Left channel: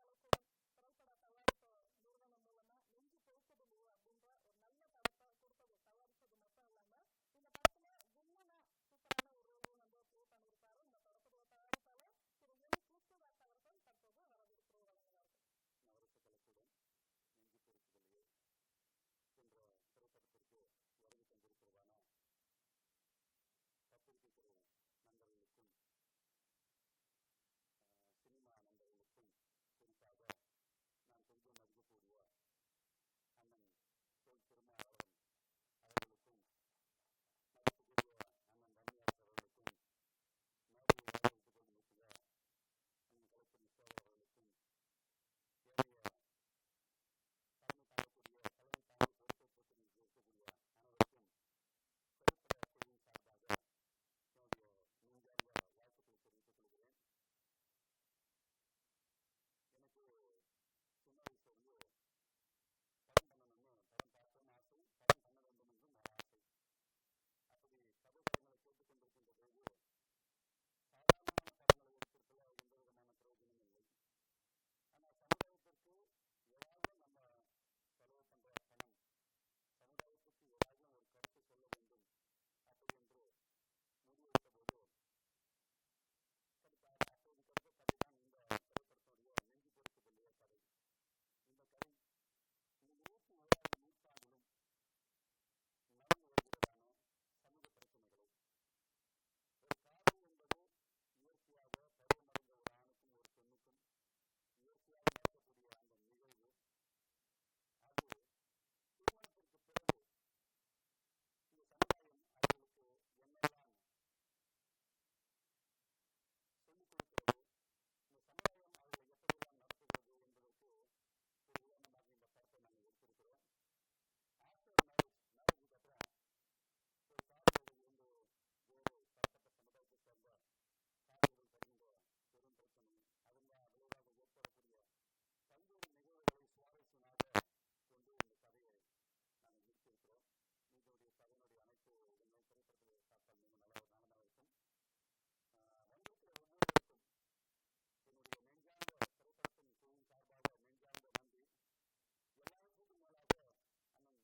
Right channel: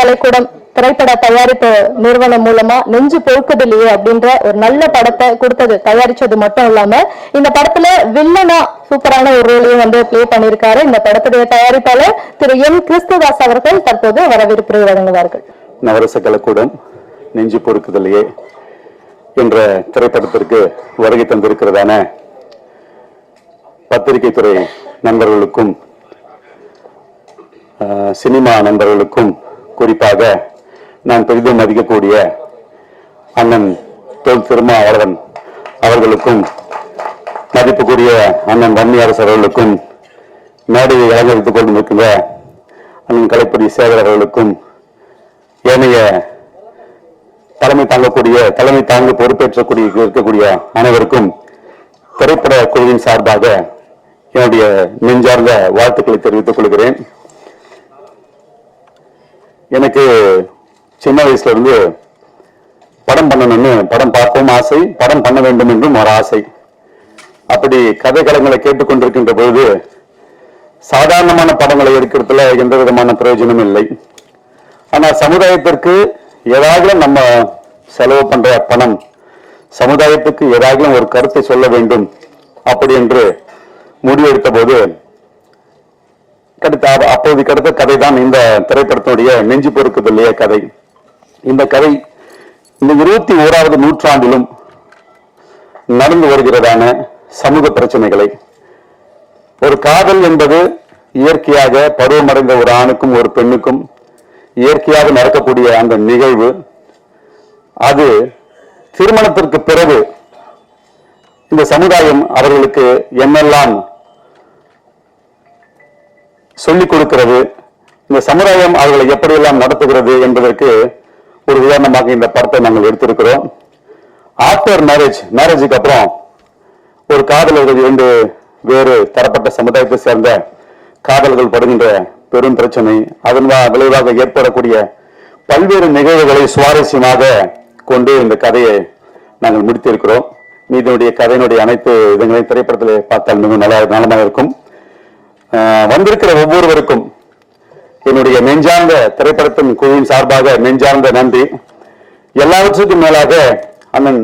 கலைக்கூடம் திரைப்பட தயாரிப்பு நிறுவனம் மூலமா நெஞ்சு பொறுக்குதில்லையே அப்படின்ற ஒரு நல்ல படத்தை கொடுத்தது, தயாரிச்சது மட்டும் இல்லாம இந்த படத்துல வில்லனா சூப்பரான ஒரு ரோலையும் வந்து பிளே பண்ணியிருக்காரு. இந்த படத்துடைய தயாரிப்பாளர் திரு எம் கிறிஸ்துதாஸ் அவர்கள் தற்போது வரவேற்பு வழங்குவார்கள். நவரச கலைக்கூடம் நெஞ்சு பொறுக்குதில்லையே என்ற திரைப்படத்திற்கு வருகை தந்திருக்கிறதான பத்திரிகை துறை நண்பர்களுக்கும் சினிமா நண்பர்களுக்கும் குறிப்பாக நான் பெரிதும் மதிக்கக்கூடிய அண்ணன் தொல் திருமாவளவன் அவர்களுக்கும் மதிப்புக்குரிய அண்ணன் வன்னியரசு அவர்களுக்கும் மேடையை அலங்கரித்துக் கொண்டிருக்கின்ற அண்ணன் கலைப்பதி சேகர் அவர்களுக்கும் ஏனைய தலைமை தாங்கு பொறுப்பேற்றக்கூடிய இருக்கக்கூடிய அனைவருக்கும் திரைப்பட குழுவின் சார்பாக என்னுடைய நெஞ்சார்ந்த வாழ்த்துக்களை தெரிவித்துக் கொள்கிறேன். எனக்கு சின்ன வயசுல இருந்து படம் பண்ணணும்னு, படம் பார்க்கவும் ஆசை, படம் பண்ண வேண்டும் என்றும் ஒரு ஆசை. அப்படி கதை களங்களை கேட்டுக்கொண்டிருக்கின்ற பொழுது சாதாரணமான படங்களை எடுக்கிறதுல எந்த விதமான பிரயோஜனமும் இல்லை. ஆனா சமுதாயத்திற்கு ஏதாவது நம்ம செலவு பண்ற பணம் சமுதாயத்துக்கு ஏதாவது ஒரு கருத்தை சொல்ல வேண்டும் அப்படி என்று முடிவெடுத்த போது அப்போது கிடைத்த கதை தான் இந்த திரைப்படத்தினுடைய நெஞ்சு பொறுக்குதில்லையே கதை. இந்த கதை இந்த 21வது நூற்றாண்டிலும் நடந்து வருகிறதான சமூக பிரச்சனைகளை, ஒரு காதல் என்பது இயற்கையாக பருவமடைந்த ஒரு ஆணுக்கும் ஒரு பெண்ணுக்கும் இயற்கையாக நடக்கக்கூடிய அந்த நிகழ்வு, அது திருமணத்திற்கு பிறகு இந்த சமுதாயம் அவர்களுக்கு என்னெல்லாம் சொல்லிக் கொடுக்கிறது, இந்த சமுதாயம் அவர்களை எப்படியெல்லாம் நடத்துகிறது என்பதற்கு ஒரு உதாரணமாக இந்த படத்தை நாங்கள் எடுத்திருக்கிறோம். ஆஃப்டர் மேரேஜுக்கு அப்புறம் ஒரு காதலர்கள் 2 வேறு தரப்பட்ட சமுதாயத்தை சேர்ந்த காதல்கள் படுகின்ற பெரும் பிரச்சனை, அதன் விளைவாக ஏற்படக்கூடிய பல்வேறு நிகழ்வுகளை சுவாரஸ்யமாக கொண்டு இந்த கதையை நாங்கள் முடித்திருக்கிறோம். இதனுடைய கதையினுடைய அனைத்து இதங்களையும் திரைப்படத்தில் பார்த்தால் மிகவும் நலமாக இருக்கும். வந்திருக்கிற ஒவ்வொருவருக்கும் என்னுடைய நெஞ்சார்ந்த திரைப்படத்தின் குழுவின் சார்பாக நெஞ்சார்ந்த நன்றி. எல்லாவற்றுக்கும் மேலாக அண்ணன்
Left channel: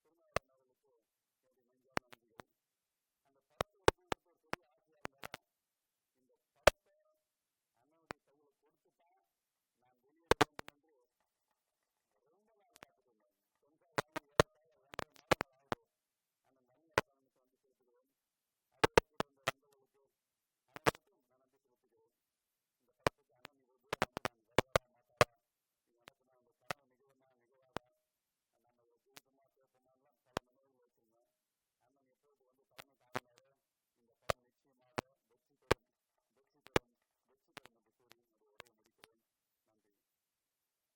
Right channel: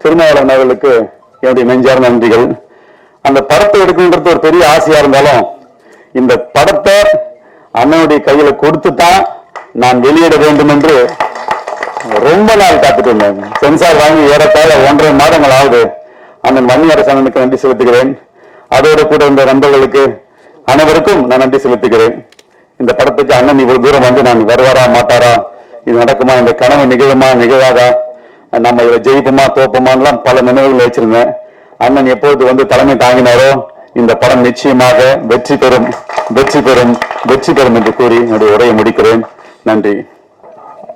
திருமாவளவன் அவர்களுக்கு என்னுடைய நெஞ்சார்ந்த நன்றிகள். அந்த படத்தை எடுக்கணுன்றது ஒரு பெரிய ஆசையா இருந்தாலும் இந்த படத்தை அண்ணனுடைய கையில கொடுத்துதான் நான் வெளியிட வேண்டும் என்று ரொம்ப நாள் காத்துட்டு இருந்தேன். சென்சார் வாங்கி ஏறத்தாழ 1.5 மாதங்கள் ஆகுது. அண்ணன் வன்னியரசு அண்ணனுக்கு நன்றி செலுத்துகிறேன். அதோடு கூட இந்த நண்பர்களுக்கு அனைவருக்கும் நான் நன்றி செலுத்துகிறேன். இந்த படத்துக்கு அண்ணன் இவ்வளவு தூரம் வந்து நான் வருவாரா மாட்டாரா, இது நடக்குமா, இந்த கனவு நிகழுமா நிகழாதா, நம்ம இதை ஜெயிப்போமா தோப்போமான்லாம் பல நினைவுகள் வச்சிருந்தேன். அண்ணன் எப்பொழுது வந்து தலைமை தாங்கினாரோ இந்த படம் நிச்சயமாக வெற்றி பெறும் என்று கூறி என்னுடைய உரையை முடிக்கிறேன். நன்றி.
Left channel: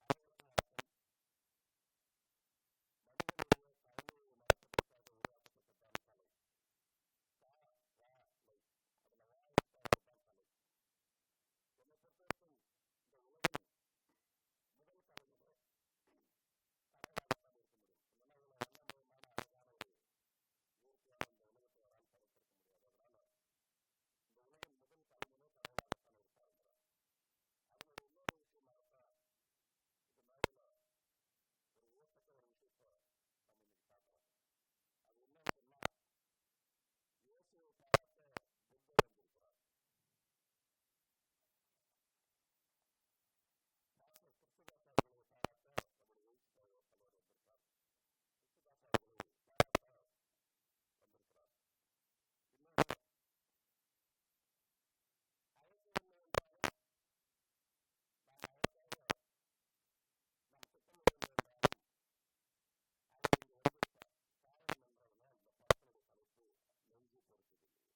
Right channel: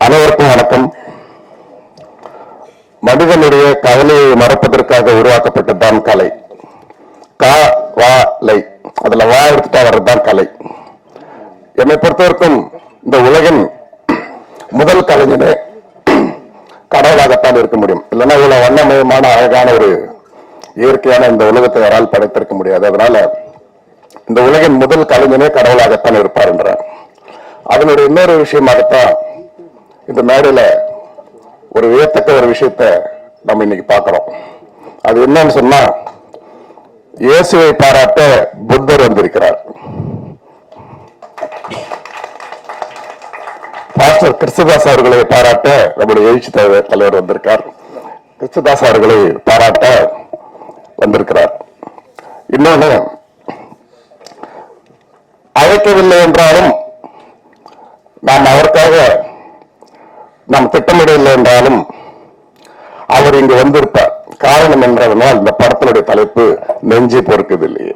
அனைவருக்கும் வணக்கம். மனிதனுடைய கவலையை மறப்பதற்காக உருவாக்கப்பட்டதுதான் கலை. அதுல வா எடுத்துட்டா வர்றதுதான் கலை. என்னை பொறுத்தவரைக்கும் இந்த உலகின் முதல் கலைஞனே கடவுளாகத்தான் இருக்க முடியும். இல்லைன்னா இவ்வளவு வண்ணமயமான அழகான ஒரு இயற்கையான இந்த உலகத்தை யாரால் படைத்திருக்க முடியாது. அதனால இந்த உலகின் முதல் கலைஞனே கடவுளாகத்தான் இருப்பார் என்றார். அதனுடைய இன்னொரு விஷயமாகத்தான் இந்த மேடையில ஒரு வியத்தக்க ஒரு விஷயத்த நம்ம இன்னைக்கு பார்க்கிறோம். அது என்னன்னு சொன்னா, இயேசுவை பாராட்ட புத்தர் வந்திருக்கிறார். பாஸ்டர் கிறிஸ்துதாஸ் அவர்களை பாராட்ட நம்முடைய எழுச்சி தலைவர் வந்திருக்கார். கிறிஸ்துதாஸ் அவர்களை பாராட்ட வந்திருக்கிறார். இன்னொன்னு, அழைக்கவில்லை என்றாலும் நாம் அவருக்காக நாம் திட்டமிடவில்லை என்றாலும் அவர் இங்கு வந்திருப்பார். காரணம் என்றால் இந்த படத்தினுடைய தலைப்பு நெஞ்சு பொறுக்குதில்லையே.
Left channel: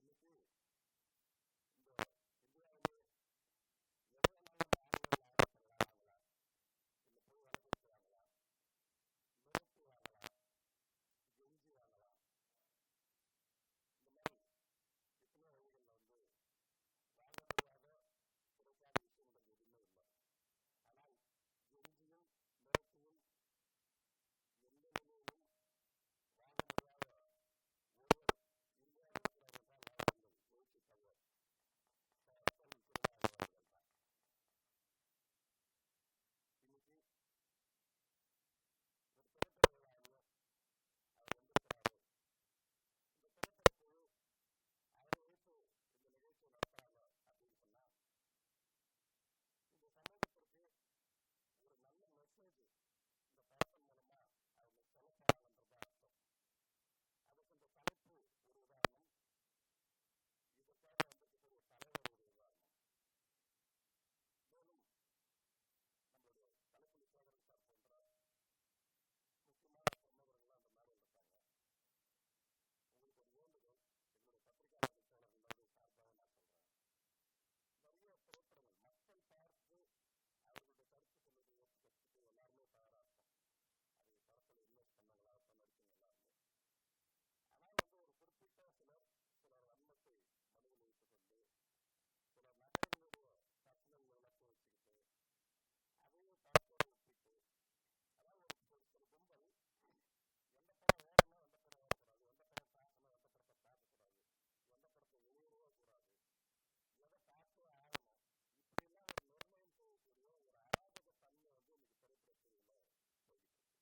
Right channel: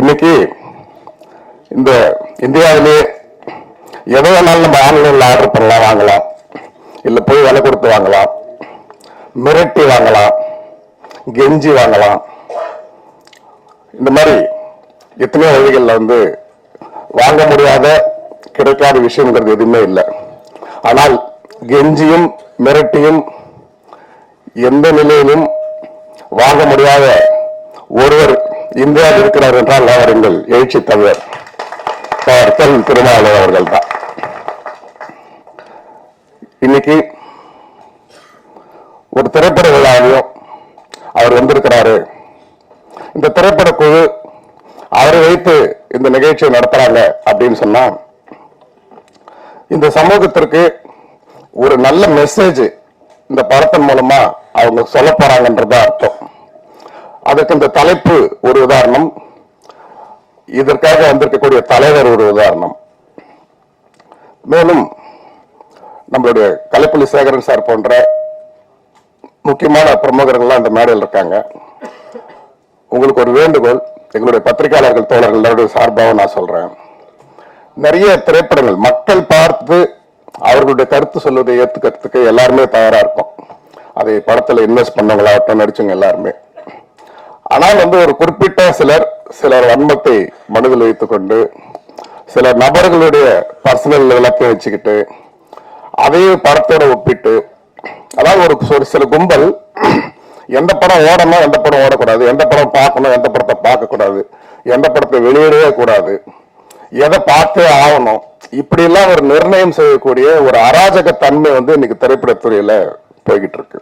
இன்னைக்கு இந்த இந்தியாவிலே எதோ வேணாலும் நம்ம ஆன்லைன்ல ஆர்டர் பண்ணலாம், வாங்கலாம், இல்ல போய் விலை கொடுத்து வாங்கலாம், மிரட்டி வாங்கலாம், கெஞ்சி வாங்கலாம். இந்த மாதிரி எத்தனையோ வழிகள்ல வந்து வாங்க முடியாத கிடைக்காத விஷயங்கிறது எதுவுமே இல்லை. ஆனால் கெஞ்சியும் மிரட்டியும் எந்த நிலையிலும் வாங்க முடியாத ஒருவர் இந்தியாவில் இருக்கிறார் என்றால் அவர் எங்கள் எழுச்சி தலைவர் திருமாவளவன் அவர்கள் தான். இன்னைக்கு ஒரு திரைப்பட விழாவையும் அவர் வந்திருக்கிறாரு. இந்த திரைப்பட குழு அவரை வைத்து இந்த நிகழ்ச்சியை நடத்துறாங்க அப்படின்னு சொன்னா இந்த சமூகத்திற்கு ஒரு நல்ல மெசேஜ் இந்த படத்தின் மூலமா அவங்க சொல்ல போறாங்கன்றது அர்த்தம். அதுக்கு இந்த தலைப்பு ஒரு உதாரணம், இதற்காக வந்திருக்கக்கூடிய தலைவர் ஒரு உதாரணம். மேலும் நம்மளுடைய கலைப்புலி சேகரன் சார் போன்ற முக்கியமான பிரமுகர்கள்லாம் இந்த மேடையில் இருக்காங்க. உங்களுக்கு ஒரு வேண்டுகோள், எங்களுடைய பத்திரிகையாளர்கள் தோழர்கள் சார்பாக நான் சொல்றேன், நிறைய திரைப்படங்கள் மக்கள் பார்த்து அவர்களுடைய கருத்து சொல்வதை ஏத்துக்கிறதுக்கு எல்லாருமே தயாரா இருக்கும். அதை படத்துல இன்வெஸ்ட் பண்ணவங்களாகட்டும், நடிச்சவங்க எல்லாருமே. ஆனால் ஒரு குறிப்பிட்ட சிலர் வன்மத்தை மனதில் வைத்துக் கொண்டு சில நபர்களுடைய பர்சனல் எல்லாத்தையும் வச்சுக்கிட்டு அதையும் படத்தோட ஒப்பிட்டு, அதாவது ஒரு சில கும்பல் எந்த படம் ஓடணும், எந்த படம் ஓடக்கூடாது, எந்த படம் பார்க்கணும், எந்த படத்தை பார்க்க கூடாது, எந்த படத்தை வெளியிடவே கூடாது, எதை பார்த்தே ஆகணும், இப்படி எல்லாம் ஒரு நிர்ணயம் செய்யக்கூடிய ஒரு அராஜக தன்மை இன்னைக்கு திரைப்படத்துறையில போய்கிட்டு இருக்கு.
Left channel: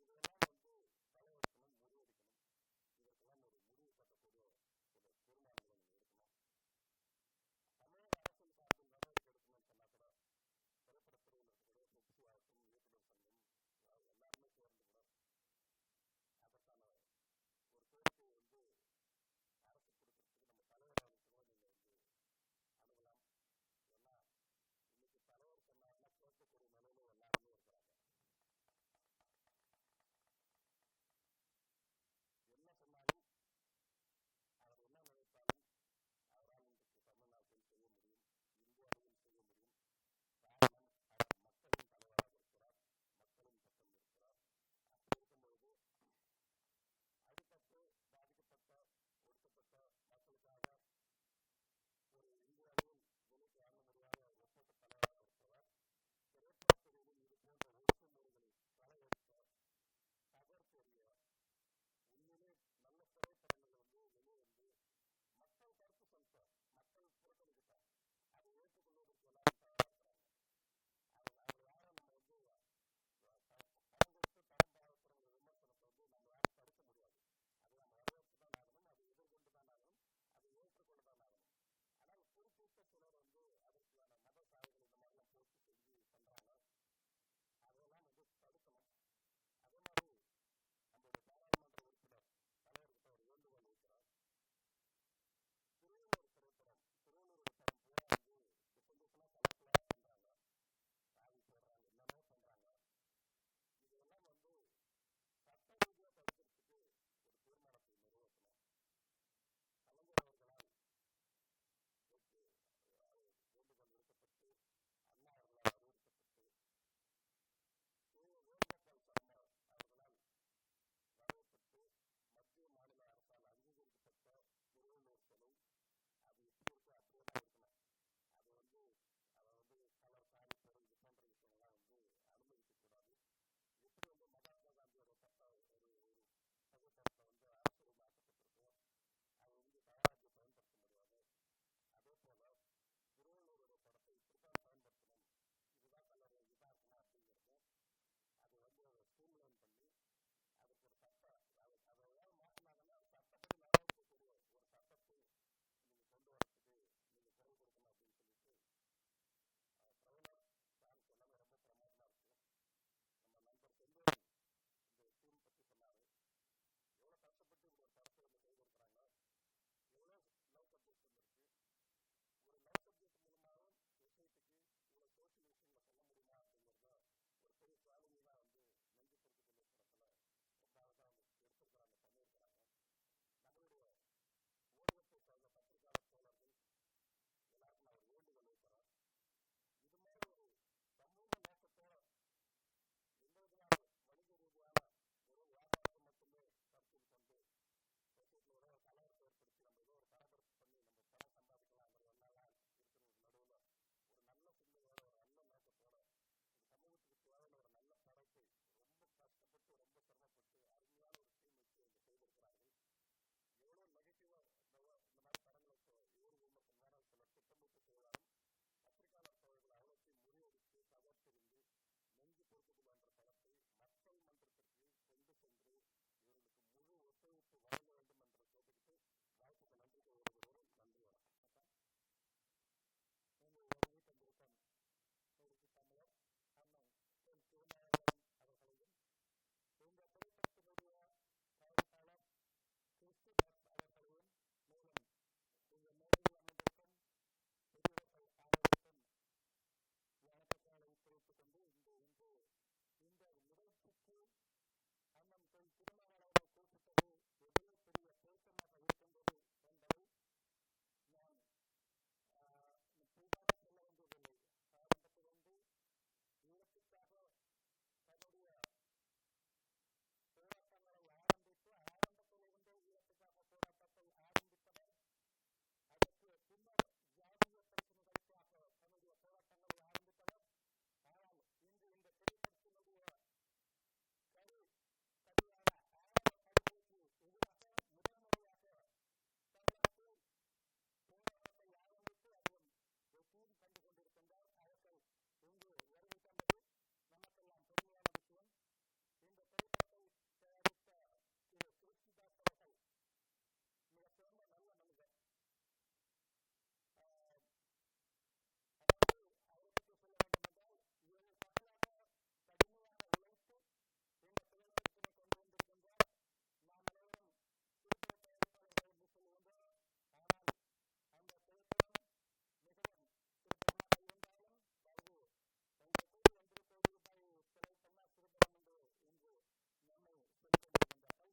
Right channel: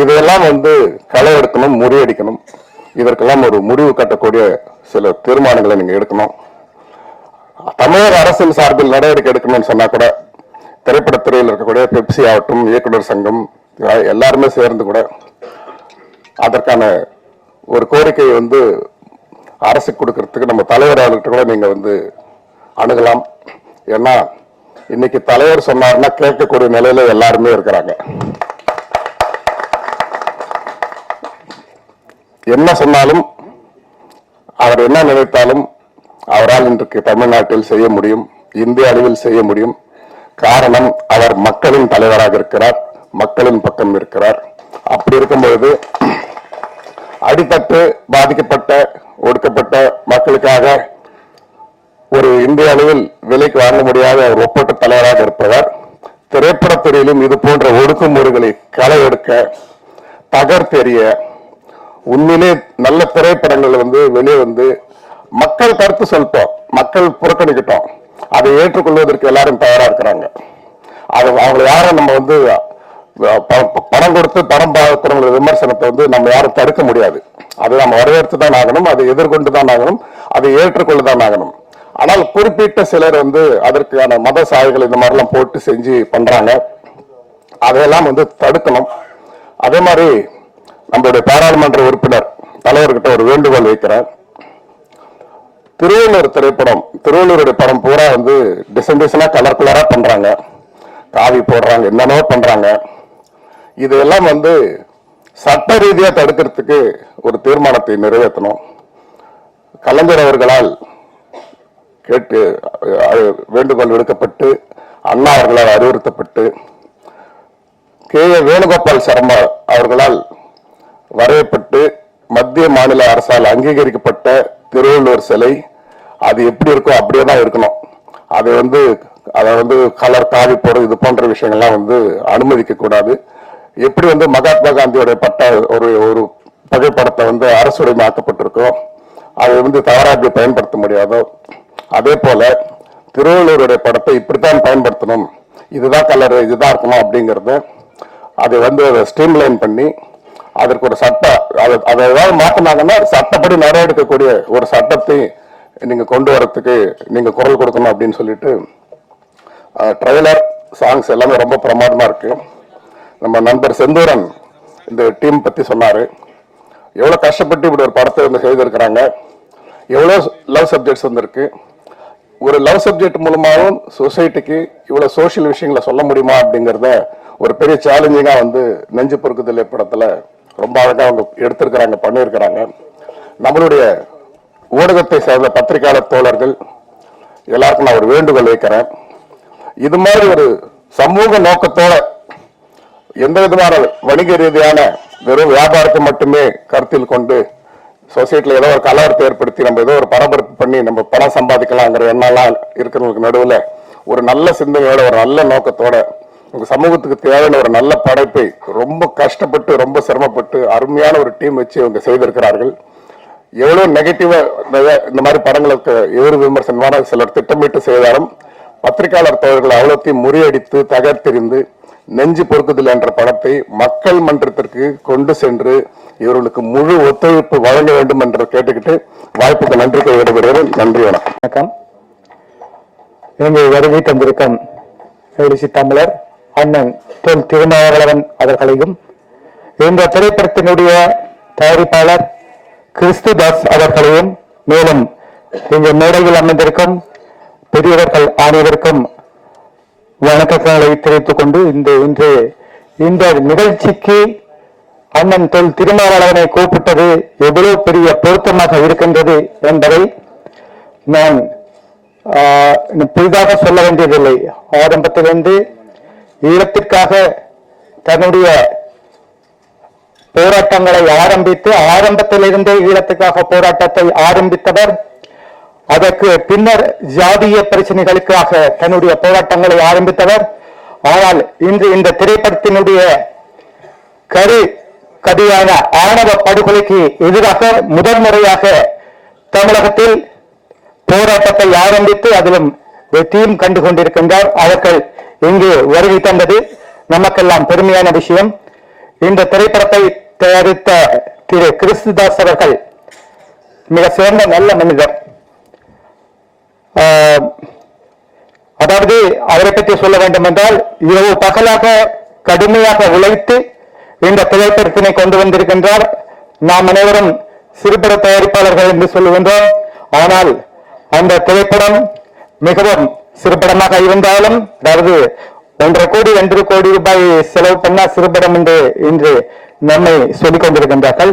இதெல்லாம் களை எடுக்கணும், முறியடிக்கணும். இதற்கெல்லாம் ஒரு முடிவு கட்டக்கூடிய சில தீர்மானங்களை நீங்க எடுக்கணும். தமிழக அரசின் சார்பில் நடவடிக்கை எடுக்கணும்னு சொன்னா கூட திரைப்படத்துறையில் இருக்கக்கூடிய பெப்சி ஆகட்டும், இயக்குனர் சங்கம் எல்லாருமே சேர்ந்து கூட அதற்கான ஒரு கோரிக்கையை அரசு கொடுக்கறதுக்கு நம்ம தலைவர்கிட்ட கூட நீங்க அணுகலாம். ஏன்னா இன்னைக்கு தலைவர் சொன்னார்னா கேட்கக்கூடிய நிலையில எல்லாருமே இருக்கிறாங்க. என்ன சொன்னாலும், அவர் என்ன நினைத்தாலும் அவரால் இன்றைக்கு தமிழ்நாட்டில் செய்ய முடியும், இந்திய அளவில் செய்ய முடியும். காரணம், அவர் மக்களின் தலைவராக இருக்கிறார், மக்களின் பக்கம் இருக்கிறார். அப்படி இருக்கும்பொழுது அடித்தட்டு பாதிக்கப்பட்ட ஒடுக்கப்பட்ட மக்களுக்காக ஒரு இந்திய அளவில் விலைக்கு வாங்க முடியாத ஒரு ஒப்பற்ற தலைவராக இருப்பவர். திரைப்படத்துறையிலும் இது போன்ற ஒடுக்குமுறைகளை களை எடுக்க, தகர்த்தெறிய, உண்மையிலே நல்ல திரைப்படங்கள் வெளியே மக்கள் கருத்து சொல்லிட்டோம், மக்கள் புறக்கணிக்கிட்டோம், அதை ஏற்றுக்கொள்வதற்கு எல்லாரும் தயாரா இருக்கிறாங்க. அது அவங்களை யாரும் நம்ம பணம் கொடுத்து படம் பார்க்கிறவங்க விமர்சனத்தை நம்ம யாரும் தடுக்க முடியாது. அதை நம்ம வரவேற்று தான் ஆகணும், அதை எதிர்கொண்டு தான் ஆகணும், அதை ஏற்றுக்கொண்டுதான் ஆகணும். ஆனால் குறிப்பிட்ட சிலர் அதற்கான மத சாய்கள் இந்த மாதிரிலாம் போட்டு செஞ்சு பண்றாங்க. அதையெல்லாம் தடுக்கணும். அதே மாதிரி நம்மளுடைய பாராளுமன்ற உறுப்பினர் தலைவர்கிட்ட ஒரு வேண்டுகோள் வைக்கிறேன். திருவள்ளூர் திரைப்படம், திருவள்ளூருடைய படம் பூரா டிசைனா கலர்குலரா பண்றாங்க, காவி போடுறாங்க, என்னென்னவோ பண்றாங்க. இதெல்லாம் சட்ட ரீதியா தடுக்கிறதுக்கு ஒரு தீர்மானத்தை நிறைவேற்றணும். கலைஞர் அவர்களால் கேட்டு வேண்டுகோள் விடுக்கப்பட்டு, அண்ணா அவர்களால் அறிவுறுத்தப்பட்டு, கே.ஏ. வேணுகோபால் சர்மா அவர்களால் வரையப்பட்டு, மத்திய மாநில அரசால் அங்கீகரிக்கப்பட்ட திருவள்ளுவர் சிலை அது எப்படி இருக்கோ அப்படியே தான் இருக்கணும். அது அதை கலர் காவி போடுறது இது போன்ற விஷயங்கள்லாம் அனுமதிக்க கூடாது. எப்படி மகாத்மா காந்தியோட பட்ட ஒரு புகைப்படத்தை அரசுடைமையாக்கப்பட்டிருக்கோ அதை தவறாக பயன்படுத்த முடியாதோ, அதே போல திருவள்ளுவருடைய படத்தை இப்படித்தான் பயன்படுத்தணும், இதுதான் கலர், இதுதான் இருக்கணும் அப்படிங்கறத அதை ஸ்ட்ரீம்லைன் பண்ணி அதற்கு ஒரு அதை ஏதாவது மாத்தினாங்கன்னா சட்டப்படி நடவடிக்கக்கூடிய ஒரு சட்டத்தை நீங்க கொண்டு வரத்துக்கு நீங்க குரல் கொடுக்கணும் அப்படின்னு சொல்லிட்டு, ட்ரெய்லர் சாங்ஸ் எல்லாமே ரொம்ப பிரமாதமா இருக்கு. நம்ம நண்பர் செந்தூரன் இந்த டீம் பத்தி சொன்னாரு. எவ்வளவு கஷ்டப்பட்டு இப்படி ஒரு படத்தை செய்திருக்கிறாங்க, எவ்வளவு லவ் சப்ஜெக்ட்ஸ் இருக்கு. ஒரு லவ் சப்ஜெக்ட் மூலமாகவும் சொசைட்டிக்கு இவ்வளவு சோசியல் விஷயங்களை சொல்ல முடியுமா அப்படிங்கறத ஒரு பெரிய சேலஞ்சிங்கா நெஞ்சு பொறுக்குதல் படத்துல ரொம்ப அழகா அவங்க எடுத்திருக்கிறாங்க, பண்ணியிருக்கிறாங்க. நம்மளுடைய ஊடகத்தை சேர்ந்த பத்திரிகையாளர் தோழர்கள் எல்லாருக்கும் நான் ஒரு வேண்டுகோள் வைக்கிறேன். இது மாதிரி ஒரு சமூக நோக்கத்தோட எந்த விதமான வணிக ரீதியான வெறும் வியாபாரத்தை மட்டுமே கருத்தில் கொண்டு சொசைட்டில ஏதோ ஒரு கலவரத்தை ஏற்படுத்தி நம்ம ஏதோ ஒரு பரபரப்பு பண்ணி நம்ம பணம் சம்பாதிக்கலாங்கிற எண்ணெல்லாம் இருக்கிறவங்களுக்கு நடுவில் ஒரு நல்ல சிந்தனையோட ஒரு நல்ல நோக்கத்தோட உங்க சமூகத்துக்கு தேவையான ஒரு நல்ல படைப்பை ரொம்ப கஷ்டப்பட்டு ரொம்ப சிரமப்பட்டு அருமையான ஒரு டீம் வச்சு அவங்க செய்திருக்கிறார்கள். எவ்வளவு நெகட்டிவா இந்த மாதிரி படங்களுக்கு எதிர் விமர்சனமான சிலர் திட்டமிட்டு செய்தாலும் பத்திரிகையாளர் தோழர்கள் அவ்வளோத்தையும் முறியடித்து தகர்த்தெறிந்து நெஞ்சு பொறுக்குதல் என்ற படத்தை மக்கள் மன்றத்திற்கு கொண்டு சென்று இவர்களுக்கு முழு ஒத்துழைப்பு வழங்க வேண்டும் என்று கேட்டுக்கிட்டு வாய்ப்புக்கு நன்றி விடைபெறுகிறேன். நன்றி, வணக்கம். இங்கு வருகை தந்திருக்கும் எழுச்சி தமிழர் அண்ணன் தொல் திருமாவளவன் அவர்களையும் இந்த திரைப்படத்தினுடைய தயாரிப்பாளர் கிறிஸ்துதாஸ் அவர்களையும் மேலும் இங்கு மேடையில் அமைந்திருக்கும் பெரியவர்கள் அனைவருக்கும் வணக்கங்களை தெரிவித்துக் கொண்டு இந்த நிகழ்ச்சிக்கு அண்ணன் தொல் திருமாவளவனை கூப்பிட்டது எவ்வளவு பெரிய பொருத்தமாக இருக்கின்றது என்பதை நான் புதிதாக சொல்ல வேண்டியதில்லை. ஆரம்பத்திலிருந்து ஈழத்திற்காக தன்னுடைய போராட்டங்களை ஆரம்பத்திலிருந்தே ஈழத்துக்காக போராட்டத்தை ஆரம்பித்தவர். அதற்கு பின்னர் ஜாதிய பிரச்சனைகளுக்காக தன்னுடைய போராட்டங்களை ஆரம்பித்தவர். ஆனால் இன்று இந்த திரைப்படத்தினுடைய கதியான ஆணவ படுகொலைக்கு எதிராக முதல் முறையாக தமிழகத்தில் போராட்டத்தை ஆரம்பித்து அதிலும் வெற்றியும் கண்டு கொண்டிருக்கின்றார். அவர்கள் இங்கு வருகை தந்தது நமக்கெல்லாம் பெருமையான விஷயம். இந்த திரைப்படத்தை தயாரித்த திரு கிறிஸ்துதாஸ் அவர்கள் மிக சிறந்த நல்ல மனிதர். அதாவது அவரை பற்றி சொல்ல வேண்டும் என்றால் இரவு பகலாக கடுமையாக உழைத்து இந்த திரைப்படத்தினை கொண்டு வந்திருக்கின்றார். நாம் அனைவரும் சிறுபட தயாரிப்பாளர்கள் என்று சொல்லுகின்றோம். ஆனால் அந்த திரைப்படம் மிகவும் சிறுபடமாக இருந்தாலும், அதாவது 1.5 கோடி 2 கோடி ரூபாய் செலவு பண்ணா சிறுபடம் என்று இன்று நம்மை சொல்லிக் கொண்டிருக்கின்றார்கள்.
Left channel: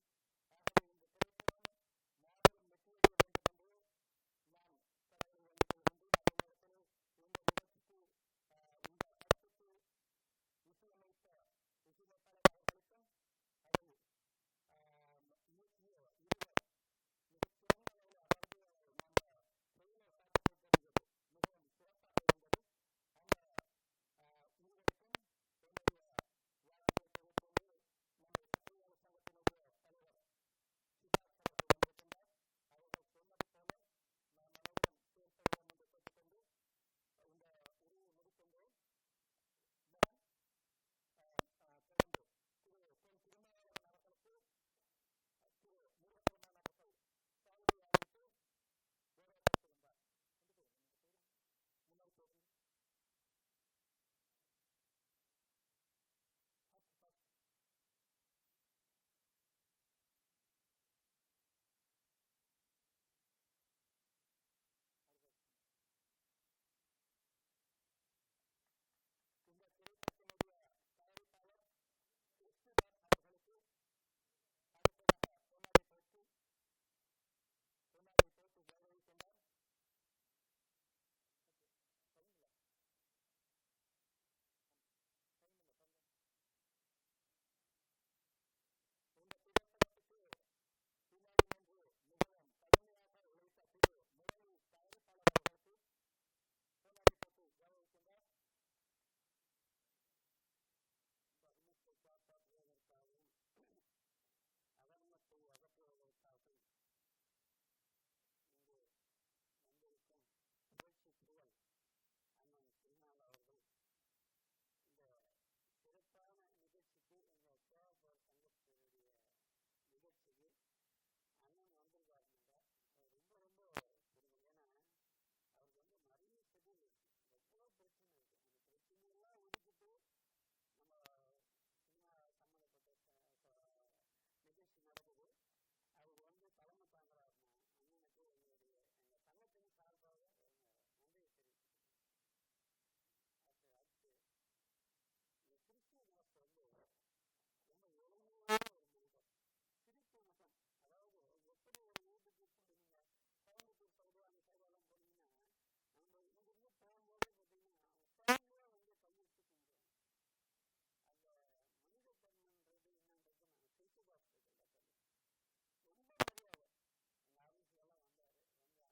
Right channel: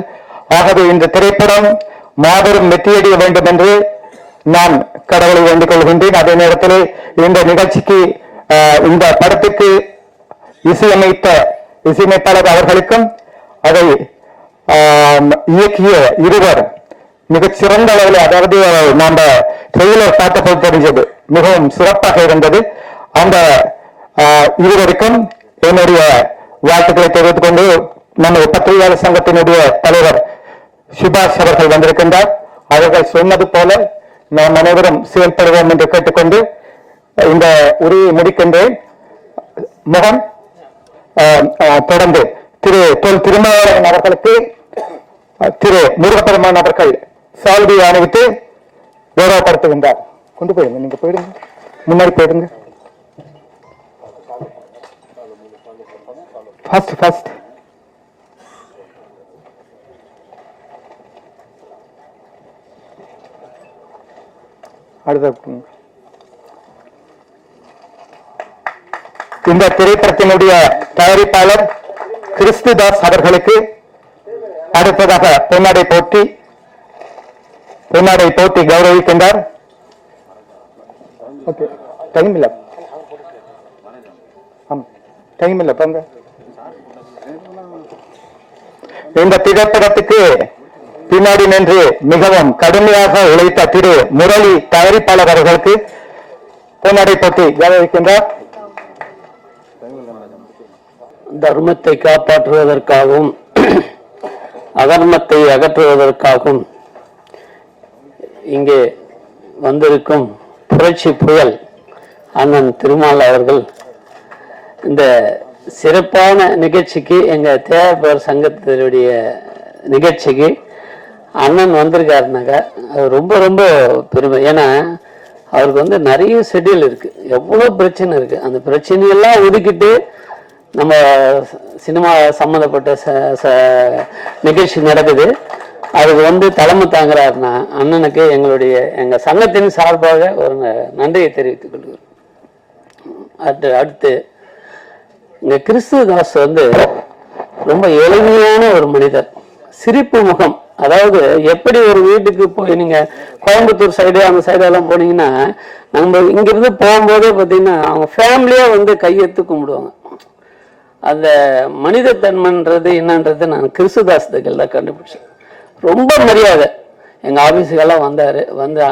ஆகவே இந்த திரைப்படம் மாபெரும் வெற்றியடைய வேண்டும் என்று நான் கடவுளை வேண்டிக் கொள்கின்றேன். அதே நேரத்தில் இந்த நிகழ்ச்சிக்கு இந்த படத்துக்கு இசையமைப்பாளர் அவர்களுக்கும் அதை இயக்கிய இருவர் மிகச் சிறந்த அளவில், அதாவது நாம ட்ரெய்லர் பார்த்தபோது தெரிஞ்சது மிகவும் சிறப்பாக இருந்தது. அந்த இருவருக்கும் என்னுடைய வாழ்த்துக்களை தெரிவித்துக் கொண்டு நம்ம பத்திரிகையாளர் சங்கத்தினுடைய தலைவர் சுபாஷ் அவர்கள் வந்திருக்கின்றார். அவர்கள் சொன்னது போல நாம் அனைவரும் செயல்படுவோம் என்று கேட்டுக்கொண்டு இந்த உரையை முடிக்கின்றேன். முகம் தொடர்ந்து திரு தொல் திருமாவளவன் அவர்களுக்கு திரு முருகப்பெருமான் அவர்கள் சால்வி அணிவித்து கௌரவப்படுத்துகின்றார். கொண்டு போயிடுங்க, நீங்க போயிடுங்க, முன்னாடி போயிடுங்க. ஃபர்ஸ்ட் அடுத்த இந்த திரைப்படத்தினுடைய தயாரிப்பாளர் கிறிஸ்துதாஸ் அவர்களுக்கு அடுத்ததாக பொன்னாடை போட்டி கௌரவிக்கின்றார். டைம் இல்ல போங்க. இந்த திரைப்படத்துக்கு பின்னாடி நின்று மிகவும் கடுமையாக உழைத்த திரு முரளி தயாரிப்பாளர் அவர்களுக்கு பொன்னாடை போட்டி கௌரவிக்கின்றார். தர்மத்தை காப்பாற்றுவதற்காகவும் அதர்மத்தை அகற்றுவதற்காகவும் இங்கே வந்திருக்கும் புரட்சி புயல் அண்ணன் திருமால் அவர்கள் இந்த சிறப்பான நிகழ்ச்சிக்கு, எங்க தேவர் சங்கத்தினுடைய நிகழ்ச்சிக்கு அண்ணன் வந்திருக்காருனாக்க அது ரொம்ப ரொம்ப பெருமை. ஏன்னா அவருக்கு நிறைய ஷெட்யூல் இருக்கு, எவ்வளவு பிரச்சனை இருக்கு. அந்த பிரச்சனையெல்லாம் ஒதுக்கிட்டு நம்ம சினிமா சம்மந்தப்பட்ட நிகழ்ச்சி நடக்குது, அதுக்கு தலைமை தாங்குறாருன்னா அண்ணனுக்கு எங்க சங்கத்தின் சார்பாக ஒரு நன்றியை தெரிவித்துக் கொள்கிறோம். அடுத்து இங்க கிறிஸ்துதாஸ் ரொம்ப எளிமையான ஒரு மனிதர், சிரிப்பு முகம். அதாவது எப்படி ஒரு வீட்டுக்கு போய் நீங்க கோயம்புத்தூர் சைடு அந்த சைடெல்லாம் போனீங்கன்னா நம்ம இங்கிருந்து போகும்போதே பார்த்தீங்கன்னா அவங்க ஃபேமிலியா கையெடுத்து கும்பிடுவாங்க. அந்த மனிதத்தன்மைன்றது என்னன்றது நான் கிறிஸ்துதாஸ்துக்கள் தான் கண்டுபிடிச்சேன். ரொம்ப மரியாதை. எங்கள் ஆஃபீஸுக்கெல்லாம் வந்தார்,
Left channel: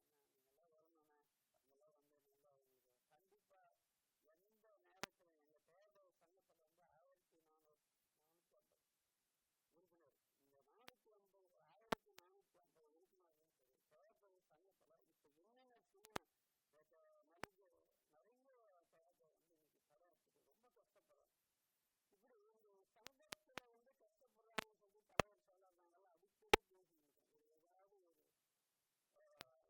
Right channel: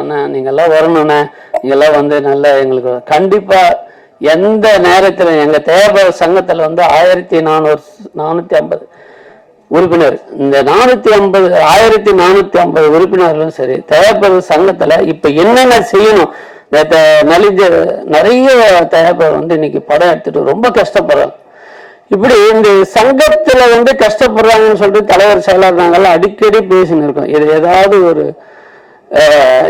அண்ணா நீங்கள்லாம் வரணுண்ணே, நீங்கள்லாம் நல்லா எங்களுக்கு கண்டிப்பாக எந்த நேரத்தில் எங்கள் தேவர் சங்கத்தில் 1450 உறுப்பினர், இந்த 1450 உறுப்பினர்களும் சரி, தேவர் சங்கத்தில் இப்போ என்னென்ன செய்யணும், நலிஞ்ச நிறைய தயாரிப்பாளர் வந்து இன்னைக்கு படம் எடுத்துட்டு ரொம்ப கஷ்டப்படுறாங்க. இப்படி இந்த சங்கத்துல வந்து கஷ்டப்படுறாங்கன்னு சொல்லிட்டு தலைவர் செயலாளர் நாங்கெல்லாம் அடிக்கடி பேசின்னு இருக்கோம். இது ஏதாவது ஒரு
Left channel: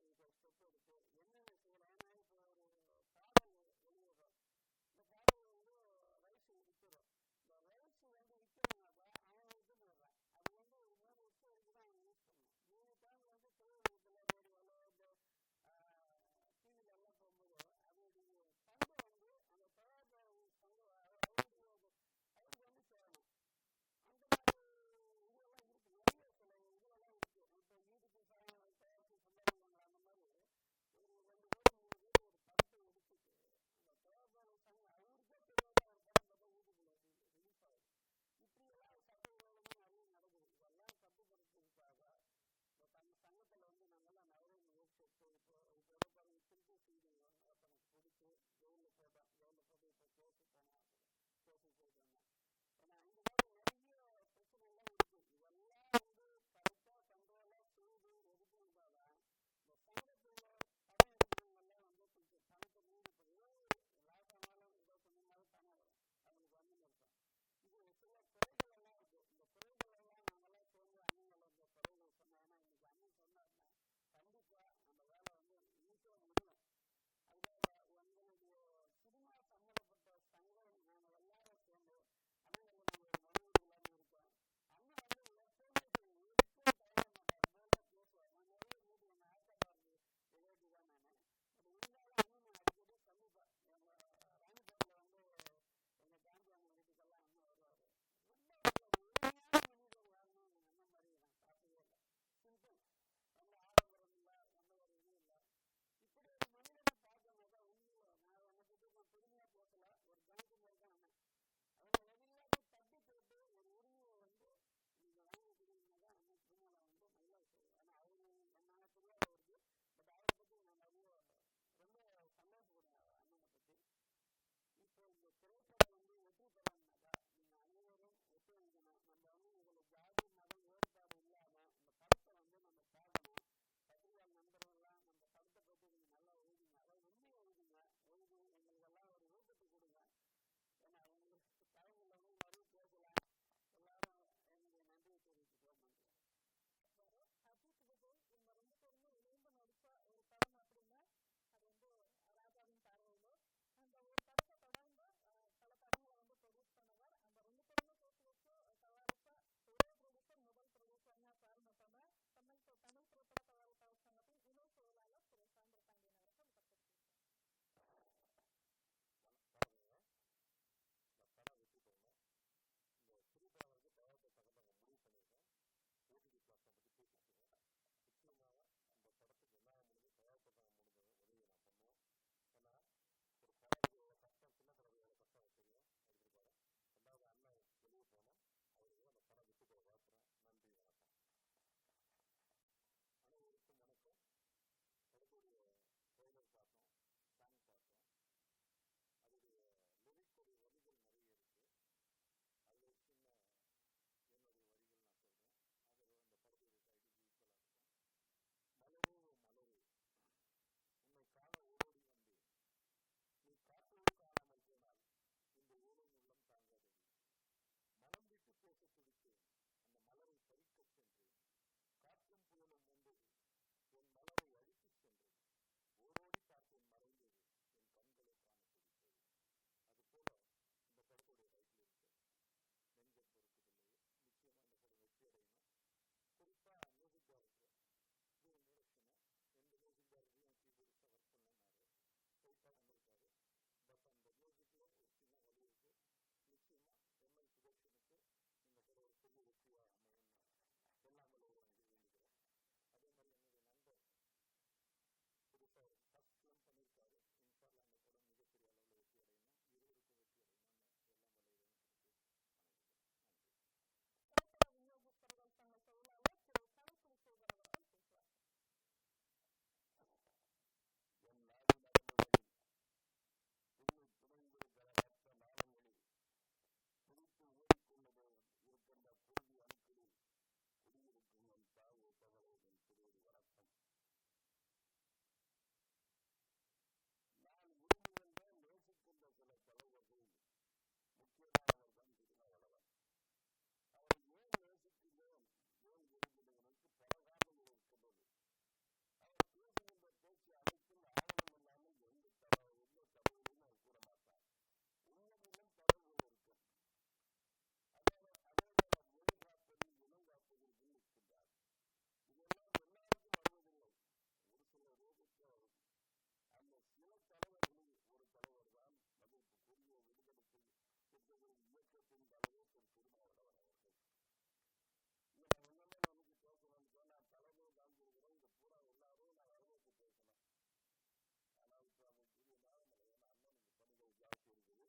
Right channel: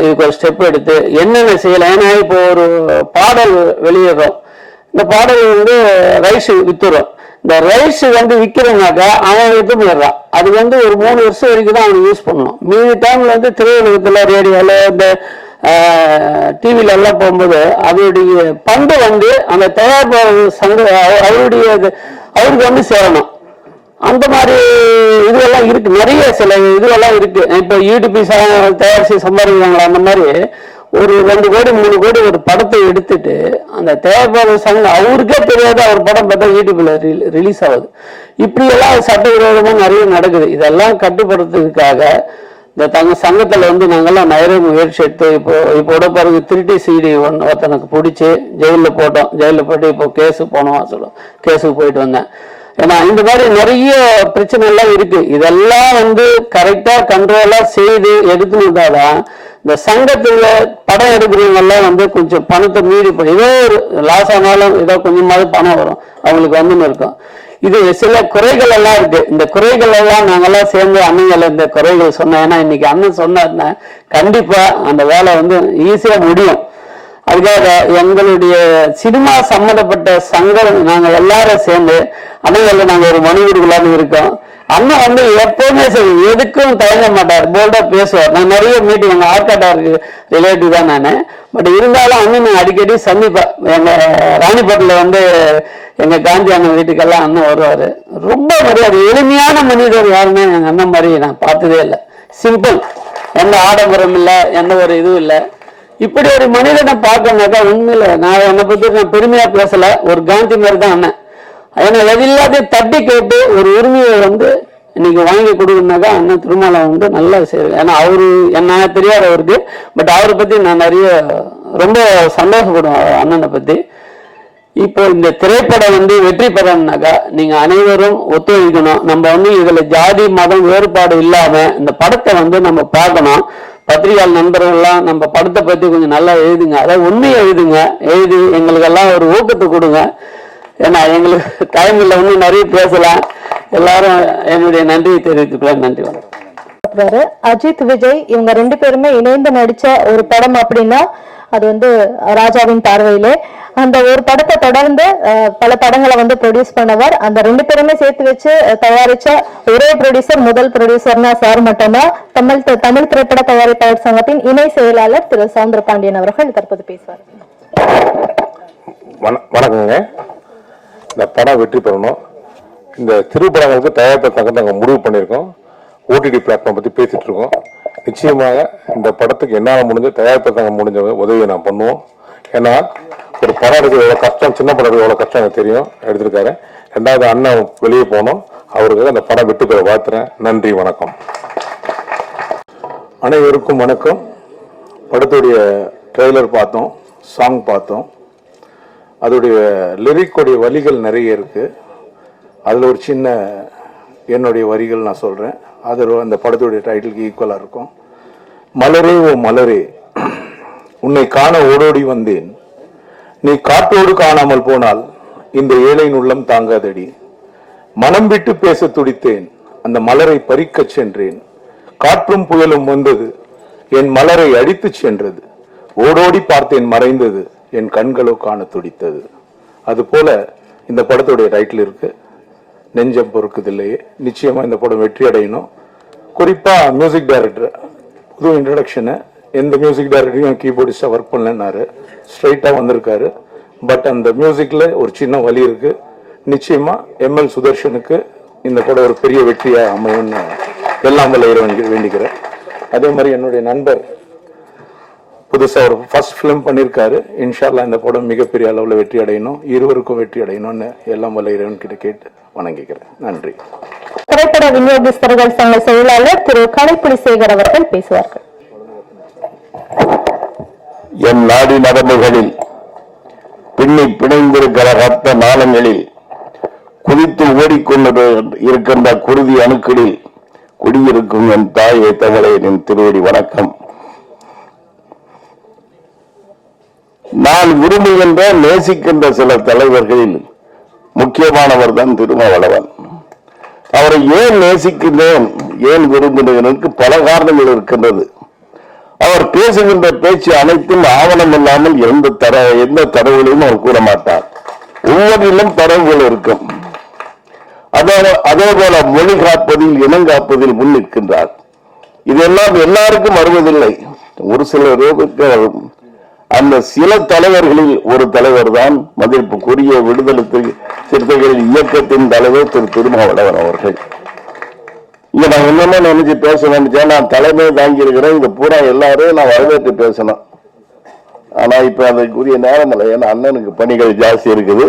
இதுக்கு ஒரு ஸ்டெப் எடுத்து என்னென்ன செய்யலாம். ஏன்னா இப்போ ஒரு பாடல் வெளியிடுறோம், இந்த பாடல் வந்து ரைஸ் வித்துறோம். இந்த ரைஸ் வந்து விற்கிறோம்னாக்கா அவன் எடுத்து போயிடுறான். அது வந்து ஒரு 3 வருஷம் வரைக்கும் தான் அவன் யூஸ் பண்ணணும். மீதி டைம்ல வந்து திரையுலகத்துல ரேடியோல இந்த டிவில எல்லாம் போகும்போது அதோடைய பங்கு வந்து அந்த தயாரிப்பாளர் சங்க அவருக்கு வந்து சேரணும். அந்த மாதிரி இதுவெல்லாம் இருக்கு, நிறைய சில இதுவெல்லாம் இருக்கு. இப்போ யூடிபி தயாரிச்சு சம்பாதிக்கிறாங்களா, அந்த மாதிரி ஒரு 2 கோடி 3 கோடி ஒரு படத்தை எடுத்துட்டு அந்த தயாரிப்பாளர் சங்கம் அவருக்கே தெரியாது அவர் படம் பார்த்தா யூடியூப்ல ரிலீஸ் ஆகுது. இப்படியெல்லாம் சட்டவிரோதமா நிறைய நடக்குது. இதெல்லாம் கட்டுப்படுத்துறதுக்காக இந்த சங்கத்துல வந்து நாங்கெல்லாம் நிறைய முயற்சி எடுத்து இப்போ பாருங்க 3D CD ஒருத்தனுக்கு பிடிச்சி ஜெயிலில் போட்டோம். ஜெயிலில் போட்டு இப்போ கேஸு போனோம், கேஸுக்கு போயிட்டு வந்தேன். ஏன்னா இந்த மாதிரி நிறைய பிரச்சனை எல்லாம் இருக்கு. இதெல்லாம் வந்து கரெக்டா கண்ட்ரோலா செய்து எடுத்துட்டாதான் இந்த சங்கத்துல படம் எடுக்கிறவங்க எல்லாம் வந்து கொஞ்சம் பணத்தை மீறி ஏதோ ஒரு லாஸ் ஆனாலும் ஏதோ கொஞ்சமாவது பணம் வரும் அவங்களுக்கு வந்துன்னு இருக்கும். இது சில குறைகள் எல்லாம் இருக்கு. இந்த குறைகள் எல்லாம் நாங்கெல்லாம் சேர்ந்து அண்ணங்களை இந்த குறைகள் சொன்னோம். ஏன்னா இன்னைக்கு அண்ணன் சொன்னாருன்னா கண்டிப்பா அந்த வேலை வந்து ஈஸியா முடியும். அதுக்காக எங்களுடைய சினிமா சம்பந்தப்பட்ட சங்கம் நாங்க எல்லாரும் சேர்ந்து அண்ணங்களை நாங்க ஒரு மனு கொடுக்கலான்னு இருக்கோம். அண்ணன் வந்து எப்பவுமே சரி எதுக்கும் தயங்க மாட்டார், போல்டா பேசுவார். நான் நிறைய மீட்டிங் எங்க ஆர்காட்டாருக்கு ரிலேட்டிவ் தான் நானு. பட் இருந்தாலும் அண்ணன் அடிக்கடி சந்திப்பேன். எங்க ராணிப்பேட்டில் வந்து எங்க காந்தி அண்ணன் வீட்டுக்கெல்லாம் அண்ணன் வருவாரு. ரொம்ப மரியாதை, எளிமையான மனிதர் யாருன்னு எங்க அண்ணன் மாதிரி நான் பார்த்ததே இல்லை. சிம்பிள், எந்த ஆடம்பரம் இல்லை, எந்த ஒரு இதுவும் இல்லை. இப்படி ஒரு மனிதனை பார்க்கணும்னாக்கா உண்மையில நான் என்னை பத்தி நான் பெருமையா பேசல, ஒரு காந்தி மாதிரி தான் அண்ணன். ஏன்னா எதில்லாதையும் தட்டி கேட்டு ஒரு உரிமையை வந்து இன்னைக்கு வாங்கி கொடுக்கணும்னாக்கா அண்ணன் திருமலை வந்து நல்லா செய்யுது. ஏன்னா அவரு என்ன தெரியாது அவருக்கு, பட் அவரை பத்தி நான் நிறைய ரொம்ப சந்தோஷப்படுவேன் அண்ணனை பத்தி. இப்போ இந்த திரைப்படம் வந்து வெற்றி பெறணும்னாக்கா நீங்க அனைவரும் ஒத்துழைக்கணும். நம்ம வந்து இதுல ஜாதி மதம் வேறுபாடு இல்லாம இந்த படத்தை வந்து நம்ம பார்க்கணும். பத்திரிகையாளர் நண்பர்கள்லாம் நம்ம படத்தை பத்தி கொஞ்சம் நல்லா எழுதுங்க, அதாவது உண்மையை எழுதுங்க, எழுதி எங்களுக்கெல்லாம் ஒரு ஊக்கத்தை கொடுங்க. ஏன்னா எங்களுக்கு டைம் இல்லை, இன்னும் நிறைய பேசலாம். எல்லாரும் என்னுடைய நன்றியை தெரிவித்துக்கலாம். நன்றி, வணக்கம். அஜித் விஜய் இவங்க 2 பேருமே இணைந்து நடிச்ச ஒரு படம் அப்படின்னா அது வந்து ராஜாவின் பார்வையிலே. அந்த ஒரு படத்தை தொடர்ந்து பல படங்களை வந்து ப்ரொடியூஸ் பண்ணவர். அந்த 2 பேருமே சேர்த்து வச்சு தயாரிச்ச ஒரே ப்ரொடியூசர், முதல் ப்ரொடியூசர்னா சார் மட்டும்தான். தமிழ் திரைப்பட தயாரிப்பாளர் சங்கத்தின் இணை செயலாளர் திரு சவுந்தர பாண்டியன் அவர்கள் தற்போது பேசுவார். வணக்கங்க. இந்த படம் வெற்றி பெறணும். இந்த திரைப்படங்களுக்கு தயாரிப்பு சங்கத்தை நாங்கள் முடிவு பண்ணியிருக்கோம். ஓடிடி பிளாட்ஃபார்ம் பற்றி பேசிட்டு இருக்கோம். நிச்சயமாக இந்த படத்துக்கு என்னால் முடிஞ்ச தயாரிப்பு சங்கம் முடிஞ்ச உதவியை நான் பண்ணுவோம். ஏன்னா ஒரு படம் எடுக்க எவ்வளோ கஷ்டம், சின்ன படம் எடுக்க எவ்வளோ கஷ்டம் எனக்கு தெரியும், எடுத்திருக்காரு. 2வது அண்ணன் வெளியே போனோம், அவருக்கு அந்த படம் வெற்றி பெற வாழ்த்துறேன். நன்றி, வணக்கம். அனைவருக்கும் வணக்கம். படத்துடைய ட்ரெய்லர் பார்த்தோம், சாங் பார்த்தோம். அதோடைய லிரிக்குடைய வரிகள் நிறைய இருக்கு. அதில் ஒரு சின்ன என்னுடைய வரிகள் நான் சொல்கிறேன். அது அந்த படத்துடைய டைட்டிலுக்கு ஈக்குவலாக இருக்கும். மலரே ஓ மலரே, உன்னை காண ஓடோடி வந்தேன், நீ காற்றோடு காணாமல் போனால் இந்த ஏழையின் உள்ளம் தாங்காதடி. மனம் விட்டு பேச துடித்தேன், அந்த மலரை பறிக்கச் சென்றேன். காற்றும் புயலும் வந்தது, என் மலரை அடித்துச் சென்றது. ஓடோடி பார்த்தேன் மறைந்தது, என் கண்களோ காண துடித்தது. அது போல இந்த படத்துடைய டைட்டில் இருக்கு, நெஞ்சம் பொறுக்குதில்லையே. நிச்சயமா இந்த படம் வெற்றி அடையணும். குறிப்பா மியூசிக் டைரக்டர் புது இன்ட்ரடக்ஷனு. எந்த மியூசிக் டைரக்டரையும் கீபோர்டிஸ்டா ஒர்க் பண்ணலன்னாரு, ஸ்ட்ரைட்டா வந்திருக்காரு. பட் அந்த மியூசிக்ல ஒரு சின்ன வலி இருக்கு. நிச்சயமா ML சுதர்ஷனுக்கு இந்த படம் ஒரு பெரிய வெற்றியா அமையும்னு எல்லாம் வேண்டிக்கிறேன். அதே மாதிரி என்னுடைய நண்பர் புதுசா ஒரு ஃபர்ஸ்ட் ஃபிலிம் பண்ணியிருக்காரு. இன்ஷால்லா இந்த படம் மிகப்பெரிய அளவில் வெற்றி அடையணும், இருவருக்கும் வெற்றி அடையணும்னு எல்லாம் வல்ல இறைவன் கிட்ட கேட்டு வணங்கிக்கிறேன். நன்றி. திரைப்பட விநியோகஸ்தர்கள் சங்க செயலாளர் திரு கலைப்புலி சேகர் அவர்கள் பேசுவார்கள். என் நாடி நரம்புகளில் பின்னி பிணைந்திருக்கிற ரத்த நாளங்களில் குதித்து ஓடிக்கொண்டு இருக்கின்ற குருதி அணுக்களில் குடியிருக்கும் என் தாயை தவளை என் திருவடி வணக்கம். நான் விரும்புகின்ற நேசிக்கின்ற சில தலைவர்களில் முக்கியமானவர் தான் திருமாவளவன். அவரை ஏன் நேசிக்கின்றேன், ஏன் விரும்புகிறேன், பல காரணங்கள் இருக்கின்றது. அவர் பேசுகின்ற பேச்சு அனைத்தும் ஆவணம் இல்லாமல் எந்த தரவுகளையும் அவர் கூற மாட்டார். ஒவ்வொன்றிலும் தரவுகள் இருக்கும். அதே போல மொழி காப்பதில் இனம் காப்பதில் முன் நிற்கின்றார். இதெல்லாம் எல்லாருக்கும் வருவதில்லை. ஒரு சிலருக்கு அந்த சில தலைவர்களில் ஒரு தலைவர் தான் மதிப்புக்குரிய விடுதலை சிறுத்தைகளின் இயக்கத்தின் தலைவர் திரு திருமாவளவன் அவர்கள். இங்க நான் என்னமோ நினைச்சு பேச நினைச்சேன். நான் தலைமை தாங்கி இருக்கிறேன். இந்த பூரா எல்லாரும் நான் வரவேற்று பேசணும். ஆனா இப்ப அதுக்குரிய நேரம் இல்லை. ஏன்னா அண்ணனுக்கு பணிகள் ஜாஸ்தி இருக்குது.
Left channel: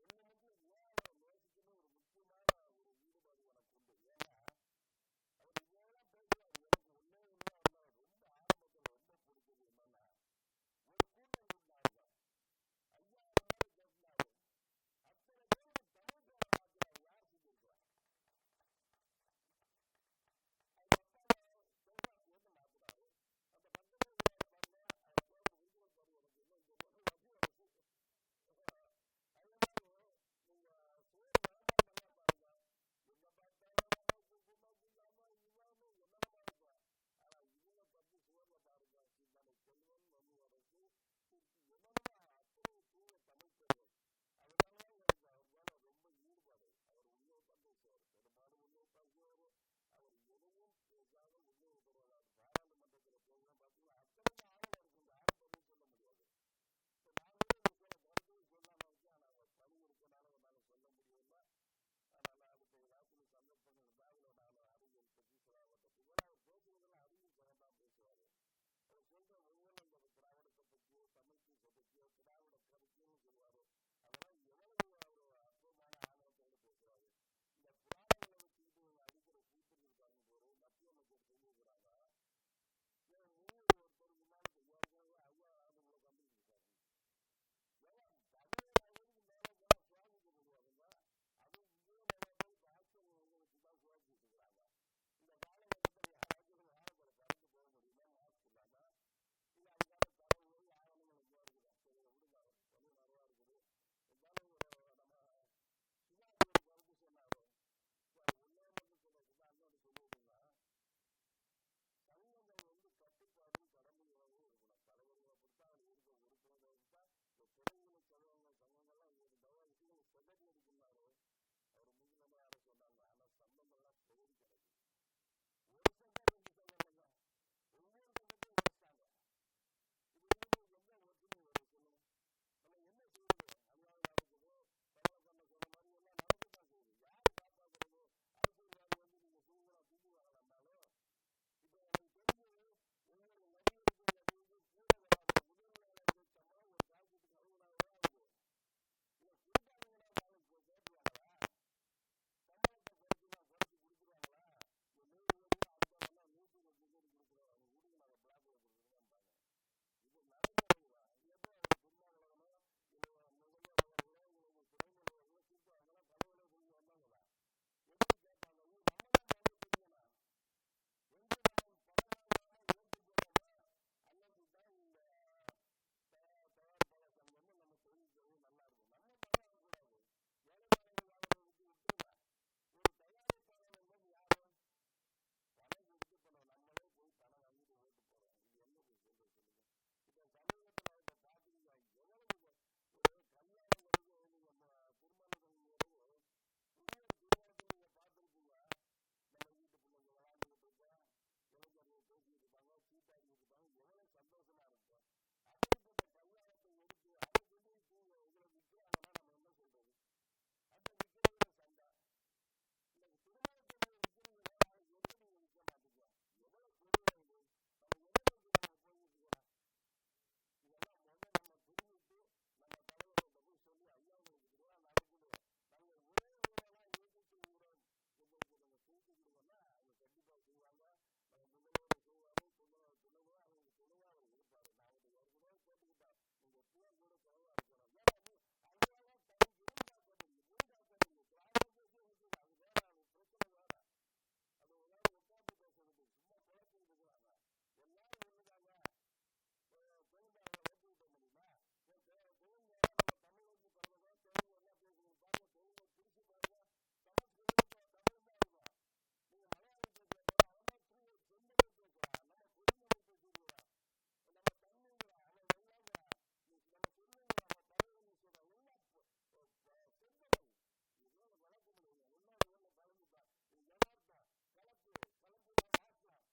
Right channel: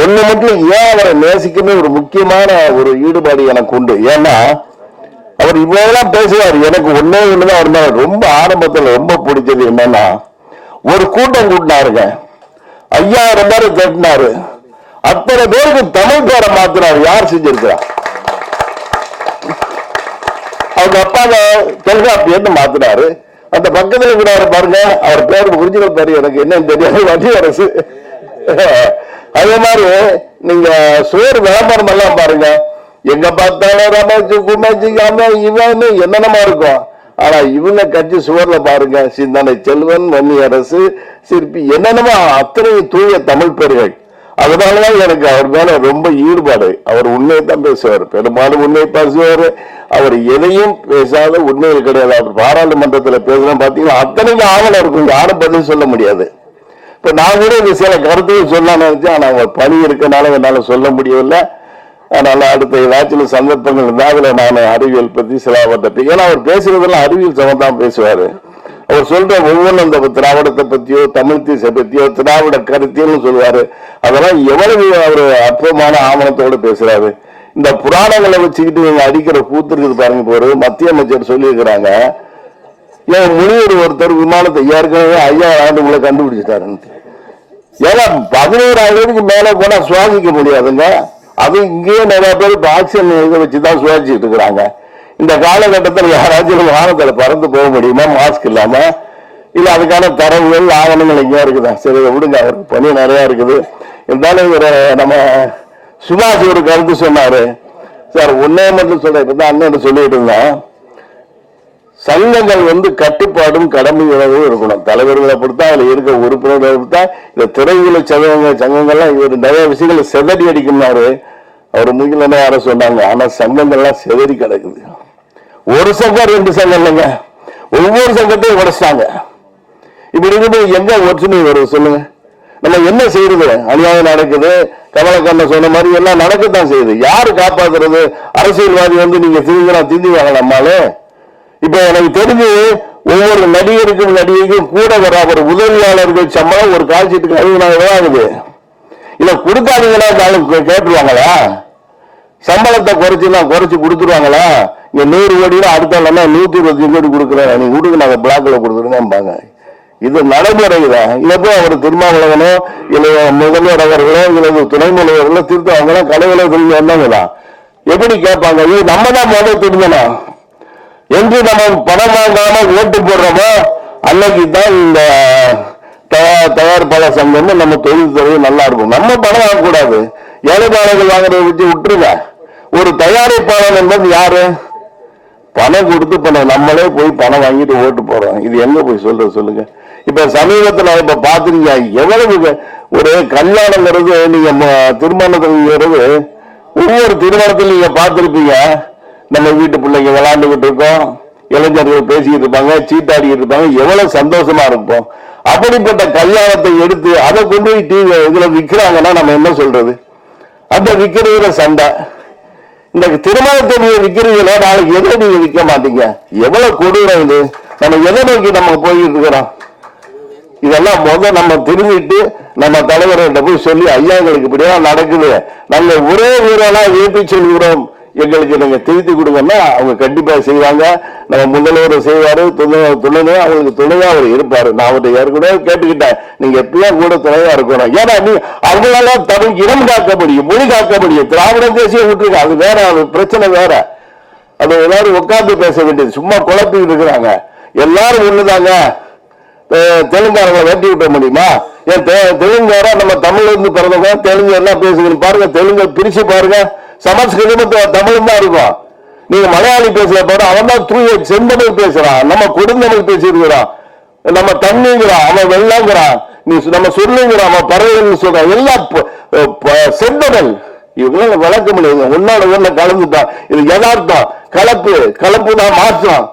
ஒண்ணு மட்டும் ஏன் அவரை நேசிக்கணும் ஒரு முக்கியமான ஒரு ஈடுபாடு எனக்கு உண்டு. ஏன்னா அவர் இவ்வளவுதான் பேசுவார். எனக்கு ஒன்னே ஒண்ணுதான் அவர் மேல ரொம்ப ஆரம்பத்துல ரொம்ப பிடிச்சது என்னன்னா, ஒரு கூட்டம் கூட்டினாருங்க, 5000 பேர் கட்டினாரு. அத்தனை பேருக்கு தமிழ் பேரை மாத்தினாரு. யார் செஞ்சிருக்கிறார்? அவங்க அப்பாவை தொல்காப்பியன்னு மாத்தினாரு. அந்த பக்கத்துல கூட பாருங்க, அவர் பேர் ஒரிஜினல் பேரு எனக்கு என்ன தெரியாது, வடிவரசு. அதே மாதிரி நீங்க சோறு விளம்பரம் எல்லாம் பாருங்க, எங்க பார்த்தாலும் ரமேஷ் குமேஷ் இவன் என்னென்னமா இருக்கும். ஆனா இவங்க கட்சி சுவர்ல பாருங்க, சிந்தனை செல்வன், வன்னியரசு, சிற்பி, என்னென்னமா அத்தனை தூய தமிழ் பேர்கள். அதனாலதான் எனக்கு அவர் மேல ரொம்ப ஈடுபாடு. அவர் உண்மையை தான் பேசுவார், பெரும்பாலும் உண்மையை பேசுவார். அவர் எதையும் பேசாத உண்மையில் கிடையாது. அவர் பாராளுமன்றத்தில் பேசுறோம் பாத்தீங்கன்னா அத்தனைக்கு ஆவணம் இருக்கும், யாரும் பதில் சொல்ல முடியாது. இப்ப நான் கூட இந்த சில கருத்துக்கள் சொல்ல நினைச்சேன். ஆனா அவர் பணி இருக்கனால என்னால சொல்ல முடியவில்லை. அதனால அடுத்த ஏதாச்சும் சந்தர்ப்பங்கள் இருந்தால் அதுல நான் அறிவியல் பத்தி சிலவற்றை, ஏன்னா அவர் பேசுறதெல்லாம் அறிவியல் சம்பந்தம் பேசுவாரு. அவர் சொல்ற ஒவ்வொன்றும் இந்த திராவிடத்தை பத்தியோ தமிழ் தேசத்தை பத்தியோ திராவிட கருத்தியல்னு சொல்லுவாரு. அதெல்லாம் எவ்வளவு அவர் அற்புதமான ஆவணத்தோடு பேசுறாரு. இந்த புராணங்களை வச்சுக்கிட்டு நீங்க அடிக்கிற கூத்து இருக்குது பாருங்க. இப்போ ஒரு மத்திய அமைச்சர் சொல்லியிருக்கிறாங்க, ஏன் முனிவர் ஒருத்தர் விமானத்தை ஏற்கனவே 5000 ஆண்டுக்குள்ள கண்டுபிடிச்சிட்டாருன்னு. ஏன்னா 11000 மேல போனா சுவாசிக்க முடியாதுங்க. அது இங்கேயே நிறைய பேர் ஆக்சிஜன் இதை வச்சுதான் சுவாசிச்சுட்டு இருக்கிறாங்க. இந்த காலகட்டத்தில் யாராச்சும் வாகனத்துல பறந்து போக முடியுமா மாஸ்க் இல்லாம? இல்ல அதுக்கான தரவுகள் ஆவணங்கள் எங்கேயா இருக்குதா? சரி விடுங்க, அவருக்கு பணி நிறைய இருக்குது. இருந்தாலும் இவர் நம்ம சுபாஷ் ஒரு கருத்து சொன்னாரு சார். ஒன்னே மட்டும் சொல்றேன், இப்பதான் அண்ணன் சொல்லிட்டு இருந்தேன், சங்கங்கள் கட்டுப்பாடும் கடமை உணவும் இருக்கணும். தலைவர்களை பொறுத்தா, அதுல இருக்க உறுப்பினர்களை பொறுத்தா, இந்த திரையுல சங்கங்கள்லாம் இவர் நிறைய விஷயங்களை செதறி அடிக்கும்னாரு. அவர் முகிலனே யார சொன்னாங்க. ஆனா சங்கங்கள்லாம் செதறி கிடக்குது. ஒரு சங்கம் 2 சங்கம் இல்லைங்க, ஒவ்வொரு சங்கத்தையும் உடைச்சிட்டாங்க. இப்படி இருக்கு எங்க ஒற்றுமை வருது சொல்லுங்க? நம்ம என்ன செய்யறது? அநியாயம் நடக்குது. கமலக்கண்ணன் சொன்ன மாதிரி எல்லாம் நடக்கத்தான் செய்யுது. யாரு காப்பாத்துறது? அரசியல்வாதி நீங்க திந்தி வாங்கலாமாலே. இப்ப எனக்கு தெரிஞ்சு ஒவ்வொரு நடிகருக்கும் நடிகைக்கும் கூட வர ஒரு உதவியாளர்கள் சம்பளம் ஒரு கால்ஷீட்டுக்கு 50,000 ஆகுது. இல்ல கொடுக்காதீங்களா கேட்டுருவாங்களா? சம்பளத்தை குறைச்சு கொடுத்துருவாங்களா? இங்க 100 கோடி அடுத்த 125 கோடி கொடுக்குறேன், நீங்க கொடுக்க நாங்க பிளாக்ல கொடுத்துருங்க. இது நடைமுறைதான். இல்லப்போ அவர் திருமாவளவனோ இல்ல முதல்வர் அவர்களோ இல்ல துணை முதல்வர்களோ திருத்தவங்களோ கலைகளை தெரிஞ்சு வந்தவங்கதான் எப்படி கேட்பாங்க? இது நம்ம தான் முதல் தெரிஞ்சணும் என்று நம்ம பணம் வாங்காம ஓட்டு போடுறோமோ அன்னைக்கு தான் இந்த தயாரிப்பாளர் சங்கம் நம்ம தொழில் துறை நல்லா இருக்கும். நம்ம பணம் வாங்கக்கூடாது. ஏழைப்பாளர்கள் வாங்குறத வச்சு விட்டுருங்க. ஒரு தயாரிப்பாளர் என்பது யாரு? பணம் கொடுத்து பணம் நம்மளே போய் பணம் வாங்கிட்டு ஓட்டு போறோம். இது எங்க போய் சொல்லுங்க? இப்ப சமீபத்தில் இப்ப பாத்துருக்கீங்க, எவ்வளவு ஒரு கல்யாணங்கிறது நீங்க திருமணத்துங்கிறது ஒவ்வொரு திருமணத்தில் நீங்க பார்த்திருப்பீங்க. நம்ம வீட்டு பிள்ளைங்க விளையாண்டுகிட்டு இருக்கோம், இளைஞர்கள் பேசிக்கிட்டு இருப்பாங்க, சீட்டாடிக்கிட்டு இருப்பாங்க, எவ்வளவு சந்தோஷமா இருப்போம். அப்படிப்பட்ட கல்யாணத்தை எடுத்து அதை கொண்டு போய் டிவி இதுல விற்கிறாங்கன்னா நம்ம என்ன சொல்றது? அந்த விற்கிறதுல சண்டை. இந்த திருமணத்தை நீங்க விற்கிறீங்களா, நாளைக்கு எதை நீங்க விற்க மாட்டீங்க? எவ்வளவு கொடூரம் இது! நம்ம எதை நோக்கி நம்ம போய்கிட்டு இருக்கிறோம்? இதெல்லாம் முதல் நம்ம திரும்பிட்டு நம்ம தலைவர்கிட்ட போய் சொல்லி, ஐயா எங்களுக்கு இப்படியெல்லாம் நடக்குது, நாங்க ஒரே ஊரெல்லாம் ஏற்றி சொல்கிறோம், எங்களுக்கு நீங்க திருத்தி கொடுங்கன்னா அவங்க கண்டிப்பா செய்வாங்க. நம்ம முதல்வர் செய்வாரு, துணை அவங்களுக்கு துணையா அவர் இருப்பாரு. நான் அவர்கிட்ட ஏற்கனவே கேட்டுக்கிட்டேன், நீங்க எப்பயும் கூட துணையா இருக்கணும். ஏன்னா நீ அவங்களால தமிழ் இனம் காக்க முடியும், மொழி காக்க முடியும். திராவிட தேசியம் விட்டுருக்க, அது வேற, அது பிரச்சனை வேற. அது எல்லாரும் உட்கார்ந்து பேச வேண்டியது. சும்மா குழப்பிட்டு இருக்கிறாங்க. எல்லாரும் ஒண்ணுதாங்க. தெலுங்காரங்களை வெட்டி விட்ட முடியுமா? ஏன் தெலுங்காரா நம்ம தமிழ்ல இருந்து பிறந்தவங்க தெலுங்கு என்ன பேசுகிறோம் பாருங்க, தெலுங்கு பிரிச்சு பாருங்க, சமஸ்கிருதம் தமிழும் தான் இருக்கும். நீங்க மலையாளி பேசுற பாரு, அவன் தான் தூய செந்தமிழ் பேசுறான், நம்ம கொடுந்தமிழ் பேசியிருக்கிறான், நம்ம தண்ணிங்கிறான், அவன் வெள்ளாங்கிறான், நீ நம்ம சொல்லுங்கிறான், அவன் பறவைகள் சொல்றான், எல்லாம் செந்தமிழ். இவங்களால வளர்க்க முடியாது, ஒன்னோட ஒண்ணு கலந்துட்டான். இது யதார்த்தம், கலப்பு தான் மாற்றம்.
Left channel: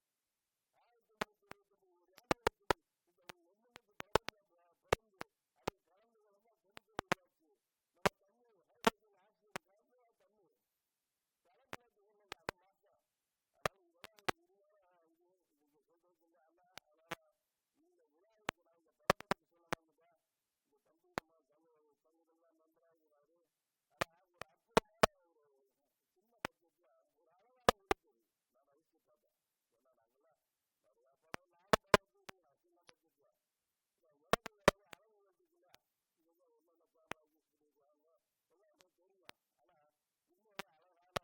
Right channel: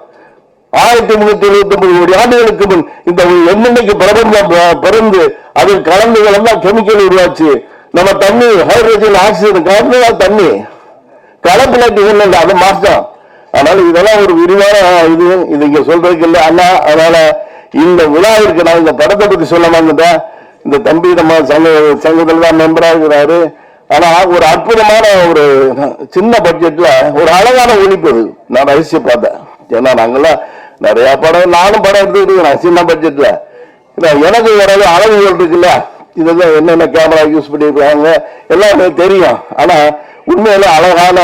1379 கோடி ஆண்டுகளுக்கு முன் இந்த எண்ணெய்க்கு பிரபஞ்சம் பிறந்து அதில் கலந்துகள் எல்லாம் கெமிக்கல் உருவாச்சு. நம்ம தண்ணி ஹைட்ரஜன் ஆக்சிஜன் கலந்துதான் தண்ணி, கலப்பிலாட்டி இல்லை, அது மாற்றம். அதனால இதெல்லாம் ஒரு விரிவான இது இங்க சொல்றதுக்கு இல்லை அண்ணா. அதனால இந்த விழாவிற்கு நான் இந்த படத்தை பத்தி சொல்ல மாட்டேன். இந்த தம்பி நம்ம சங்கத்தில் தான் மெம்பரா இருக்கிறாரு. ஆனா ஒரு அற்புதமான ஒரு சின்ன பட்ஜெட்ல ஒரு அழகான ஒளிப்பது நான் ரசிச்சு பார்த்தேன். ஏன்னா நாங்கெல்லாம் நிறைய படம், நானும் படம் எடுத்துக்கிட்டு இருக்கிறேன் சின்ன பட்ஜெட்ல. எனக்கு வராது அளவுகள் இருக்குல்ல, இதெல்லாம் என்னென்ன கேமரா யூஸ் பண்ணிருக்காங்க எல்லாம் எனக்கு தெரியும். ஆனா உண்மையில அழகான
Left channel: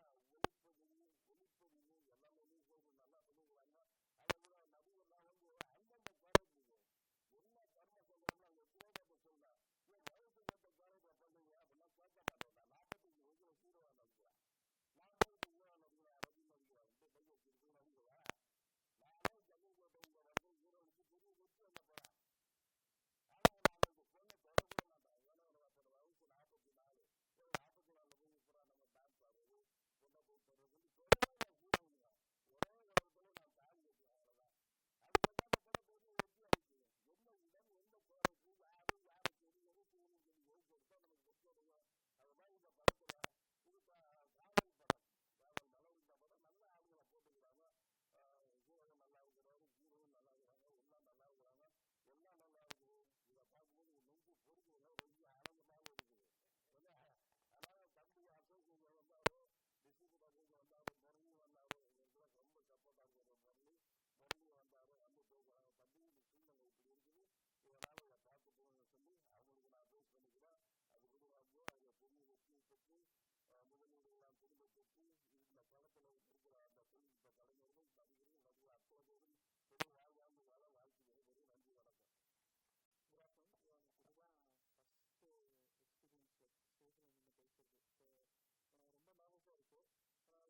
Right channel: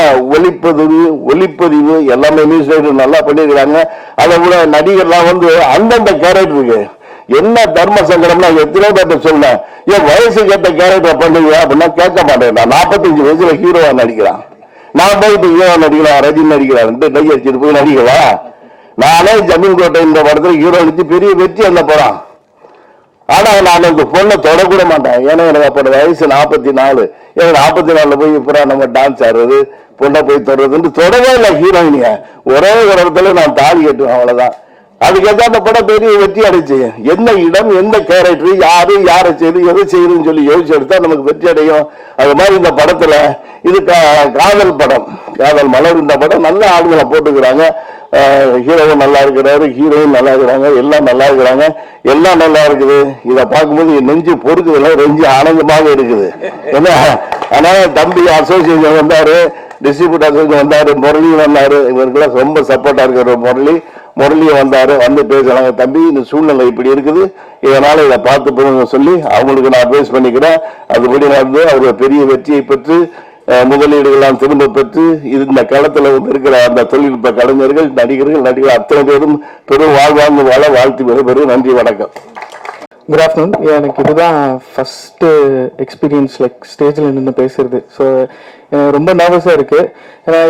ஒளிப்பதிவு எல்லாமே நியூஸ் ரைட்டர் நல்லா பண்ணிருக்கிறாங்க. அதை விட நடிகர்லாம் அந்தந்த கேரக்டருக்கு என்ன தர்ம சங்கடம்னா எத்தனை பேர்ட்ட சொன்னேன், ஏன் வயசுக்கு ஏற்ற கேரக்டர் பண்ணுங்க அப்படின்னா கேட்க மாட்டேன். நான் 45 வயசுல ஹீரோவா நடிக்கிறான், நான் போயிட்டு ஹீரோவா நடிக்கலாம், ரஜினி நடிக்கிறான் டை அடிச்சுட்டு போய் நடிக்கலாம். நானே ஜமீன் கோட்டை இந்த படத்துல ஹீரோ நடிச்சு பெரிய வெற்றி அந்த படம். ஆனா நான் இந்த பொண்ணை தொடக்கூட மாட்டேன். ஏன்னா எனக்கு அப்போ வயசு 44. எனக்கு 44 போய் இப்போ நம்ம டான்ஸ் ஆடுறது, பொண்ணை போய் தொடர்றதுன்னு தொடவே இல்லை ஹீரோயினிய. ஒரே ஒரு இடத்துல நான் தாலி கட்டுவேன், அவ்வளவுதான். அதுக்கேற்ற அந்த படம் பெரிய வெற்றி அடைச்சு. என்ன இடம், எந்த கேரக்டர், யாரை செய்து எதை செய்யுதுன்னு சொல்லி யோசிச்சு எடுத்தா நமக்கு வெற்றி அடையும். அது மாதிரி இந்த படத்துல இது காதல் படம், காதல் மலர். இந்த படம் நல்ல ஆளுங்களை போட்டுக்கிறாங்க. ஹீரோவும் நல்லா இருக்கிறாரு, ஹீரோவும் நல்லா இருக்கிறாங்க, எல்லாம் நல்லா இருக்கிறாங்க, எல்லாம் நல்லா இருக்குது. இதை பார்க்கும்போது என் நெஞ்சு பொறுக்குதுல, நெஞ்சு ஆனந்தமாக இருக்குது. ஏன்னா அதனால தம்பி அசோசியேஷன் வந்தாரு, டிஸ்ட்ரிபியூட் அசோசியேஷன் வந்தாரு, முரளி வந்தாரு, இவருக்கெல்லாம் ரொம்ப சப்போர்ட்டா இருக்கிற முரளியை வந்தாரு, வந்து பேசுறாங்க. தம்பி இந்த சூழ்நிலை இப்படி இருக்குது, இதனால இதை பார்த்து சொல்லி அவங்களுக்கு நான் அட்வைஸ் பண்ணிக்கிறேன். அதுபடி நடந்து அவர் பெரிய வெற்றியை பெற்று முதலீடுகள்லாம் திரும்ப பெற்று இந்த களத்துல இருக்கிற அந்த தொழில்நுட்ப கலைஞர்கள், நடிகர்கள் அத்தனை பேரும் பெரும் வாழ்வாங்க வாழ வாழ்த்து பெரும் நன்றி, வணக்கம். Good afternoon. எனக்கு இதுதான் ஃபர்ஸ்ட் எக்ஸ்பீரியன்ஸ் ஸ்டேஜில் நின்று பேசுறது. ஸோ எனக்கு ரொம்ப நர்வஸாக இருக்கு.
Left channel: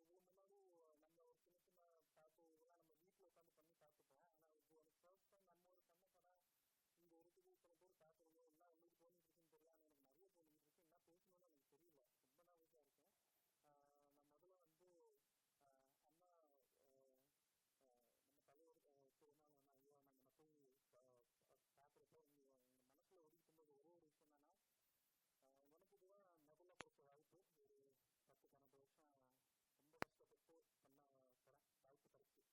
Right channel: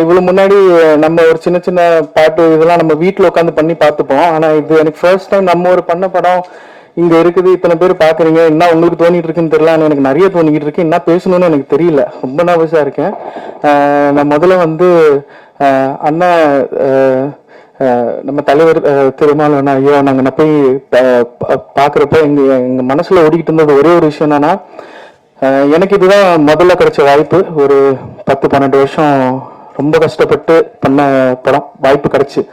இவ்வளோ முன்னாடி நம்ம ஒரு சின்ன சின்ன பாட்டு இதெல்லாம் நம்ம வீட்டில் உட்காந்து பண்ணி பார்த்துப்போம். ஆனால் இது எனக்கு ஃபர்ஸ்ட் டைம் நம்ம ஒரு பண்ண படம் இங்கே இருக்குது, இத்தனை பேர் பார்க்குறீங்க, என்ன உங்களுக்கு தோணிட்டு இருக்குன்னு தெரியல. ஆனால் எனக்கு நிறைய தோணிக்கிட்டு இருக்கு, என்ன பேசணும்னு எனக்கு தெரியல, ரொம்ப நர்வஸாக இருக்கேன். நான் முதல்ல அண்ணா நம்ம தலைவர் திருமாவளவன் ஐயோ நாங்கள் போய் பார்க்குறப்ப எங்க மனசுல ஓடிக்கிட்டு இருந்தது ஒரே ஒரு விஷயம் என்னன்னா, எனக்கு இதுதான் முதல்ல கிடைச்ச வாய்ப்பு. ஒரு 10-12 வருஷம் ரொம்ப கஷ்டப்பட்டு பண்ண படம் வாய்ப்பு கிடைச்சு.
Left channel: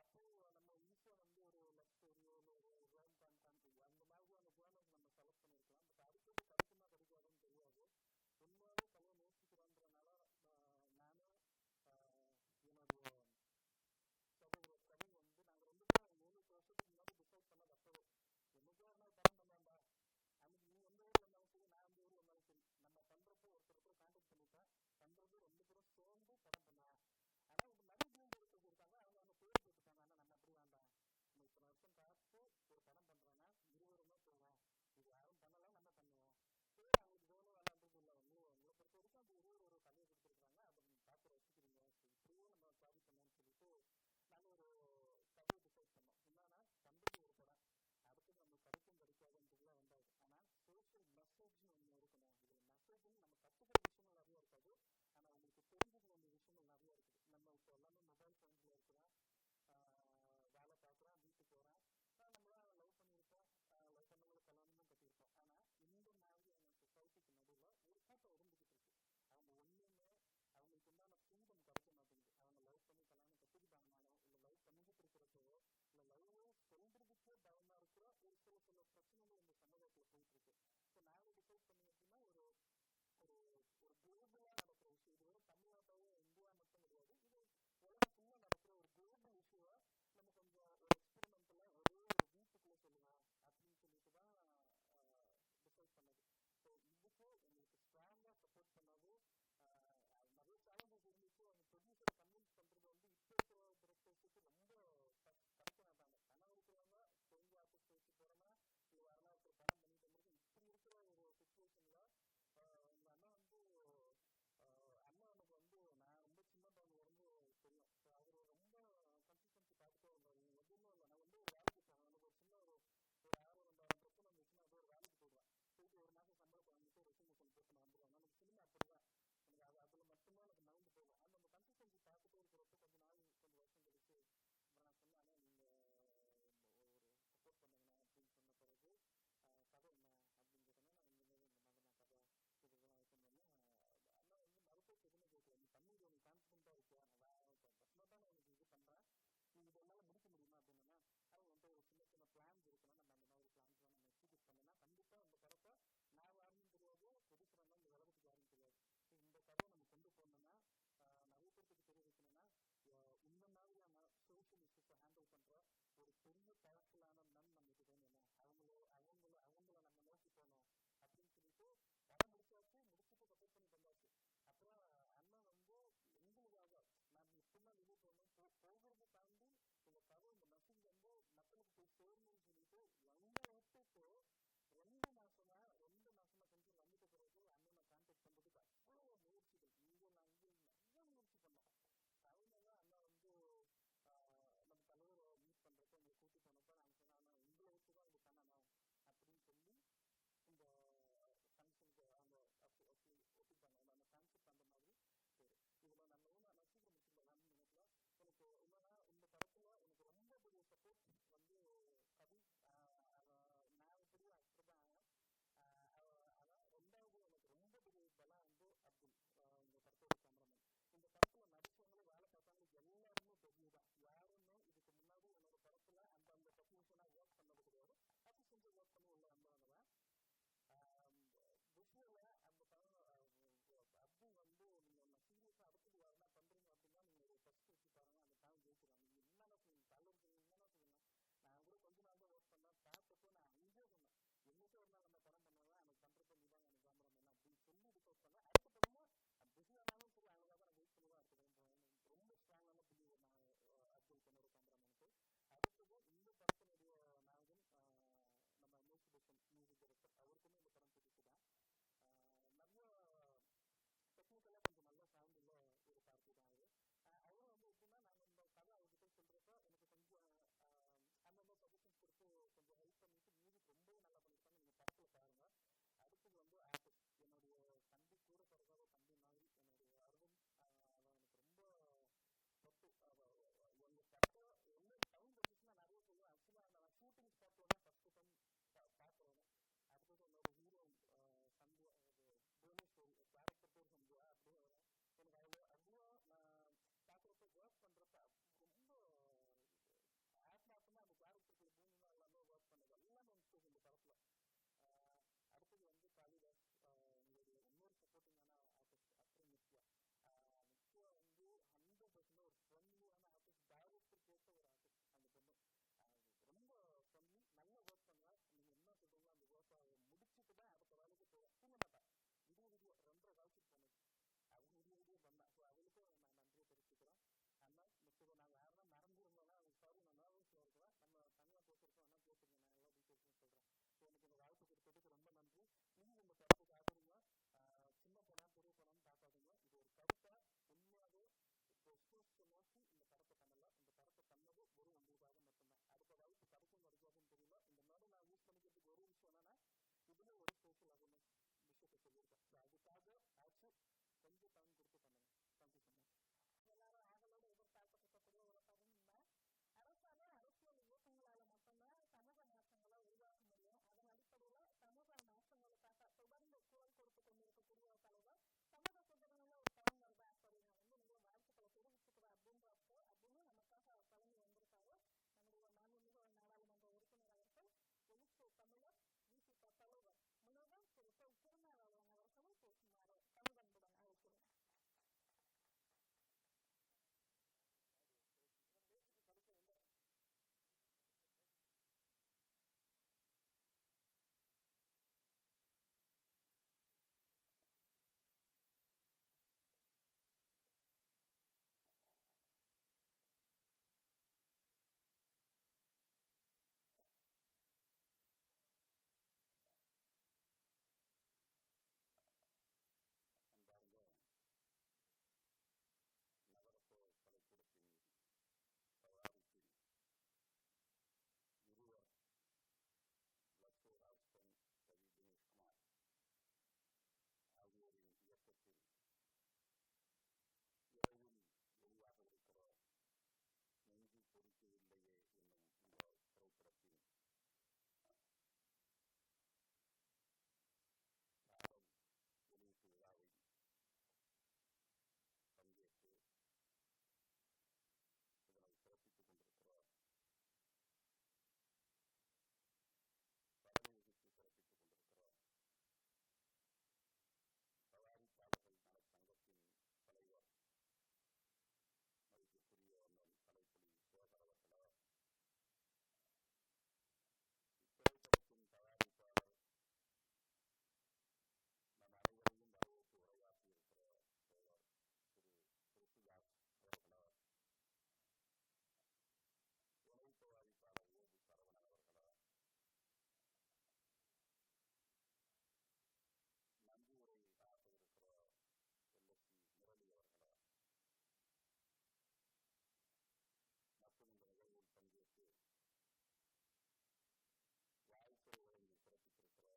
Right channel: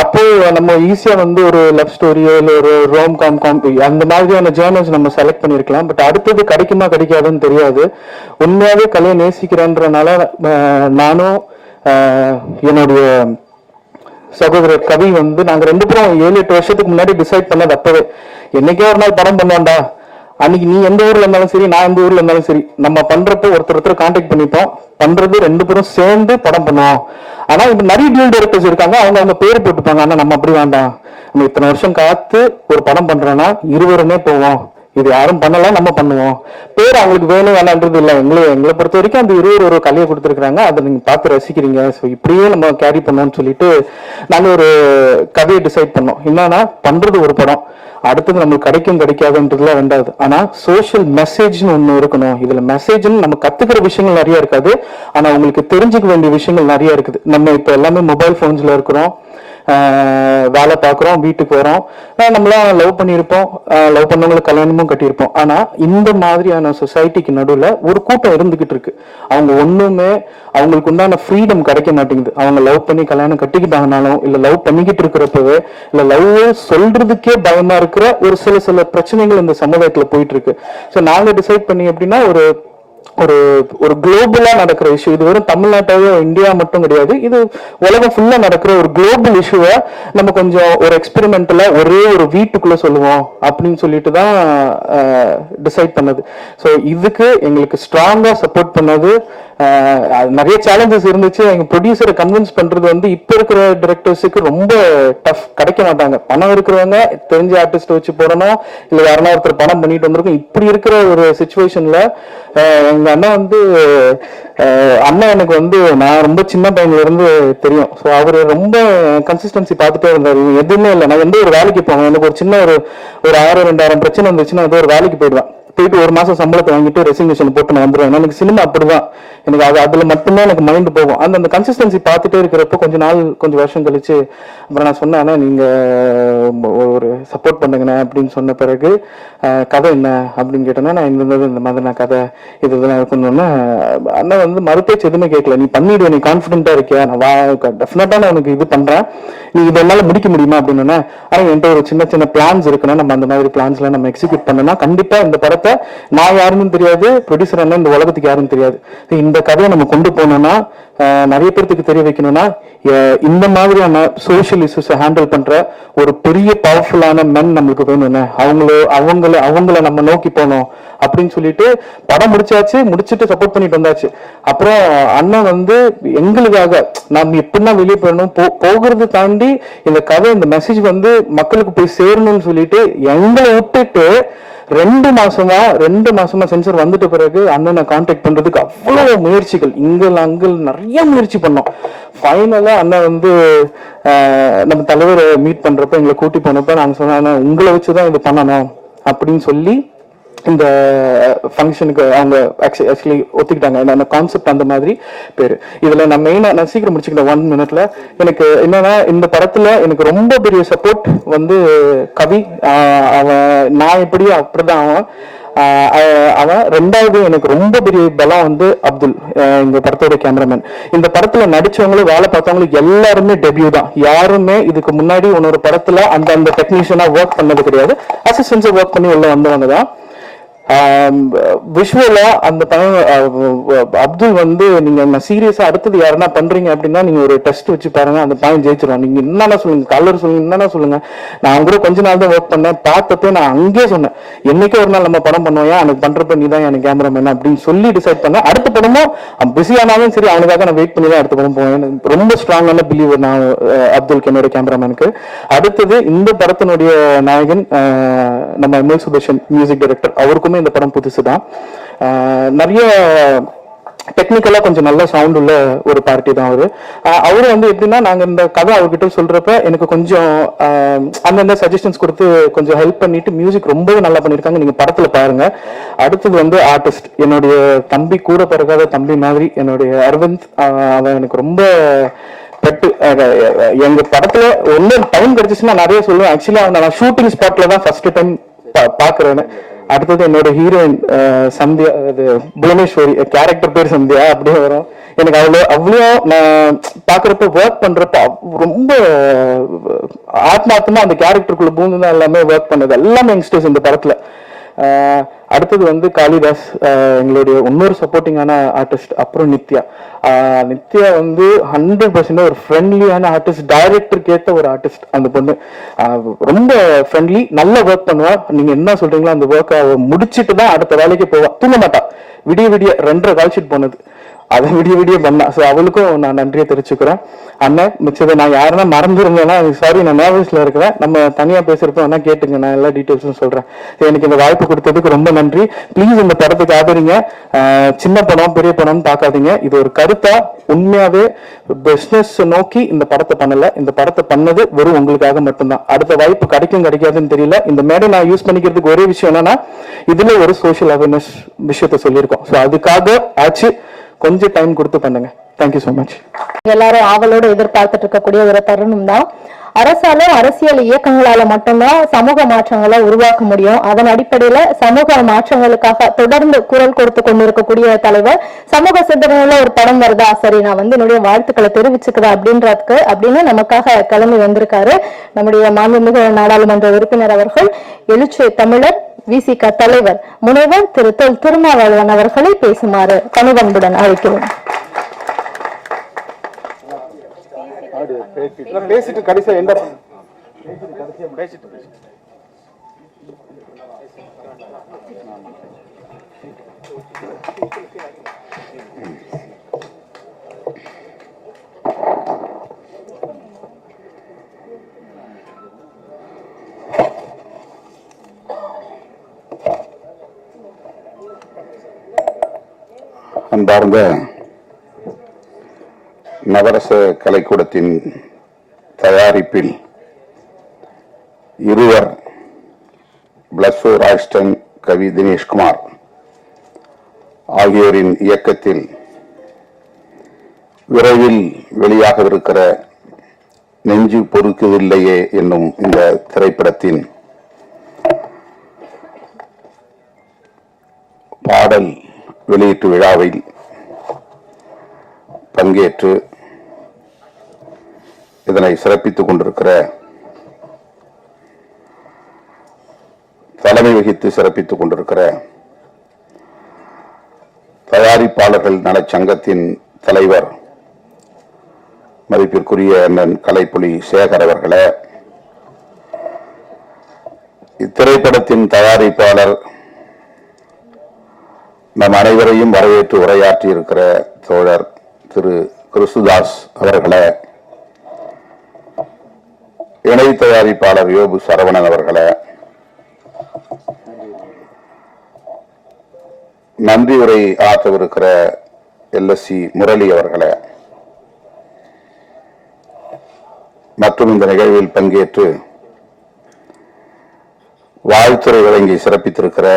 அப்போ நம்ம ஈஸியா ஒரு லவ் ஸ்டோரியோ இல்லை ஒரு ரோம் காம் அந்த மாதிரியான ஜேர்னல்ஸ் நம்ம செலக்ட் பண்ணிருக்கலாம். பட் அடுத்தது கிடைக்குமா கிடைக்காதுன்னு தெரியாது. உண்மையாவே கலையை நேசிக்கிறேன்றனால நானும் என்னுடைய சகோதரர் கவி நாங்க 2 பேரும் 7-8 வருஷத்துக்கு முன்னாடி டிசைட் பண்ணது. அப்பவே என்னைக்கே ஒரு நாள் படம் பண்ணுவான்டா, அன்னைக்கு நீ எந்த ஊர்ல இருந்தாலும் சரி, நான் எந்த ஊர்ல இருந்தாலும் சரி, நம்ம பண்றப்ப ஒருத்தர் கான்டாக்ட் பண்ணிப்போம், பண்றது 2 பேரும் சேர்ந்து படம் பண்ணுவோம். ஆனா இப்ப நிறைய டியூல் டைரக்டர்ஸ் இருக்காங்க, அவங்க பேர் போட்டுப்பாங்க. ஆனா நம்ம அப்படி வேண்டாம், நம்ம இத்தனை வருஷம் காத்து ஒரு படம் பண்றோம்னா இருவருமே போவோம், இது யாரும் பண்ணலாம், நம்ம பண்ணுவோம். பேர் அவங்களுக்கு வேணும் வேணான்றது இல்லை. எங்களை பொறுத்த வரைக்கும் அந்த 20 ஒரு கலையை கொடுத்துருக்காங்க, அதை நீங்க பார்த்து ரசிக்கிறீங்க, ஸோ இப்படியே நம்ம கேரி பண்ணோம்னு சொல்லிட்டு நாங்க ஒரு கதையை டிசைட் பண்ணோம். என்னன்னா பண்றது ஒரு படம், அடுத்தது நம்மளுக்கு கிடைக்காதுன்றதுல ரெண்டாவது. ஆனா சோசியல் மெசேஜ்னு ஒண்ணு இருக்கணும். இதுல மெசேஜ்னு நம்ம கத்துக்கிற விஷயங்கள் நிறைய இருக்காது, ஆனா உங்களுக்கு தெரிஞ்சுக்க வேண்டிய விஷயங்கள் நிறைய இருக்குது. நம்ம இப்ப எல்லாமே மொபைல் போன்ஸ்ல இருக்கிறோம், வேலை பார்க்குறோம், வீட்டுக்கு வரோம், நம்மளாம் லவ் பண்ணியிருப்போம், லவ் பண்ணவங்களுக்கு கல்யாணமும் கட்டியிருப்போம். ஆனா இந்த மாதிரியான சொசைட்டிக்கு நடுவில் ஒரு கூட்டம் இருந்துகிட்டு இருக்கு. அவங்க ஒண்ணுமே அவங்களுக்கு உண்டான ஃப்ரீடம் கிடைக்க மாட்டேங்குது. அவங்க லவ் பண்ணி கல்யாணம் கட்டிக்கிட்டாங்கனாலும், இல்ல லவ் பண்ணிக்கிட்டு இருக்கிறப்பவே, இல்ல லவ் சொல்றதுக்கே பயமா இருக்கிற ஒரு சில பிரச்சனைகள் இந்த சமுதாயத்துல போயிட்டு இருக்கு. ஸோ நாங்க டிசைட் பண்ணி எப்படின்னா, ஒரு ஒரு ஒரு குளோபலா நடக்கிற இஷ்யூ. இது வெறும் தமிழ்நாட்டாவே இந்தியா மட்டும் கிடையாது, இது உலகம் ஃபுல்லா நடக்கிற ஒரு குளோபல் இஷ்யூவை நம்ம கொஞ்சம் ஒரு எக்ஸ்பெரிமெண்டலா ஒரே ஒரு வீட்டுக்குள்ள சொல்லுவோம் அப்படின்னு சொல்லிட்டு தான் டிசைட் பண்ணது. ஸோ இதுக்கு எங்களுக்கு ஸ்ட்ராங்கா சப்போர்ட் பண்ணது. நிறைய சேலஞ்சஸ் இருந்துச்சு. எங்க ப்ரொடியூசரை கன்வின்ஸ் பண்றது வந்து இப்ப இருக்கிற டிரெக்டர்ஸுக்கு ரொம்ப டஃப், கிடைக்க மாட்டாங்க. பணம் இருக்கிறவங்க தெரிஞ்ச ஆர்டிஸ்ட் வச்சு போடணும், இல்ல யாருன்னா ஒருத்தர் பணம் பண்ணிட்டு வந்திருக்கும். இப்படி இருக்கிற ஒரு சுச்சுவேஷன்ல எங்க அண்ணா வந்து அண்ணன் எனக்கு வந்து நான் ரொம்ப சின்ன பையன்ல இருந்து தெரியும். ஸோ அவரு ரொம்ப கன்சிஸ்டன்சி பார்த்துட்டே இருந்தாரு. எதுவுமே இல்லை, நான் எந்த ஒரு வேலைக்கு போவேன், எனக்கு ஒரு சின்ன ஒரு 1000-2000 பிரச்சனை இருந்துச்சுன்னா ஏதோ ஒரு வேலைக்கு போயிடுவேன். போயிட்டு ஒரு மாசம் சம்பளத்தை வாங்கிட்டு ரெசிக்னேஷன் போட்டு நான் வந்துடுவேன். எனக்கு சினிமா அப்படிதான், எனக்கு அதுல மட்டும்தான் எனக்கு மைண்ட் போகும். அந்த கன்சிஸ்டன்சி பார்த்துட்டே இருக்கிறப்போ கொஞ்சம் வருஷம் கழிச்சு அப்புறம் நான் சொன்னேன், நீங்க ஒரு சப்போர்ட் பண்ணுங்கண்ணே அப்படின்னு சொன்ன பிறகு கதை என்ன அப்படின்னு கேட்டேன்னா, நான் இந்த மாதிரி நான் கதை இதெல்லாம் இருக்கணும்னா அண்ணன் வந்து மறுபேச்சு எதுவுமே கேட்கல. நீ பண்ணிடுவேன், நீ கான்ஃபிடென்ட்டா இருக்கியா, நான் டெஃபினட்டா நான் உனக்கு இது பண்றேன், நீ இதெல்லாம் முடிக்க முடியுமா அப்படின்னா, ஆனா என்கிட்ட ஒரு சின்ன சின்ன பிளான்ஸ் இருக்குன்னா நம்ம அந்த மாதிரி பிளான்ஸ்லாம் நம்ம எக்ஸிக்யூட் பண்ணனா கண்டிப்பா இந்த படத்தை நான் யாருன்னு தெரியாது, ப்ரொடியூசர் என்ன இந்த உலகத்துக்கு யாரும் தெரியாது. இந்த கதையை நம்ம கொண்டு போனோம்னா நிறைய பேருக்கு தெரிய வைக்கணும்னா இந்த மாதிரியான சோசியல் இஷ்யூஸை ஹேண்டில் பண்ற ஒரு பெரிய பவர்ஃபுல்லான மென் நம்மளுக்கு வேணும்னு அவங்கள நம்ம நோக்கி போனோம் அப்படின்னு சொல்லிட்டு படம் முடிச்சிட்டு சப்போர்ட் பண்ணிட்டு வந்தாச்சு. அப்புறம் அண்ணன் வந்து எங்களுக்காக நம்ம எப்படின்னா வெளியே போயிடணும் போகிறது தாண்டி இந்த கதை இந்த மெசேஜ் வந்து மக்களுக்கு போய் சேரணும்னு சொல்லிட்டு எங்களை விட்டுட்டு 2 மாசமா சென்சர் வந்துட்ட பிறகு அண்ணனை கான்டாக்ட் பண்றதுக்கு அவ்வளவு முயற்சிகள், அங்கே நிறைய முயற்சி பண்ணோம். ஃபைனலா அண்ணன் வந்து நம்ம தலைவரை மீட் பண்றப்ப எங்களை கூட்டி போனப்ப நாங்க சொன்னோம், உங்களை வச்சுதான் இது பண்ணணும் அப்படின்னு சொல்லி இந்த ஃபங்க்ஷனுக்கு அவங்க ஆக்சுவலி ஒத்துக்கிட்டாங்க. அந்த கான்செப்ட் அந்த மாதிரி பேரு. இதுல நான் மெயினா நான் சீக்கிரம் முடிச்சுக்கிட்டேன் 1 மினிட்ல. எனக்கு என்னன்னா இந்த படத்துல எனக்கு ரொம்ப பெரிய சப்போர்ட் வந்து கவி. அவன் நான் எப்படியோ அப்படிதான் அவன். ரெண்டாவது எனக்கு ரொம்ப பெரிய பலம் வந்து அப்துல், இந்த படத்தோட கேமராமேன். இந்த படத்துல நடிச்சவங்களும் வேலை பார்த்தவங்களும் எல்லாருமே டெபியூ தான். யாருமே இதுக்கு முன்னாடி இன்னொரு படத்துல அந்த டெக்னீஷியனா ஒர்க் பண்ணது கிடையாது. அசிஸ்டன்ஸா ஒர்க் பண்ணி உள்ள வந்தவங்க தான். விஷுவலா அந்த படம் அப்துல் வந்து நீங்க சீரியஸா அடுத்தது யாருன்னா பண்றீங்க அப்படின்னா நீங்க ஒரு டெஸ்ட் வச்சு பாருங்க, அந்த பையன் ஜெயிச்சிருவான். நீங்க என்னன்னா சொல்லுங்க, கலர் சொல்லுங்க, என்னன்னா சொல்லுங்க. நான் கூட கொஞ்ச நாள் தான் ஒர்க் பண்ணேன், பார்த்தப்ப நான் அங்கேயே சொன்னேன், என்னைக்கே ஒரு நாள் நம்ம படம் பண்ணுவோம், எனக்கு பண்றப்ப நீ தான் எனக்கு கேமராமேன் அப்படின்னு சொல்லி டிசைட் பண்ணேன். அடுத்த படமும் பிஸி ஆனாலும் சரி அவனுக்காக நான் வெயிட் பண்ணி தான் அடுத்த படம் போவேன். ரொம்ப ஸ்ட்ராங்கான பிலீவர் நான் அப்துல் என்னோட கேமராமேனுக்கு. அடுத்தது இந்த படத்தினுடைய நாயகன் நம்ம எம்எல் சுதர்ஷன் மியூசிக் டைரக்டர், அவருக்குமே இந்த படம் புதுசுதான். நிறைய டெக்னிக்கலா கொஞ்சம் நல்ல சவுண்ட் உள்ள ஒரு பார்ட்டி தான் அவரு வந்து எப்படின்னா நாங்க இந்த கதை அவர்கிட்ட சொல்றப்ப எனக்கு கொஞ்சம் அந்தந்த சஜஷன்ஸ் கொடுத்து கொஞ்சம் ஹெல்ப் பண்ணிட்டு மியூசிக் ரொம்பவே நல்லா பண்ணிருக்காங்க. நீங்க படத்துல பாருங்க. அடுத்தது வந்து ஆர்டிஸ்ட், என்னுடைய தம்பி, கூட பிறகாத தம்பி மாதிரி என்னுடைய அரவிந்த். அவன் எனக்கு ரொம்ப எங்க படத்துல ஒன்னும் டைம் கிடைச்சிச்சுன்னா நிறைய சொல்லுவேன். ஆக்சுவலா நான் ஷூட்டிங் ஸ்பாட்ல தான் ஃபர்ஸ்ட் டைம் பாக்குறேன்னு. அடுத்தது என்னோட ஹீரோயின் சந்தியா, அது புவனேஸ்வரி, கேரக்டர் பேர் சந்தியா அப்படியே வரும். எனக்கு அவ்வளோ நான் பாக்குறப்ப ஒர்க் பண்றப்ப ரொம்ப ஆத்மார்த்தமா அந்த கேரக்டருக்குள்ள பூந்துதான் எல்லாமே ஒர்க் பண்ணது. எல்லாமே யங்ஸ்டர்ஸ் இந்த படத்துல. அடுத்தது வந்து காளிதாஸ், எங்களுடைய இன்னொரு சப்போர்ட்டிங்கான ஆர்டிஸ்ட். அப்புறம் நித்யா வந்து 100% ஒரு ஃப்ரெண்ட்லியான ஆர்டிஸ்ட், டைரக்டருக்கு ஏற்ற ஒரு ஆர்டிஸ்ட். அந்த பொண்ணு ரொம்ப ஃப்ரெண்ட்லி, நல்ல ஒர்க் பண்ணுவா. நீங்க என்ன சொல்றீங்களோ அந்த ஒர்க்கை முடிச்சுட்டு தான் அடுத்த வேலைக்கு போவா. தூங்க மாட்டா. விடிய 2:30 கால் ஷீட் போனது, அதை விடிய பண்ணா. ஸோ அவளுக்கும் நான் நன்றியை தெரிவிச்சுக்கிறேன். அண்ணன் மிச்சதை நான் யாருன்னா மறந்துருந்தேன்னா சாரி, நான் நர்வஸ்ல இருக்கிறேன். நம்ம தனியா பேசுறப்ப வேணா கேட்டுங்க, நான் எல்லா டீட்டெயில்ஸும் சொல்றேன். எனக்கு இந்த வாய்ப்பு கொடுத்ததுக்கு ரொம்ப நன்றி. ப்ளீஸ் இந்த படத்துக்கு ஆதரிங்க. சின்ன படம் பெரிய படம் பார்க்காதீங்க. இது ஒரு கருத்தா உண்மையாவே பிசினஸ் நோக்கி இந்த படத்தை பண்ணல. இந்த படத்தை பண்ணது வெறும் உங்களுக்காக மட்டும்தான். அடுத்த வாய்ப்பு கிடைக்காதுன்னு தெரியல. இந்த மேடை நான் யூஸ் பண்ணிக்கிறதுக்கு ஒரே விஷயம் என்னன்னா, இதுல ஒரு சோஷியல் அவேர்னஸ் விஷயத்த சொல்லியிருக்கோம். ஸோ அதுக்காக ஆச்சு, கொஞ்சம் டைம் கொடுத்து பண்ணுங்க. Thank you so much. எல்லாரும் ஆவலோடு எதிர்பார்த்துட்டு இருக்கக்கூடிய ஒரு தருணம் தான். அரசாலும் அரசியல் இயக்கங்களால மட்டும்தான் சமூக மாற்றங்களை உருவாக்க முடியும். அதன் அடிப்படையில சமூக மாற்றங்களுக்காக தொடர்ந்து குரல் கொடுத்து கொண்டிருக்கக்கூடிய தலைவர். சமூக சிந்தனையில ஒரு படம் வருதா, சரி நான் என்னுடைய வாழ்த்துக்களை தெரிவிச்சுக்கிறேன் அப்படின்னு நமக்காக கிளம்பி வந்திருக்காரு நம்முடைய மாண்புமிகு நாடாளுமன்ற உறுப்பினர் அவர்கள். எழுச்சி தமிழர் விசிக தலைவர் முனைவர் திரு திருமாவளவன் அவர்களை பேசுமாறு பணிவன்புடன் அழைக்கிறோம். பேசிட்டு கடைசியா எந்த அன்பார்ந்த நவரச கலைக்கூடத்தின் தயாரிப்பில் இருவர், பிளஸ்ஸோ ராய்ஸ்டன், கவி தினேஷ்குமார் ஆகியோரின் இயக்கத்தில் விரைவில் வெளியாகவிருக்கிற நெஞ்சு பொறுக்குதில்லையே என்னும் இந்த திரைப்படத்தின் பாடல் வெளியீட்டு விழாவில் பங்கேற்று இதனை சிறப்பித்துக் கொண்டிருக்கிற, தலைமை வகித்து சிறப்பித்துக் கொண்டிருக்கிற தயாரிப்பாளர்கள் நலச்சங்கத்தின் தலைவர் மதிப்பிற்குரிய அண்ணன் கலைப்புலி சேகர் அவர்களே, இத்திரைப்படத்தின் தயாரிப்பாளர் நம் அனைவரையும் வரவேற்று உரையாற்றி இருக்கிற தோழர் திரு கிறிஸ்துதாஸ் அவர்களே, இணை தயாரிப்பாளர் யோபு சரவணன் அவர்களே, நன்றி உரை ஆற்றவிருக்கிற LSC முரளி அவர்களே, மற்றும் இந்த நிகழ்வில் பங்கேற்று வாழ்த்துறை வழங்கி சிறப்பித்திருக்கிற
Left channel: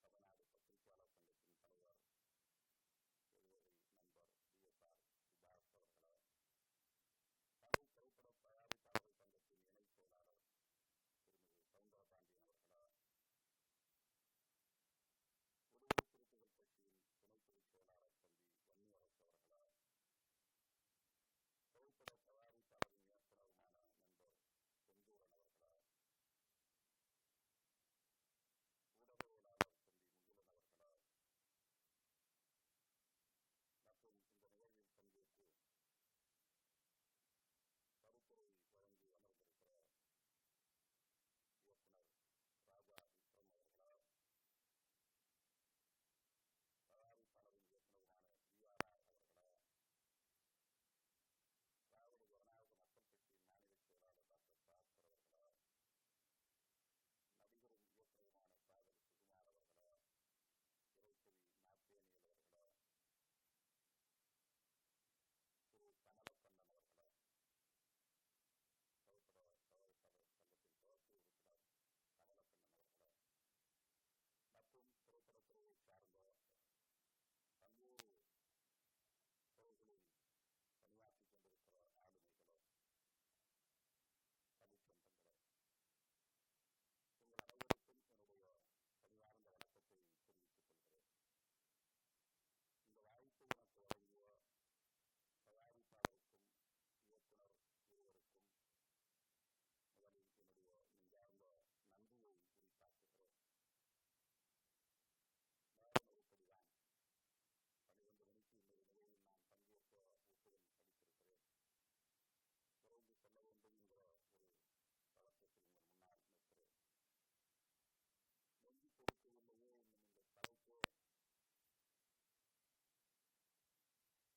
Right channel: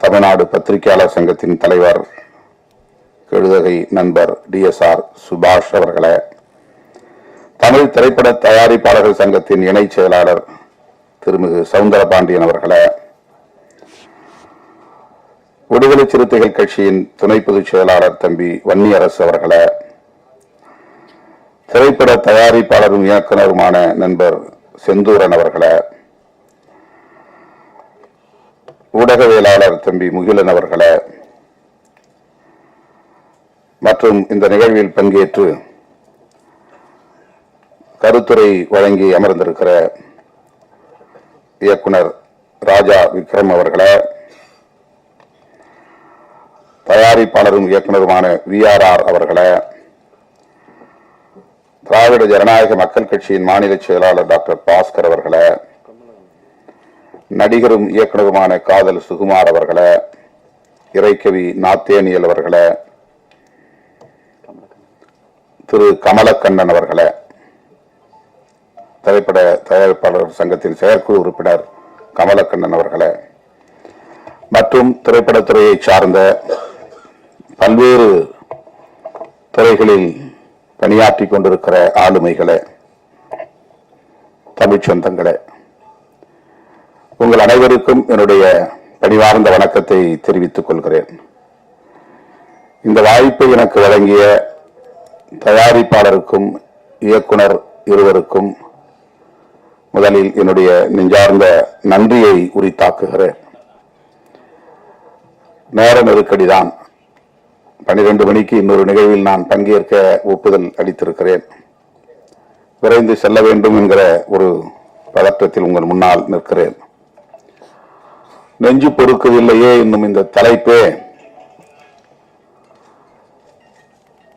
தமிழ்நாடு பத்திரிகையாளர் சங்கத்தின் தலைவர் கெழுதகை நண்பர் DSR சுபாஷ் அவர்களே, தமிழ் திரைப்பட தயாரிப்பாளர்கள் சங்கத்தின் இணை செயலாளர் திருமிகு சவுந்தரபாண்டியன் அவர்களே, விடுதலை சிறுத்தைகள் கட்சியின் துணை பொதுச் செயலாளர் தம்பி வன்னியரசு அவர்களே, திரைப்பட தயாரிப்பாளரும் இயக்குனருமான நண்பர் செந்தூரன் அவர்களே, ஊடகவியலாளர் தம்பி முகிலன் அவர்களே, மற்றும் இந்த நிகழ்வில் பங்கேற்று கருத்துரை வழங்கி அமர்ந்திருக்கிற இயக்குனர் ராஜா விக்ரம் அவர்களே, தயாரிப்பாளரும் இயக்குனருமான VRR அவர்களே, திராவிட ஜனநாயக மக்கள் கட்சியின் மாநில செயலாளர் டாக்டர் பாஸ்கர் அவர்களே, நடிகரும் இயக்குனருமான காதல் சுகுமார் அவர்களே, இறைக்கவி நாத்தேனியல் அவர்களே, திரு கமலக்கண்ணன் அவர்களே, திரைப்பட தயாரிப்பாளர் சங்கத்தின் செயற்குழு உறுப்பினர் கமலக்கண்ணன் அவர்களே, மற்றும் திரைப்படத்துறையை சார்ந்த பல்வேறு துறைகளில் பணியாற்றி கொண்டிருக்கிற ஆளுமைகளே, தமிழ் சொந்தங்களே, உங்கள் அனைவருக்கும் என்னுடைய பணிவார்ந்த வணக்கத்தை தெரிவித்துக் கொள்கிறேன். இந்த வாய்ப்பை எனக்கு வழங்கிய தயாரிப்பாளருக்கும் இயக்குனர் இருவருக்கும் முதலில் என்னுடைய நெஞ்சார்ந்த நன்றியை உரித்தாக்குகிறேன். நேர நெருக்கடிதான். 12 மணிக்கு இன்னொரு நிகழ்வில் நான் பங்கேற்க ஒப்புதல் அளித்திருக்கிறேன். விரைந்து செல்ல வேண்டும் என்கிற ஒரு பதற்றத்தில் உங்கள் முன்னால் நிற்கிறேன். நெஞ்சு பொறுக்கவில்லையே என்னும் இந்த தலைப்பே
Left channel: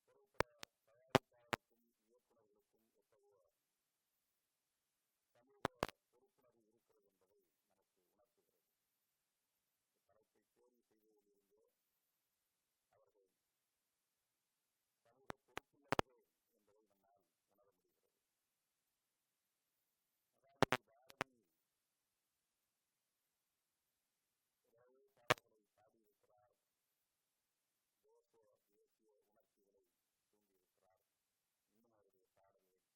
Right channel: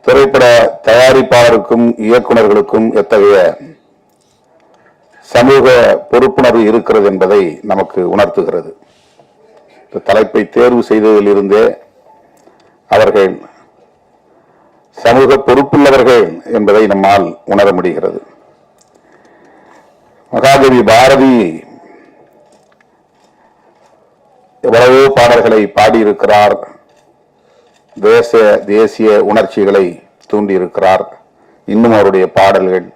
திரைப்பட தயாரிப்பாளருக்கும் இயக்குநர்களுக்கும் எத்தகைய சமூக பொறுப்புணர்வு இருக்கிறது என்பதை நமக்கு உணர்த்துகிறது. இந்த தலைப்பை தேர்வு செய்ததிலிருந்தே அவர்கள் சமூக பொறுப்புள்ளவர்கள் என்பதை நம்மால் உணர முடிகிறது. மகாகவி பாரதி எவ்வளவோ பாடல்களை பாடியிருக்கிறார். தேசிய உணர்ச்சிகளை தூண்டி இருக்கிறார். இன்னும் அவருடைய பாடல்கள்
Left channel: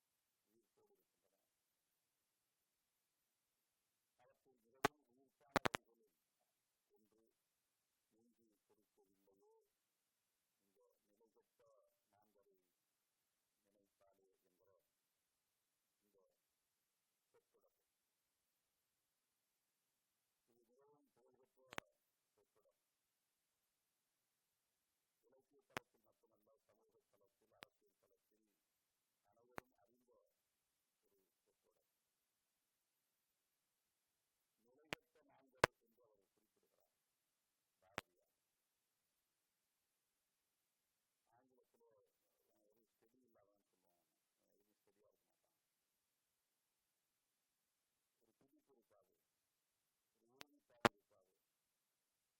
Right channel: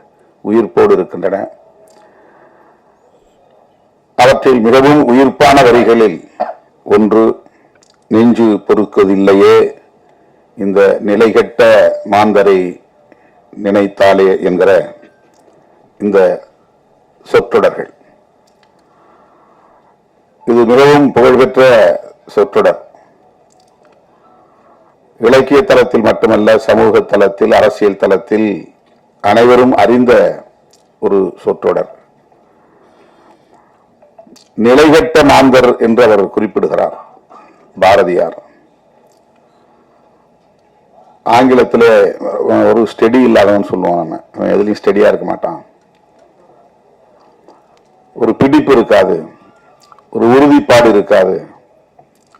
உயிர்ப்போடு இருக்கின்றன. அவற்றில் மிகவும் உயிர்ப்பான வரிகளில் ஒன்று, நெஞ்சு பொறுக்குவதில்லையே இந்த நிலைகெட்ட மாந்தரை நினைத்தாலே என்கிற இந்த சொற்றொடர்கள். இது மிகவும் புகழ்பெற்ற சொற்றொடர். இலக்கிய தளத்தில் மட்டுமல்ல, சமூக தளத்தில், அரசியல் தளத்தில் அனைவரும் அறிந்த ஒரு சொற்றொடர். நிலைகெட்ட மாந்தர் என்று அவர் குறிப்பிடுகிறார் பாரதியார். ஆங்கிலத்தில் ஒரு ஸ்டெடி இல்லாதவன் சொல்லுவான். நம்ம அவன் எதுலையும் ஸ்டெடியா இருக்க மாட்டான். ஒரு பிடிப்பு இருக்காது, ஒரு உறுதிப்பாடு இருக்காது,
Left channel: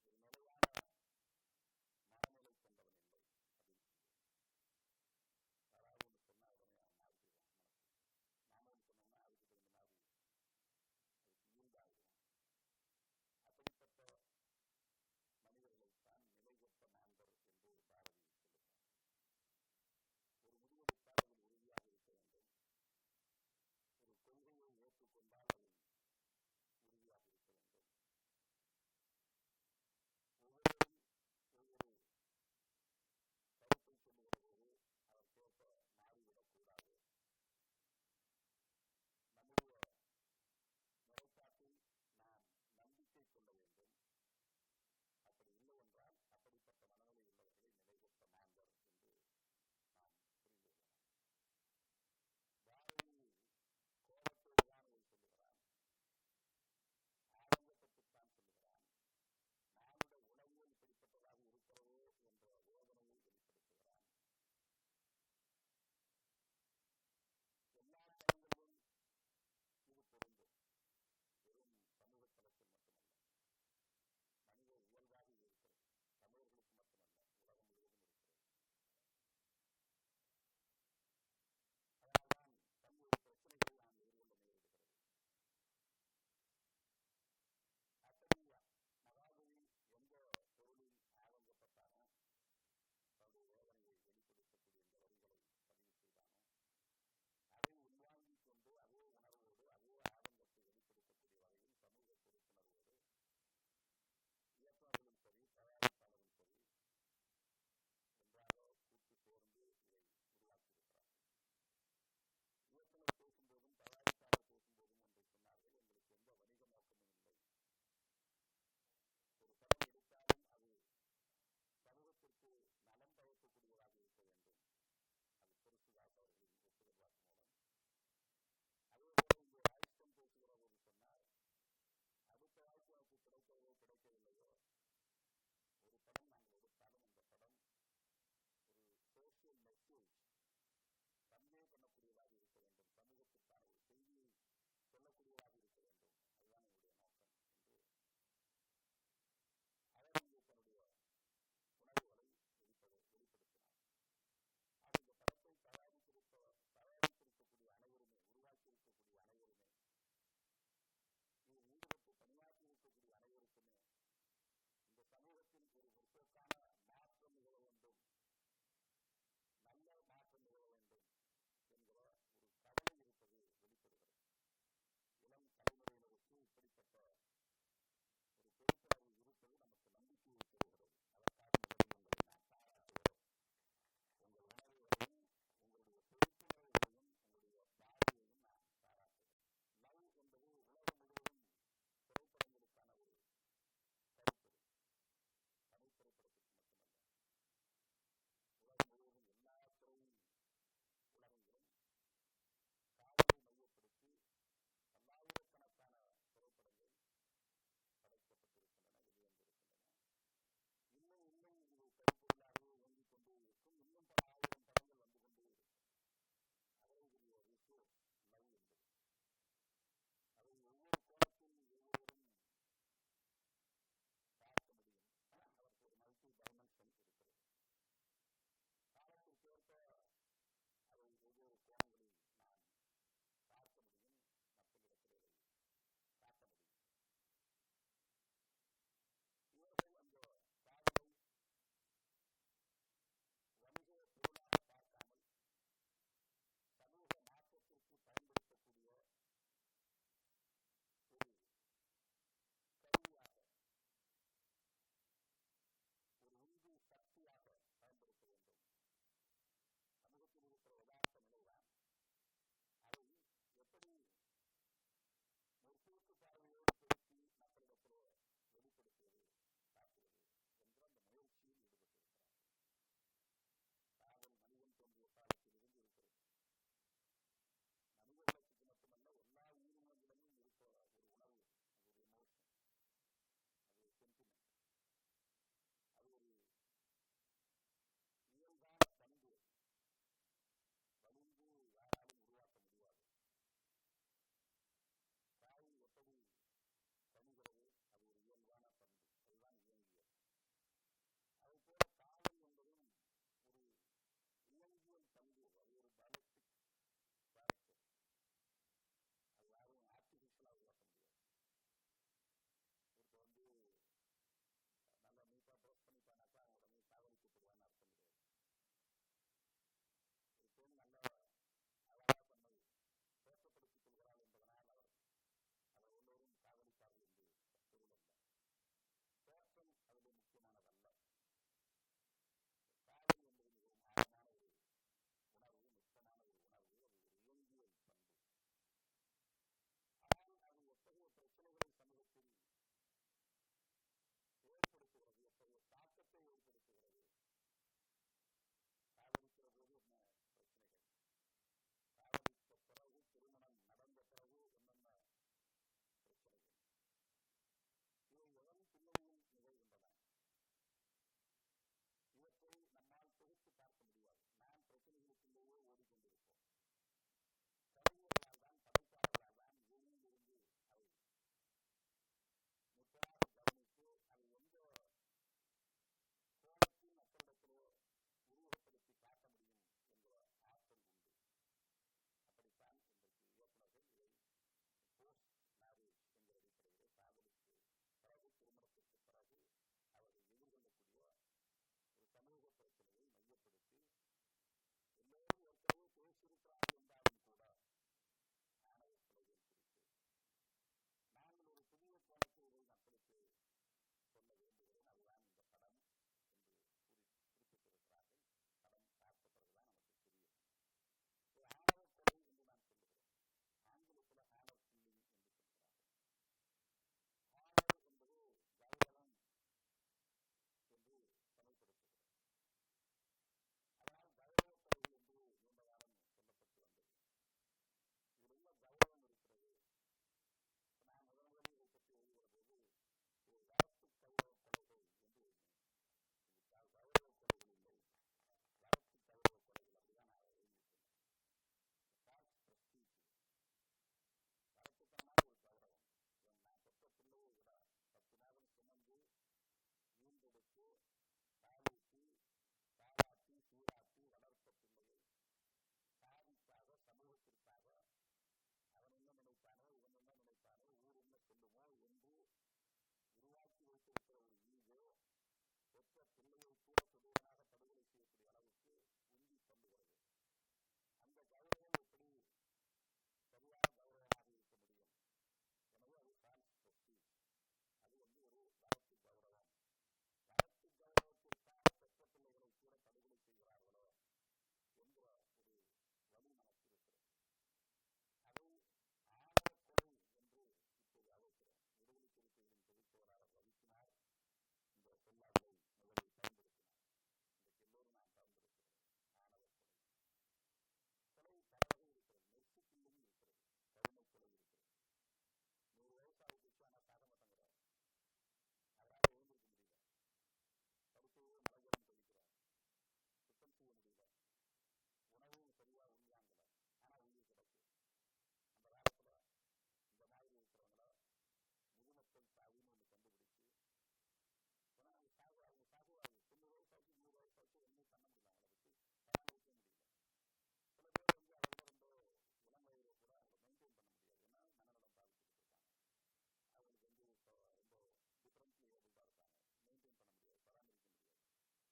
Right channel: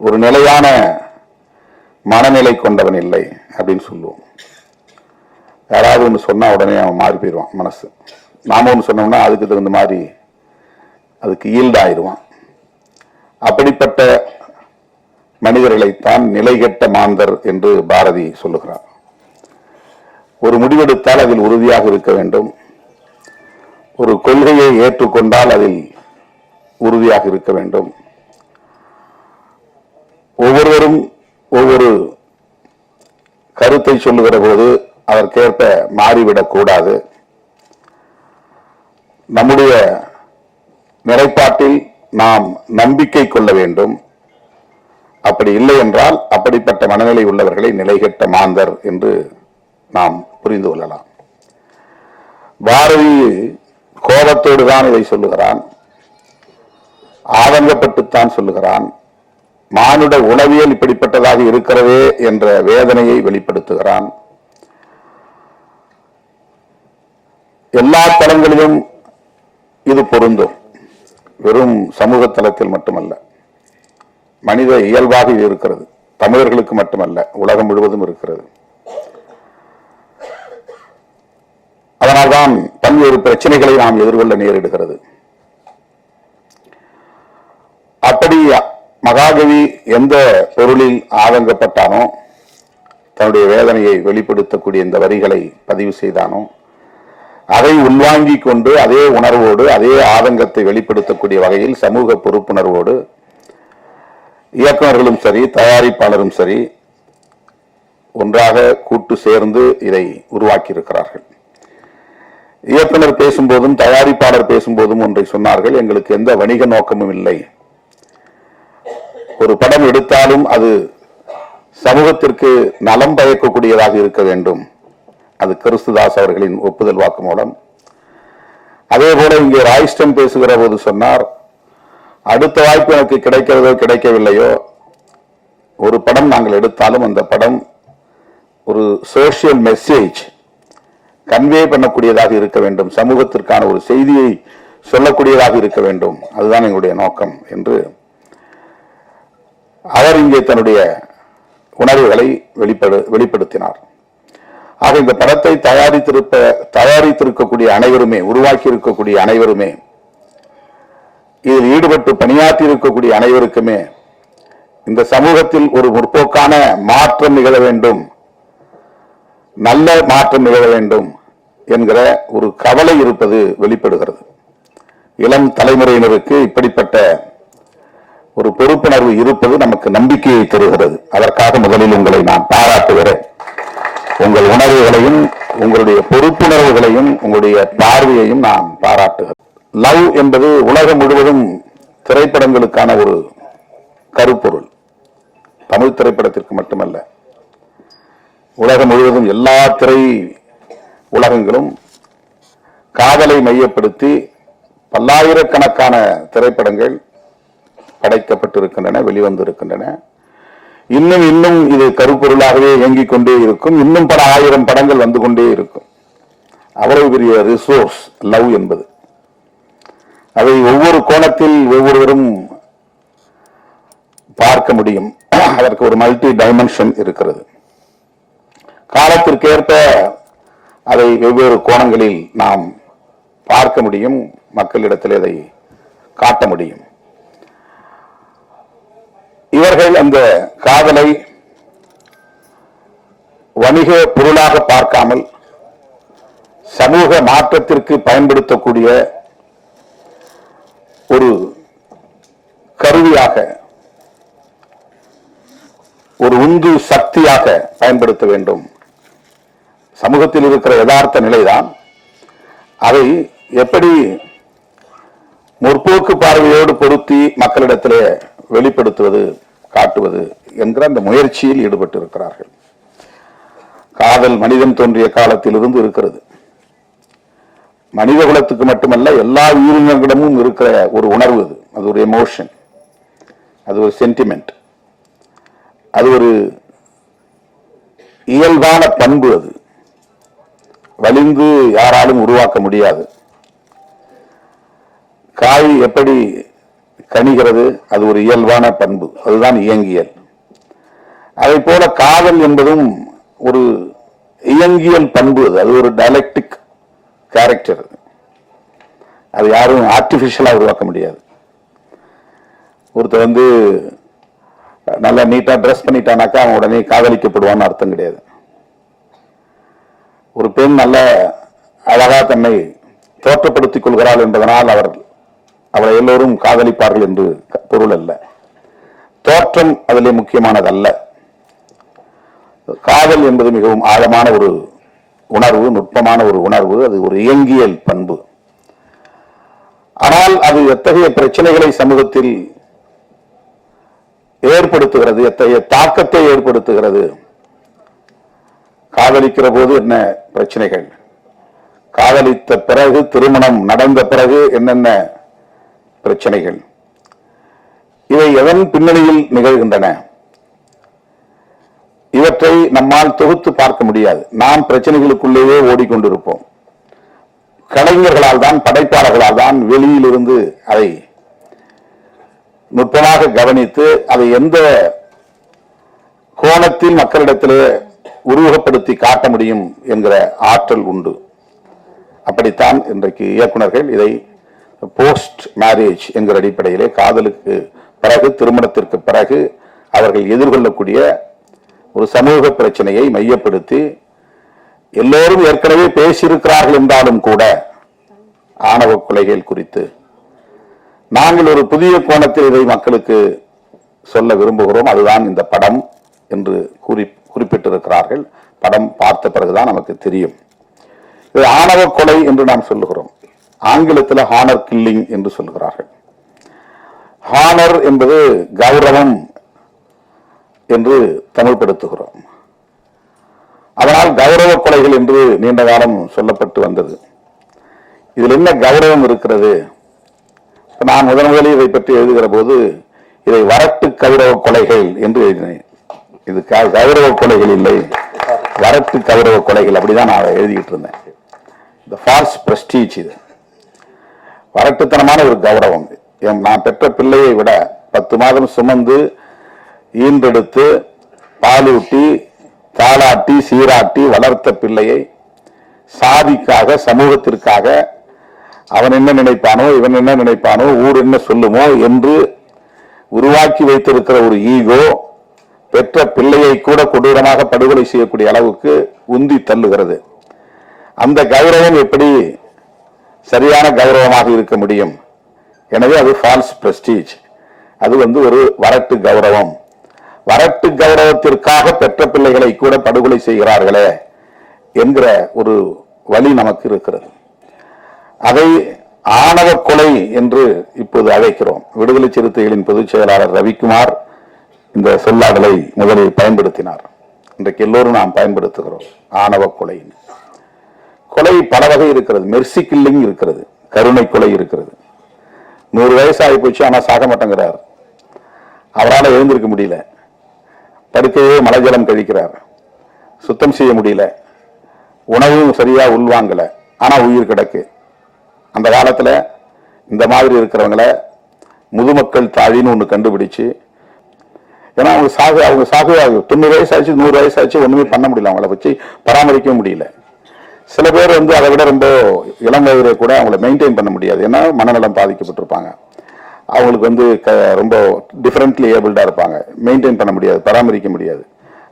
ஒரு நிலையான மனநிலை கொண்டவன் இல்லை அப்படின்னு சொல்லுவோம். யாராவது ஒன்று சொன்னா உடனே அவன் மாறி போயிடுவான் மனசு. நாம ஒன்று சொன்னோம்னா அதுக்கு தகுந்த மாதிரி அதுக்கு ஈல்டாயிடுவான். அப்படிப்பட்ட மனிதர்களைத்தான் நிலைகெட்ட மாந்தர் என்று பாரதி சொல்லுகிறார். ஒரு முடிவெடுத்தால் அதில் உறுதியாக இருக்க வேண்டும். ஒரு கொள்கையை ஏற்றுக்கொண்டால் அதில் உறுதியாக இருக்க வேண்டும். ஒவ்வொருவரும் ஒவ்வொரு கருத்தை சொல்லுகிற போது அதற்கேற்ப மாறிவிடக் கூடாது. நம்முடைய நிலைப்பாட்டில் நாம் நம்பிக்கை கொள்ள வேண்டும். அப்படி இல்லை என்றால் அப்படிப்பட்ட மனநிலை உள்ளவர்களை நிலைகெட்ட மாந்தர் என்று நாம் புரிந்து கொள்ளலாம். பாரதி கோபத்தோடு தான் இதை சொல்லுகிறான், ஆதங்கப்பட்டுத்தான் சொல்லுகிறான். மானுட உளவியல் இப்படிப்பட்டதாக இருக்கிறதே என்ற வேதனையை வெளிப்படுத்துகிறான். எல்லா தளங்களிலும் இது பொருந்தும். வெறும் சமூக தளத்தில் மட்டுமல்ல, மனித இயல்பாக இது இருக்கிறது. தமிழர்களுக்கு மட்டுமல்ல, உலகம் முழுவதும் இருக்கிறது. அதனால்தான் பல்வேறு பிரச்சனைகளை நாம் எதிர்கொள்ள நேரிடுகிறது. அப்படி மகாகவி எந்த பொருளில் ஆதங்கப்பட்டானோ, தன்னுடைய வேதனையை வெளிப்படுத்தக்கூடிய இந்த வரிகளை பதிவு செய்தானோ, அதை உள்வாங்கிக் கொண்டு அதே உணர்வோடு அதே ஆதங்கத்தை வெளிப்படுத்தக்கூடிய வகையில் சமூக பொறுப்புணர்வோடு இயக்குநர்களும் சரி, தயாரிப்பாளரும் சரி ஒன்றாக கூட்டு சேர்ந்து இதை உருவாக்கி இருக்கிறார்கள். இயக்குனர் பேசும்போதும் தயாரிப்பாளர் பேசும்போதும் ஒன்றை சொன்னார்கள், எங்களுக்கு எந்த வணிக நோக்கமும் இல்லை. ஒரு படம் எடுத்தாலும் அது சமூகத்திற்கு நலம் பயக்கக்கூடியதாக இருக்க வேண்டும். அது கிறிஸ்துதாஸ் அவர்களின் ஒப்புதல் வாக்கு மூலம். அதே போல இங்கே ராய்ஸ்டன் பேசுகிற போது சொன்னார், அடுத்த வாய்ப்பு எனக்கு கிடைக்கிறதோ கிடைக்கவில்லையோ, ஒரு படம் நாங்கள் எடுத்தாலும் அந்த படம் ஒரு சோசியல் மெசேஜ் கன்வே பண்ணக்கூடியதாக இருக்க வேண்டும், சமூகத்திற்கான ஒரு செய்தியை சொல்லக்கூடியதாக இருக்க வேண்டும், அதுதான் எங்களுடைய நோக்கம் என்று அவர் இங்கே தன்னுடைய உணர்வுகளை வெளிப்படுத்தினார். ஆக இந்த படத்தை தயாரித்திருக்கக்கூடிய அனைவருமே, உருவாக்கி இருக்கக்கூடிய அனைவருமே, இதில் ஈடுபட்டு பணியாற்றி இருக்கக்கூடிய அனைவருக்குமே இந்த சமூகத்தில் ஒரு முற்போக்கான மாற்றம் நிகழ வேண்டும், நல்ல மாற்றம் நிகழ வேண்டும் என்கிற ஒரு கவலை இருப்பது வெளிப்படுகிறது. இளம் தலைமுறையினருக்கு இப்படிப்பட்ட ஒரு பொறுப்புணர்வு இருப்பது நமக்கு நம்பிக்கையை தருகிறது. அதற்காக முதலில் உங்களை நான் பாராட்டுகிறேன். உங்கள் உணர்வுகளையும் உங்களுடைய பொறுப்புணர்வுகளையும் உங்களுடைய பார்வையையும் நான் பாராட்டுகிறேன். லவ் என்பது உலகம் முழுவதும் திரைப்படங்களுக்கான ஒரு கருப்பொருள். தமிழ் திரைப்படத்திற்கு மட்டுமல்ல, உலகம் முழுவதும் எல்லா திரை உலகங்களும் காதலை மையப்படுத்தி பல்லாயிரக்கணக்கான திரைப்படங்கள் படைக்கப்பட்டிருக்கின்றன, வெளிவந்திருக்கின்றன. இன்னும் இன்னும் இது கருப்பொருளாகவே இயங்கிக் கொண்டே இருக்கும். இன்னும் பல ஆயிரம் படங்கள் வந்து கொண்டே இருக்கும். அவ்வளவு பெரிய ரிசோர்ஸ் லவ் என்பது. அதை ஒவ்வொரு கோணத்தில் ஒவ்வொருவரும் பார்க்க முடியும். அதற்கு ஒரு மல்டி டைமென்ஷன் இருக்கிறது. காலத்திற்கேற்ப அதை வெவ்வேறு கோணங்களில் நாம் பார்க்க முடியும், மக்களிடத்தில் அதை காட்ட முடியும். இவர்கள் அந்த காதலை வணிக பொருளாக பார்க்காமல் சமூக மாற்றத்திற்கு பயன்படுத்தக்கூடிய ஒரு கருவியாக, ஒரு உந்து சக்தியாக பயன்படுத்த வேண்டும். சமூகத்தில் இருக்கிற யதார்த்த நிலைதான் அதை எப்படி முற்போக்கு பார்வையோடு பொருத்தி மக்களிடத்திலே வெளிப்படுத்துவது, காட்டுவது என்கிற அந்த முயற்சியில் ஈடுபட்டு இருக்கிறார்கள். காதல் மனிதன் தோன்றிய காலத்திலிருந்து இருக்கிறது. மனித குலத்துக்கு மட்டுமல்ல, எல்லா உயிரினங்களிடமும் இருக்கிற ஒரு உணர்வு அது. அது ஒரு எமோஷன், அது ஒரு சென்டிமெண்ட், அது ஒரு இயல்பான பண்பு. அது வலிந்து யாராலும் உருவாக்க முடியாது. காய் எப்படி கனிகிறது, அது ஒரு இயல்பான பண்பு, அதுதான் இயங்கியல். அதை போல காதல் என்பதும் ஒரு இயங்கியல் பண்பு. அது ஒரு டயலெக்டிக் கேரக்டர். அது யாரும் ஆர்டிபிஷியலா உருவாக்க முடியாது. ஒருத்தர் நல்லா நீட்டா ட்ரெஸ் பண்ணிட்டானாக்கா அவன் உடனே காதலிக்கப்படுவான்னு அர்த்தம் கிடையாது. ஒரு பெண் நல்ல அழகா தன்னை தோற்றப்படுத்திக் கொள்கிறாள் என்பதனால் அவளை எல்லோரும் காதலிப்பார்கள் என்று பொருள் அல்ல. தோற்றம் அதிலே முக்கியமானதல்ல. காதல் என்பது மிகவும் ஆழமான ஒரு உணர்வு, நுட்பமான ஒரு உணர்வு. அது ஒரு இயங்கியல் பண்பு. ஆனால் அது எத்தகைய பிரச்சனைகளை சமூகத்தில் ஏற்படுத்துகிறது, எத்தகைய தாக்கத்தை ஏற்படுத்துகிறது. காதலிக்கிற போது என்ன பிரச்சனைகள், காதலித்த பிறகு, திருமணம் நடந்த பிறகு என்னென்ன பிரச்சனைகள், இவை எதன் பின்னணியில் நிகழ்கின்றன, இவற்றை நம்மால் தொகுத்து பார்க்க முடியாது. நாம் பிரச்சனைகளுக்குள்ளேயே ஓடிக்கொண்டிருப்போம். கலைஞர்களால் தான், படைப்பாளர்களால் தான் வெளியிலிருந்து அதை நுட்பமாக கவனித்து அதை எந்த கோணத்தில் மக்களிடத்திலே உருவகப்படுத்தி காட்ட முடியும் என்கிற ஆற்றல் உண்டு. அப்படித்தான் இன்றைக்கு இயக்குனர்கள் இதை போஸ்ட் மேரேஜ் என்கிற அடிப்படையிலே, காதலுக்கு பிறகு, திருமணத்திற்கு பிறகு அவர்கள் எதிர்கொள்ளக்கூடிய ஒரு சமூக பிரச்சனையை மையப்படுத்தி, எல்லோரும் ஏற்கனவே பேசியிருக்கிறார்கள் என்றாலும் கூட ஆணவ கொலைகள் குறித்து நாங்கள் ஒரு புதிய கோணத்தில் இதை மக்களுக்கு சொல்ல விரும்புகிறோம். அதுதான் இந்த படம் என்று குறிப்பிட்டிருக்கிறார்கள். படம் பார்த்த பிறகுதான் நமக்கு தெரியும். இது ஆணவ கொலை என்று நாம் சொல்லுகிறோம். ஆங்கிலத்தில் ஹானர் கில்லிங் என்று சொல்லுகிறார்கள். ஹானர் என்பது கௌரவம் என்று தமிழ்படுத்துகிறோம். அதனால் கௌரவ கொலைகள் என்று நீண்ட காலம் சொல்லப்பட்டு வந்தது. இதில் என்ன கௌரவம் இருக்கிறது? நான் முதலில் இதை பற்றி எழுதுகிற போது இதை வரட்டு கௌரவ கொலைகள் என்று எழுதினேன். இது கௌரவ கொலைகள் இல்லை, வரட்டு கௌரவ கொலைகள், அப்படிதான் நான் எழுதிக்கிட்டு இருந்தேன். இந்த ஃபால்ஸ் பிரஸ்டீஜ், இது வரட்டுத்தனமான ஒரு கௌரவம். நான் பெற்ற பிள்ளையை விட 10 மாதம் சுமந்து ஈன்றெடுத்து பாலூட்டி தாளாட்டி சீராட்டி வளர்த்த பிள்ளையை சாதிக்காக, சமூகத்திற்காக அவன் என்ன நினைப்பானோ, இவன் என்ன நினைப்பானோ, ஊர் என்ன சொல்லுமோ என்று உருவாக்கி வைத்திருக்கிற ஒரு ஈகோ பெற்ற பிள்ளையை கூட கொடூரமாக படுகொலை செய்யக்கூடிய அளவுக்கு உந்தி தள்ளுகிறது. அந்த கௌரவம் எப்படி சரியான கௌரவமாக இருக்க முடியும்? எனவே அது ஃபால்ஸ் பிரஸ்டீஜ். அது ஒரு வரட்டு கௌரவம். வரட்டு கௌரவத்திற்காக பெற்ற பிள்ளைகளை கூட படுகொலை செய்கிறார்களே என்கிற ஒரு வழி நமக்கு இருக்கிறது. அதை ஆணவ கொலை என்று இப்போது அழைக்கிறோம். விடுதலை சிறுத்தைகளின் பொதுச் செயலாளர் ரவிக்குமார் இந்த சொல்லாடலை முதலில் பயன்படுத்தினார். இன்றைக்கு எல்லோரும் நாம் பயன்படுத்துகிறோம். ஆணவ கொலை. கொலை பல வகை இருக்கிறது. மெர்சி கில்லிங் இருக்கிறது, கருணை கொலை இருக்கிறது. 100 வயசு ஆகி போச்சு, ஆனா சாக மாட்டேங்கிறார். அவரால் எழுந்திருக்க முடியல, படுக்கையே மலைஜலம் கழிக்கிறார், சுத்தம் செய்ய முடியல, உணவும் சரியா உள்வாங்கல, ஆனா உயிர் கிடக்கு. அந்த காலத்துல இந்த மாதிரி இருக்கிறவங்களை முதுமக்கள் தாழின்னு ஒண்ணு கண்டுபிடிச்சு, ஏன்னா அவங்க சாகு 90 வயசு ஆச்சு, 100 வயசு ஆச்சு, ஒண்ணுமே பண்ண முடியல, அவங்கள வச்சு பராமரிக்க முடியல. சில பேர் அதை விட ரொம்ப இளம் வயதிலே கூட அவங்களை மெயின்டைன் பண்ண முடியாது. ஏன்னா மனநலம் பாதிக்கப்பட்டிருப்பாங்க. அவங்களுக்கு ரொம்ப டிஃபரெண்ட்லி ஏபிள்டா இருப்பாங்க. மெயின்டைன் பண்ண முடியாது, பராமரிக்க முடியாது.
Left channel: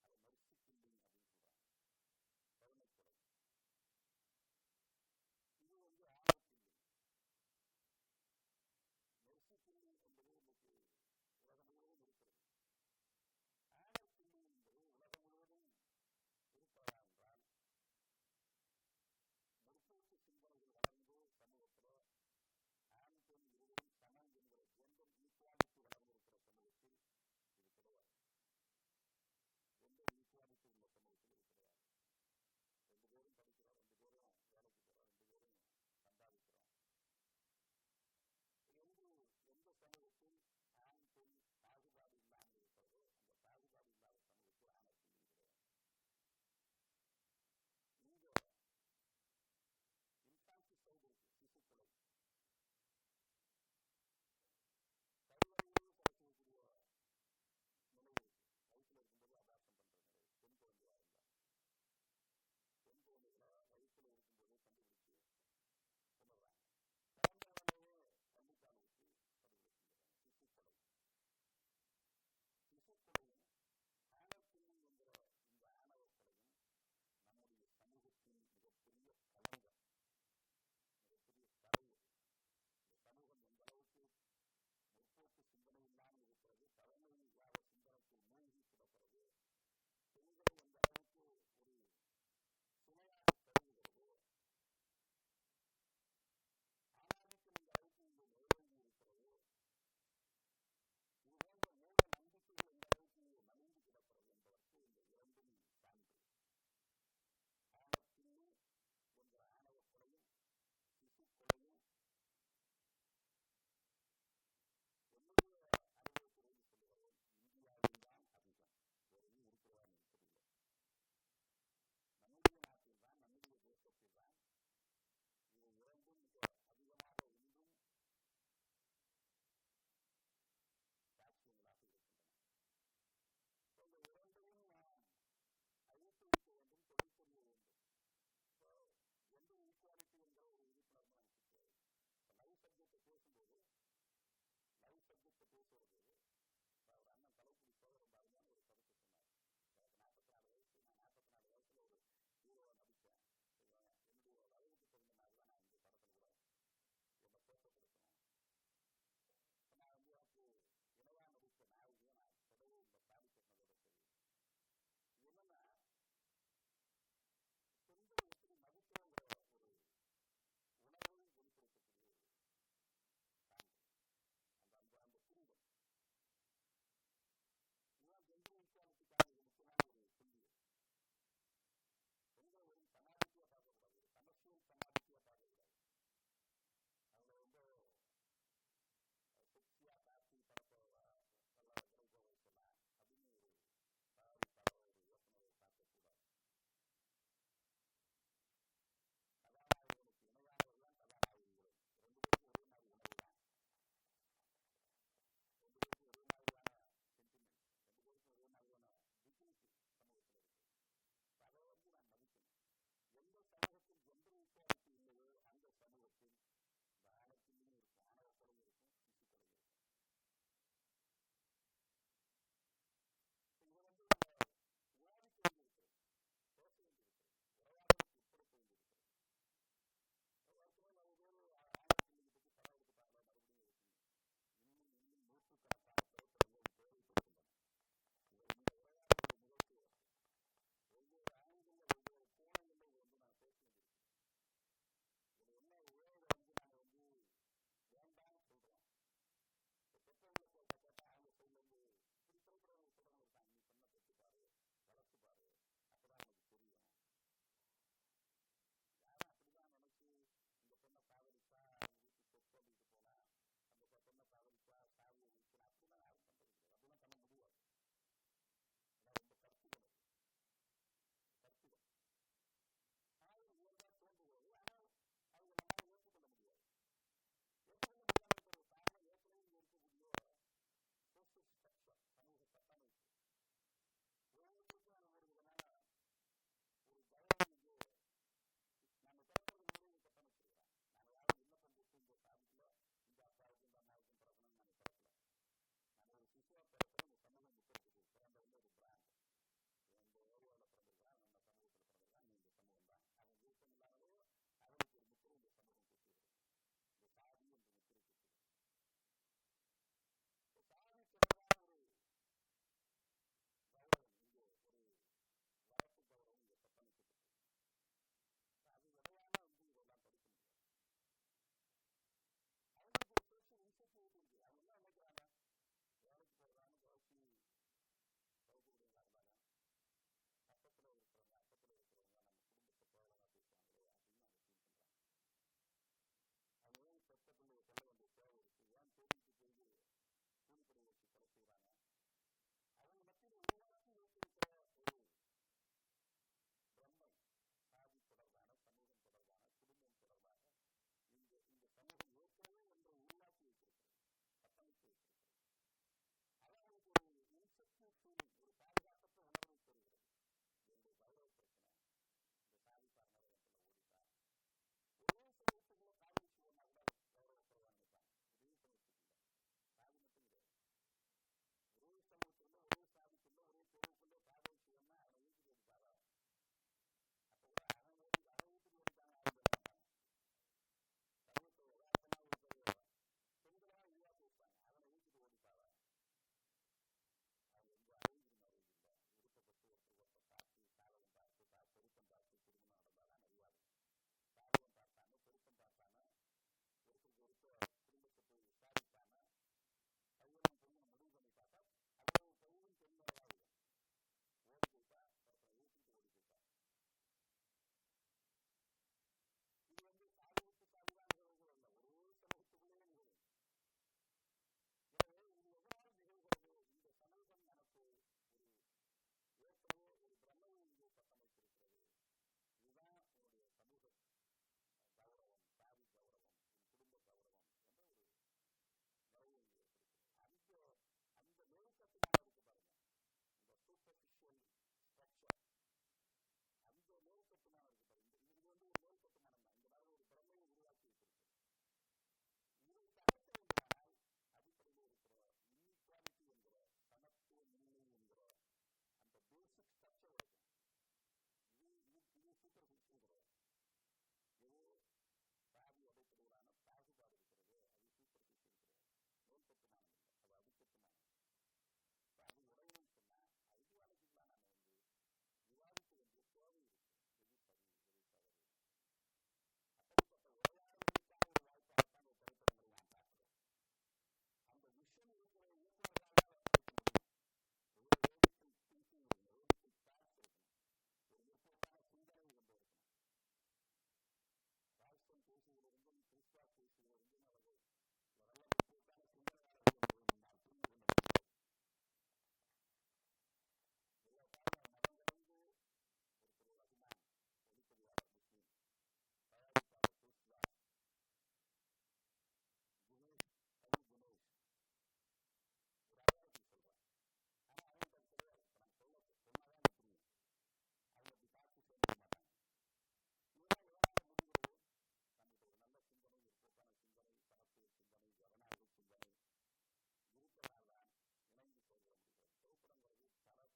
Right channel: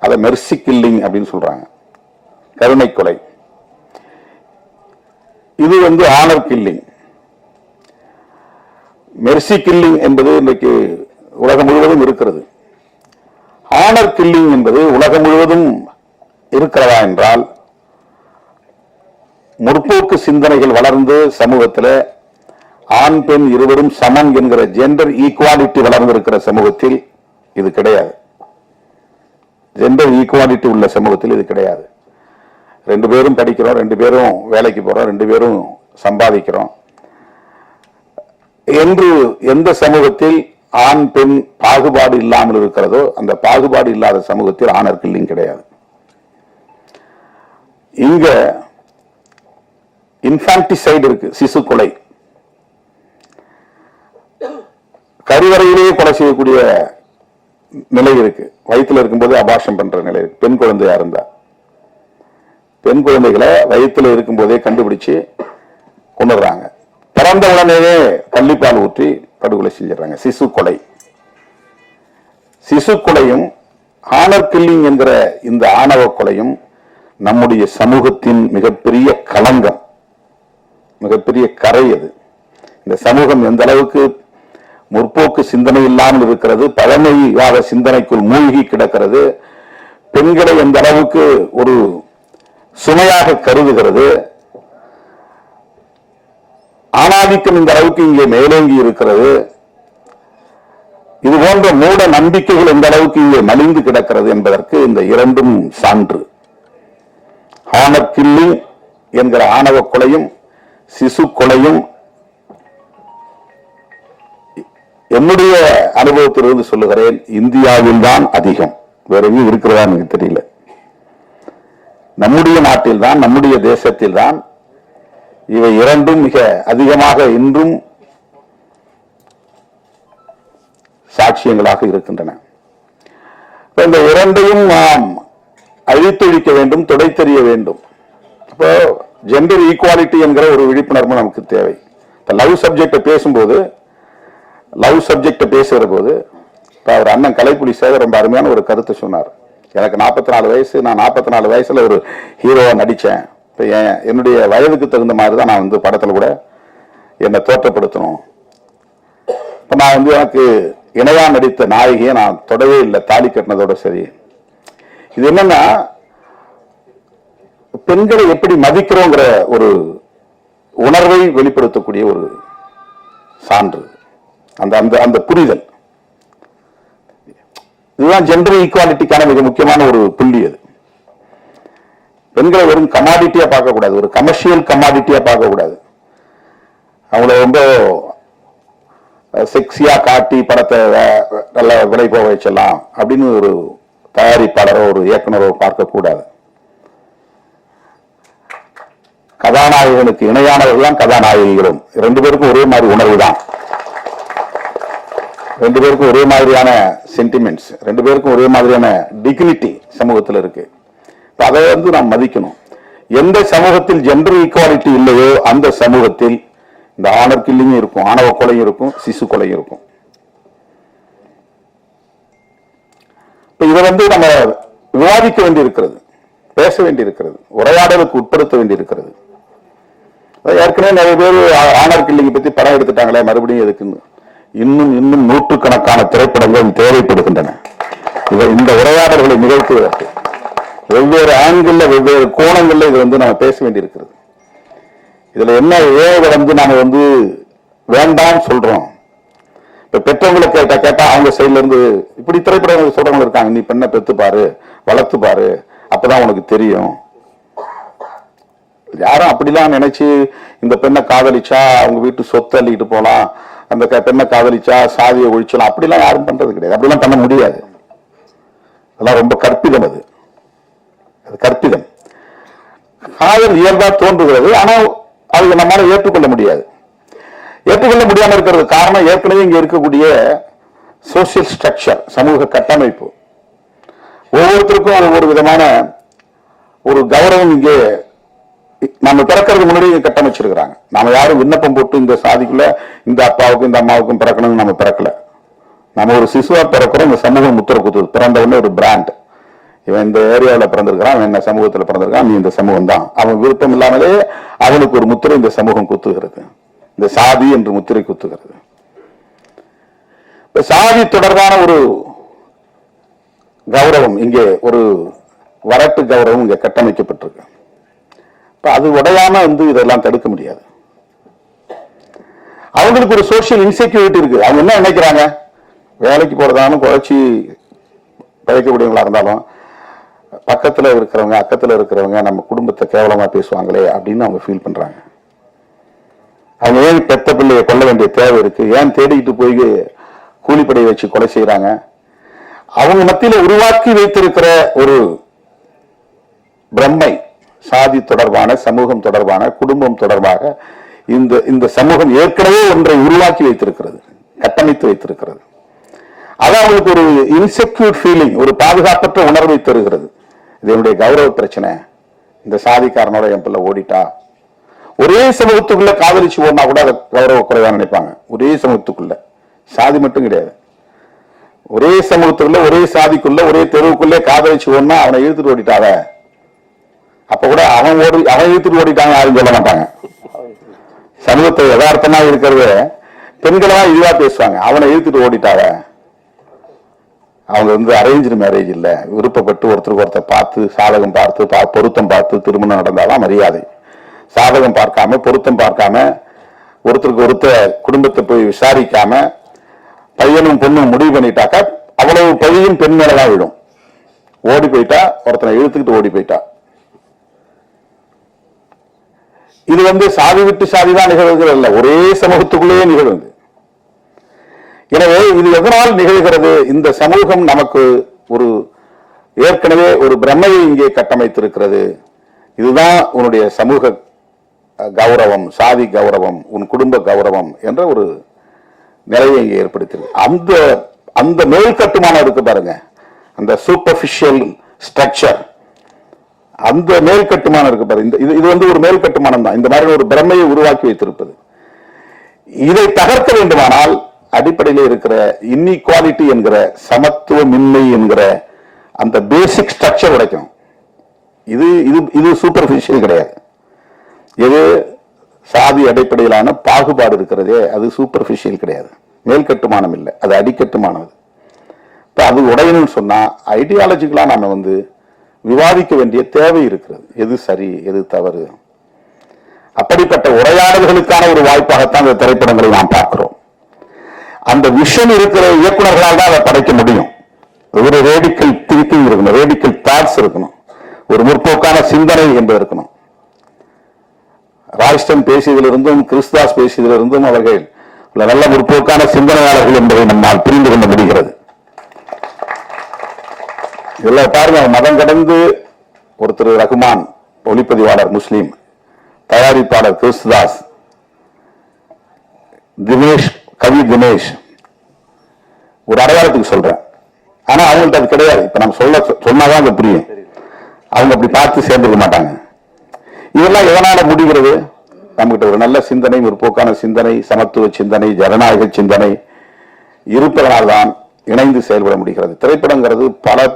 அதை மெர்சி கில்லிங் அப்படின்னு சொல்றாங்க. கருணை கொலை. இது ஆனர் கில்லிங். மெர்சி கில்லிங் என்பது இன்றைக்கு உலகம் முழுவதும் இருக்கிறது. ஆனர் கில்லிங் என்பது உலகம் முழுவதும் இருக்கிறதா என்றால், முற்போக்கு சிந்தனைகள் வளர்ந்து சமூகத்தில் ஆண் பெண் இருவரும் சமம் என்கிற ஜெண்டர் ஈக்குவாலிட்டி வளர்ந்திருக்கிற சமூகத்தில் இது கிடையாது. ஜெண்டர் ஈக்குவாலிட்டி உள்ள சமூகத்தில் இது கிடையாது. 2 பேரும் படிக்கிறோம், 2 பேரும் வேலைக்கு போறோம், 2 பேரும் சம்பாதிக்கிறோம் என்று எந்த சமூகத்தில் ஆண் பெண் பாகுபாடு இல்லாமல் இருக்கிறதோ அந்த பாகுபாடு இல்லாத சமூகத்தில் ஆனர் கில்லிங் கிடையாது. இங்க இன்ஃபான்டிசைடு இருக்கு, சிசு கொலை. கருவறையிலேயே கொலை செய்யக்கூடிய நிலை இருக்கு. வயிற்றுல இருக்கும்போது அபார்ஷன் பண்ற நிலை இருக்கு. பெண் குழந்தையா இருந்தா பெண் குழந்தைகளை வயிற்றுல இருக்கும் போதே கண்டுபிடிச்சு கொண்டுறாங்க. பிறந்த உடனேயே பள்ளிப்பால் ஊற்றி படுகொலை செஞ்சிடறாங்க. சிசு கொலை. சிசு கொலையும் ஆனர் கில்லிங் என்கிற இந்த ஆணவ கொலையும் நம்முடைய சமூகத்தின் மிகப்பெரிய களங்கம், மிகப்பெரிய கரை. அது இந்த சமூகம் எந்த அளவுக்கு முற்போக்கு சிந்தனை இல்லாமல் இருக்கிறது, பழமைவாத சிந்தனைக்குள் மூழ்கி கிடக்கிறது, பெண்களை எந்த அளவுக்கு ஒரு சுமையாக கருதுகிறது, ஆணாதிக்கம் இந்த அளவுக்கு இங்கே மேலோங்கி இருக்கிறது, இது போன்ற மூட நம்பிக்கைகள் எந்த அளவுக்கு இங்கே மலிந்து கிடக்கிறது என்பதற்கு இந்த இரண்டும் சான்று. ஆனர் கில்லிங் என்கிற ஆணவ கொலையும் சிசு கொலையும் என்னுடைய அனுபவத்திலிருந்து சொல்லுகிறேன், இந்தியாவில் தான் அதிகம். வேற எங்கேயும் இருக்கிறதா எனக்கு தெரியல. நம்முடைய நாட்டில் தான், நம்முடைய தேசத்தில் தான் இவை இரண்டும் மிக அதிகமாக இன்றும் சாட்சியங்களாக இருக்கின்றன. இந்த இரண்டையும் நாம் அழித்தொழிக்க வேண்டும், துடைத்தெறிய வேண்டும். இப்போ ஜெண்டர் ஈக்குவாலிட்டி என்கிற ஒரு விழிப்புணர்வு நமக்கு தேவை. லவ் சப்ஜெக்ட பேசும்போது, லவ் சப்ஜெக்ட பேசுகிற போது அவர் அண்ணன் கலைப்புலி சேகர் ரொம்ப அருமையான ஒரு கருத்தை சொன்னார். எனக்கு 44 வயசு, நான் 44 வயசுல ஒரு ஹீரோவா நடிச்சேன். இப்போ என்னுடைய வயதுக்கு தகுந்த மாதிரி தான் நான் படத்துல கூட என்னை தோற்றப்படுத்தணும். இப்போ நான் எனக்கு இணையா நடித்த நாயகியை நான் தொடவே இல்லை, தாலி கட்டினதோட சரி. இது என்னன்னா, பெண்களை எப்படி மதிக்கிறோங்கிற ஒரு உணர்வை வெளிப்படுத்தக்கூடிய ஒரு சான்று, அந்த அந்த அந்த புரிதல். இதுதான் ஜெண்டர் ஈக்குவாலிட்டிக்கான மிக முக்கியமான ஒரு புள்ளி. அது பெண்களை வெறும் கமாடிட்டியா பார்க்க கூடாது, ஒரு கமர்ஷியல் கமாடிட்டியா பார்க்க கூடாது. அவங்கள ரொம்ப செக்ஸியா காட்டி படத்தை நல்ல விலை போக வச்சலாம் அப்படின்னு ஒரு தயாரிப்பாளரோ ஒரு இயக்குனரோ பார்க்க கூடாது. கதாநாயகனுக்கு இணையானவர்கள் தான் கதாநாயகிகளும். 2 பேருக்கும் ஒரே மாதிரி உணர்வு தான், 2 பேருக்கும் ஒரே மாதிரியான சென்டிமெண்ட்ஸ், 2 பேருக்கும் ஒரே மாதிரியான டிக்னிட்டி சமூகத்தில் இருக்கு. அதை நாம் மதிக்கணும். எந்த சமூகத்தில் ஜெண்டர் ஈக்குவாலிட்டி இல்லையோ அந்த சமூகத்தில் இந்த ஆனர் கில்லிங் இருக்கும், ஆணவ கொலையும் இருக்கும், சிசு கொலையும் இருக்கும். இப்ப இதை நம்ம விவாதிக்க வேண்டியிருக்கிறது, பேச வேண்டியிருக்கிறது, உரையாடலுக்கு உட்படுத்த வேண்டியிருக்கிறது. ஏற்கனவே நிறைய பேர் ஆனர் கில்லிங் பத்தி படம் எடுத்துட்டாங்களே, மறுபடியும் எதுக்குன்னு இன்னும் நூற்றுக்கணக்கான திரைப்படங்கள் தேவைப்படுகின்றன. இந்த உரையாடல்களை நிகழ்த்துவதற்கு வெவ்வேறு ஆண்கள்ல வெவ்வேறு கோணங்கள்ல இது நம்ம பேச வேண்டியிருக்கிறது. இதுல என்ன நாம வேண்டாம் சொல்றோம். இப்ப பெற்றவங்களை கேட்டா அவங்க சைட்ல இருந்து இப்படி திரைப்படங்கள் சொல்றவங்க இருக்காங்க, நீ பெண்ணை பெத்து பாரு, வளர்த்து பாரு, அப்பதான் உனக்கு தெரியும். யாரும் அப்படிலாம் நினைச்சு இந்த பெண்ணை காதலிச்சா அவங்க வீட்டு சொத்து அள்ளிட்டு போலாம், அந்த பெண்ணை காதலிச்சா சாதியை ஒழிச்சலாம், அப்படிலாம் யாரும் பண்றது கிடையாது. அப்படிலாம் பண்ண முடியாது. அதெல்லாம் ரொம்ப கற்பிதம். அது கற்பிதம். காதல் இயல்பா தோன்றுகிறது, ஆனால் அது நம்மளால ஏற்றுக்கொள்ள முடியாது. ஏற்றுக்கொள்ள முடியாம இருக்கிறது காரணம் ஏற்கனவே இங்க இருக்கக்கூடிய சோசியல் ஸ்ட்ரக்சர், சமூக கட்டமைப்பு. ஒவ்வொருத்தருக்கும் ஒவ்வொரு விதமான ஒரு கௌரவம் இங்கே நம்ம பிறக்கிறதுக்கு முன்னாடி கட்டமைச்சிருக்கிறாங்க. நாம யாரும் விண்ணப்பம் போட்டு இந்த சாதிக்குள்ள இந்த அப்பாவுக்கும் இந்த அம்மாவுக்கும் பிறக்கணும்னு நம்ம பிறக்கல. நம்ம ஒரு சிசுவா பிறக்கிறோம், இந்த சமூகம் முத்திர குத்துது. பிறந்த உடனே ஒரு பிராண்ட், இவன் இந்த ஏரியாவில் பிறந்திருக்கிறான், அவன் என்ன சமூகத்தில் பிறந்திருக்கான், நீ இந்த சமூகம் தான். அவன் விருப்பம் இல்லாமலே அவனுக்கு ஒரு முத்திரை இந்த சமூகம் குத்துகிறது, இந்த சாதி என்று முத்திரை குத்துகிறது. சாதி தொடர்பான ஒரு கௌரவம் இங்கே, ஒரு வரட்டு கௌரவம் இங்கே கட்டமைக்கப்பட்டிருக்கு. அது உடையாம இதெல்லாம் தடுக்க முடியாது. அவங்களுக்கு ஒரு சோசியல் இன்செக்யூரிட்டி இருக்கு. அவங்க என்ன நினைக்கிறாங்க, வேலைக்கு போறதாலும் குறைச்சி பழைக்கக்கூடியவங்களா இருந்தாலும் பக்கத்துல இருக்கிறவங்க அக்கத்துல இருக்கிறவங்க நம்ம குடும்பத்தை கேவலமா பேசுவாங்களே அப்படின்னு அவங்க ஃபீல் பண்றாங்க. அவங்க ஏன் பெத்த பிள்ளையை கொள்ள வேண்டிய தேவை இருக்கு, ஏன் தேடிக்கிட்டு போய் கூலிப்படையை வச்சு கொலை செய்யறாங்க? அவங்க மத்தியில உருவாக்கி வைத்திருக்கிற ஒரு பிரம்மை, சாதி தொடர்பான, சமூகம் தொடர்பான, குடும்பம் தொடர்பாக இந்த சமூகம் ஏற்கனவே ஒன்றை உருவாக்கி வைத்திருக்கிறது, கட்டமைத்து வைத்திருக்கிறது. அது அவங்களுக்கு ஒரு இன்செக்யூர் ஃபீலிங், ஒரு பாதுகாப்பற்ற உணர்வை தருகிறது. இது என்னுடைய கௌரவ பிரச்சனை, இந்த சாதிக்காரனோட என் பிள்ளை ஓடிட்டா. ஒரே சமூகத்துக்குள்ள காதலிச்சு ஓடினா கூட அதை கௌரவ குறைவா நினைப்பாங்க. ஒரே சமூகத்துக்குள்ள, சாதி மட்டும் கிடையாது, ஒரே சமூகத்துக்குள்ள, ஒரே சாதிக்குள்ள, ஒரே தெருவுக்குள்ளே காதலிச்சு ஓடினா அவனை இழுத்துட்டு ஓடிட்டாங்க. அப்ப கூட அவன் இழுத்துட்டு ஓடிட்டாங்க யாரும் சொல்ல மாட்டாங்க. சமூகத்தை யதார்த்தமா இருக்கிறது பெண்களா இதுவா பேசுவாங்க, அவனை இழுத்துட்டு ஓடிட்டாங்க. அவங்க அரேஞ்சு மேரேஜ் இல்ல, விருப்பப்பட்டு ஒருத்தருக்கு ஒருத்தர் பார்த்து, சாதகம் பார்த்து, பொருத்தம் பார்த்து திருமணம் நடந்தாதான் மரியாதை. சாதகம் பார்க்காம, பொருத்தம் பார்க்காம, ஒருத்தருக்கு ஒருத்தர் குடும்பத்தை போய் விசாரிக்காம பையனும் பொண்ணும் முடிவு பண்ணிட்டாக்கா அவ்வளவு பையன் பெண் மேலதான் விடும். ஓடி போயிட்டா, ஒருத்தனை இழுத்துக்கிட்டு ஓடி போயிட்டா. இது சாதி விட்டு சாதிதான் நிகழ்வுகள் அல்ல, ஒரே சமூகத்துக்குள்ளேயே நிகழ்வுது. எனவே இது எதனால் நிகழ்கிறது? இந்த சமூகம் நமக்கு ஒரு ஏற்கனவே ஒரு பிரம்மையை இங்கே கட்டமைத்திருக்கிறது. இதுதான் உன்னுடைய சமூக கௌரவம், சாதி கௌரவம், உன் குடும்ப கௌரவம் என்ற ஒரு நிலையை இங்கே ஏற்படுத்தியிருக்கு. அந்த மேல் கட்டுமானம் இருக்கு பாருங்க, அந்த சூப்பர்ஃபிஷியல் ஸ்ட்ரக்சர், அந்த மேல் கட்டுமானம் இருக்கு பாருங்க. இது ஒரு மேல் கட்டுமானம் தான், இந்த மாதிரி ஒரு பிரம்மையை உருவாக்கி வைத்திருப்பது. இதை தகர்க்க வேண்டுமானால் அடிப்படையில் இருக்கிற இன்இக்வாலிட்டி என்கிற, சமத்துவமின்மை என்கிற அந்த பேசிக் ஸ்ட்ரக்சர் உடைக்கும். இது சூப்பர்ஃபிஷியல் கிடையாது. எது சாதி அடிப்படையிலான பாகுபாடு இருக்கிறதே அது சூப்பர்ஃபிஷியல் கிடையாது, மேல் கட்டுமானம் இல்லை, அது அடிக்கட்டுமானது. இப்ப அது உடையணும்னு சொன்னா ஐடியாலஜிக்கலா நாம விவாதிக்க வேண்டிய தேவை இருக்கிறது, எது சரி எது தவறு. அப்படிப்பட்ட உரையாடல்களுக்கான ஒரு வாய்ப்பாகத்தான் இந்த திரைப்படங்களை நாம் பார்க்கிறோம். அந்த விஷன் இருக்கிற இயக்குநர்களால் தான் அதை படைக்க முடியும். ஒரு ரேடிக்கல் திங்கிங் இருக்கணும், ரேடிக்கல் தாட்ஸ் இருக்கணும், ஒரு முற்போக்கான சிந்தனை என்பது இருக்கணும். ராய்ஸ்டன் பேசியதிலிருந்தும் கிறிஸ்தாஸ் பேசியதிலிருந்தும் அவர்கள் நல்ல முற்போக்கான சிந்தனையாளர்கள் என்பதை நம்மால் புரிந்து கொள்ள முடிகிறது. இதெல்லாம் பாருங்க, மதம் கடந்து ஒருத்தர் ரகுமான், ஒளிப்பதிவாளர் முஸ்லீம், தயாரிப்பாளர் கிறிஸ்தாஸ், தினேஷ், கவி தினேஷ், ஒரு அடையாளத்துக்கு சொல்றேன். ஆனா அவங்கள்ட்ட அது கிடையாது. இப்ப நம்ம சொன்னாதான் அது புரியும். அவங்க அப்படி பார்த்து சேர்ந்துக்க மாட்டாங்க. இதெல்லாம் எதனால முடிகிறது? நம்மகிட்ட ஒரு நல்ல சிந்தனை, ஒரு போக்கான சிந்தனை, சமத்துவ சிந்தனை, ஜனநாயக சிந்தனை இருப்பதனால்தான் இணைந்து செயல்பட முடிகிறது. திரைப்படங்கிறது பல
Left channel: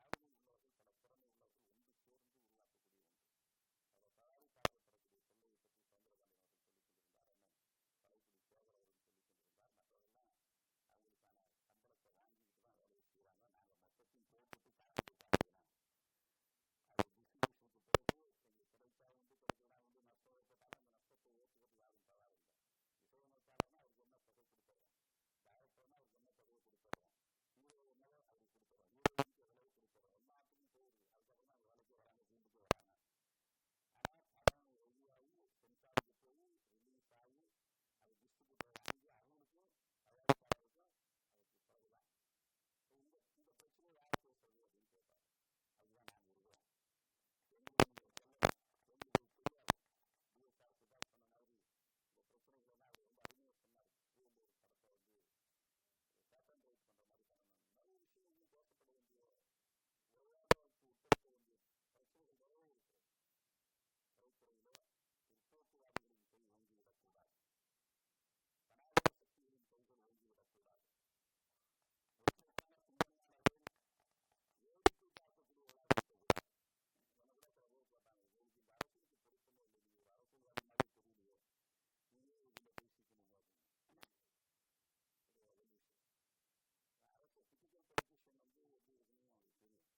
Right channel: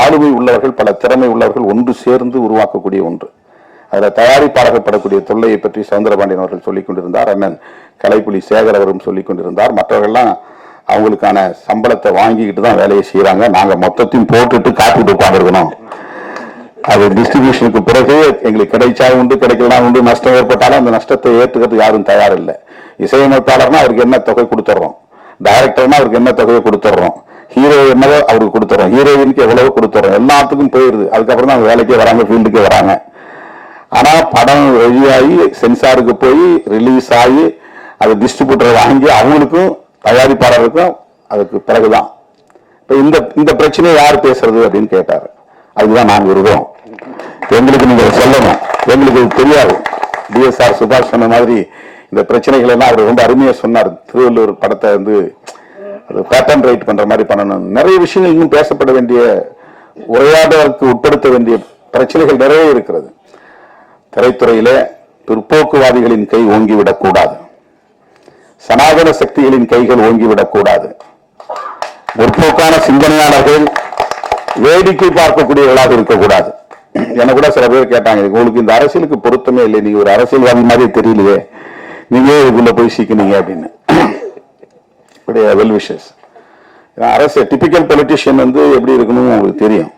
ஆளுமை உள்ளவர்கள், பல திறமை உள்ளவர்கள் ஒன்று சேர்ந்து உருவாக்கக்கூடிய ஒன்று. அதில் தயாரிப்பாளர்கள் படக்கூடிய தொல்லையை பற்றி சவுந்தரபாண்டியன் அவர்கள் சொல்லிக் கொண்டிருந்தார், அண்ணன் கலைப்புலி சேகர் அவரும் சொல்லிக் கொண்டிருந்தார். மற்றவர்கள்லாம் அவங்களுக்கான சம்பளத்தை வாங்கிக்கிட்டு தான் வேலையை செய்யறாங்க. நாங்க மொத்தத்தையும் போட்டுட்டு காத்துட்டு உட்காந்துருக்கணும். அது டிஸ்ட்ரிபியூஷனுக்கு பிறகு எங்களுக்கு கிடைச்சா உண்டு, கிடைக்கலாம் உண்டு, நஷ்டம் ஏற்பட்டாலும் அந்த நஷ்டத்தை ஏற்றுக்கிறதுக்கு யாரும் தயார் இல்லை. இசையமைப்பாளர்னா அவருக்கு என்ன தொகை கொடுத்துட்றோம், டைரக்டர்னா அவருக்கு என்ன தொகையை கொடுத்துட்றோம், ஹீரோ என்னவோ அவருக்கு கொடுத்துறோம், ஹீரோயினுக்கு எவ்வளவோ கொடுத்துறோம், எல்லாத்துக்கும் போயிருது. அதுக்கப்புறம் தான் வேலைக்கே வராங்க, ஃபீல்டுக்கே வராங்க. ஆனா படம் வெளியாகி சென்சாருக்கு போய் ரிலீஸ் ஆகி அது டிஸ்ட்ரிபியூட்டர் வாங்கி அவங்களுக்கும் தயாரிப்பாளருக்கும் அதுக்கு பிறகுதான். இப்ப இந்த பிரச்சனையை யார் பேசுறது அப்படின்னு கேட்டாரு. அதுதான் நாங்க இருக்கிறோம். எங்களுக்கு நீங்க சொல்லணும், எங்களுக்கு தெரியாது. டிஎஸ்ஆர் சுபாஷ் சொன்ன மாதிரி இந்த பிரச்சனைகள் எல்லாம் அவர் ரொம்ப அருமையா சொன்னார். திருவள்ளூர் படத்தை அது பேட்டர்ன் ரைட் பண்ற மாதிரி பண்ணணும். நிறைய விஷயங்கள் இன்னும் பேசப்பட வேண்டிய, உரையாடலுக்கு உட்படுத்த வேண்டிய பிரச்சனைகள் நிறைய இருக்கிறது. திரைத்துறையில பிற்போக்குவாதிகளின் கை ஓங்கிவிடக் கூடாது, சனாதன சக்திகளின் கைகள் ஓங்கிவிடக் கூடாது. முற்போக்கான சிந்தனையாளர்கள், வேடிக்கை பார்க்கக்கூடியவர்களாக இருக்கக்கூடாது. எனக்கு கூட சில பேர் கேட்டாங்க, உங்களுக்கு இந்த அரசியலுக்கு பொருத்தமே இல்லை, நீங்க ஒரு அரசியல்வாதி மாதிரி தெரியலையே, நீங்க இதுக்குள்ள போய் சிக்கினீங்க அப்படின்னு. Well wishes. அரசு டிபிக்கல் பொலிட்டிஷியன் வந்து எப்படி இருக்கணும் உங்களுக்கு தெரியும்.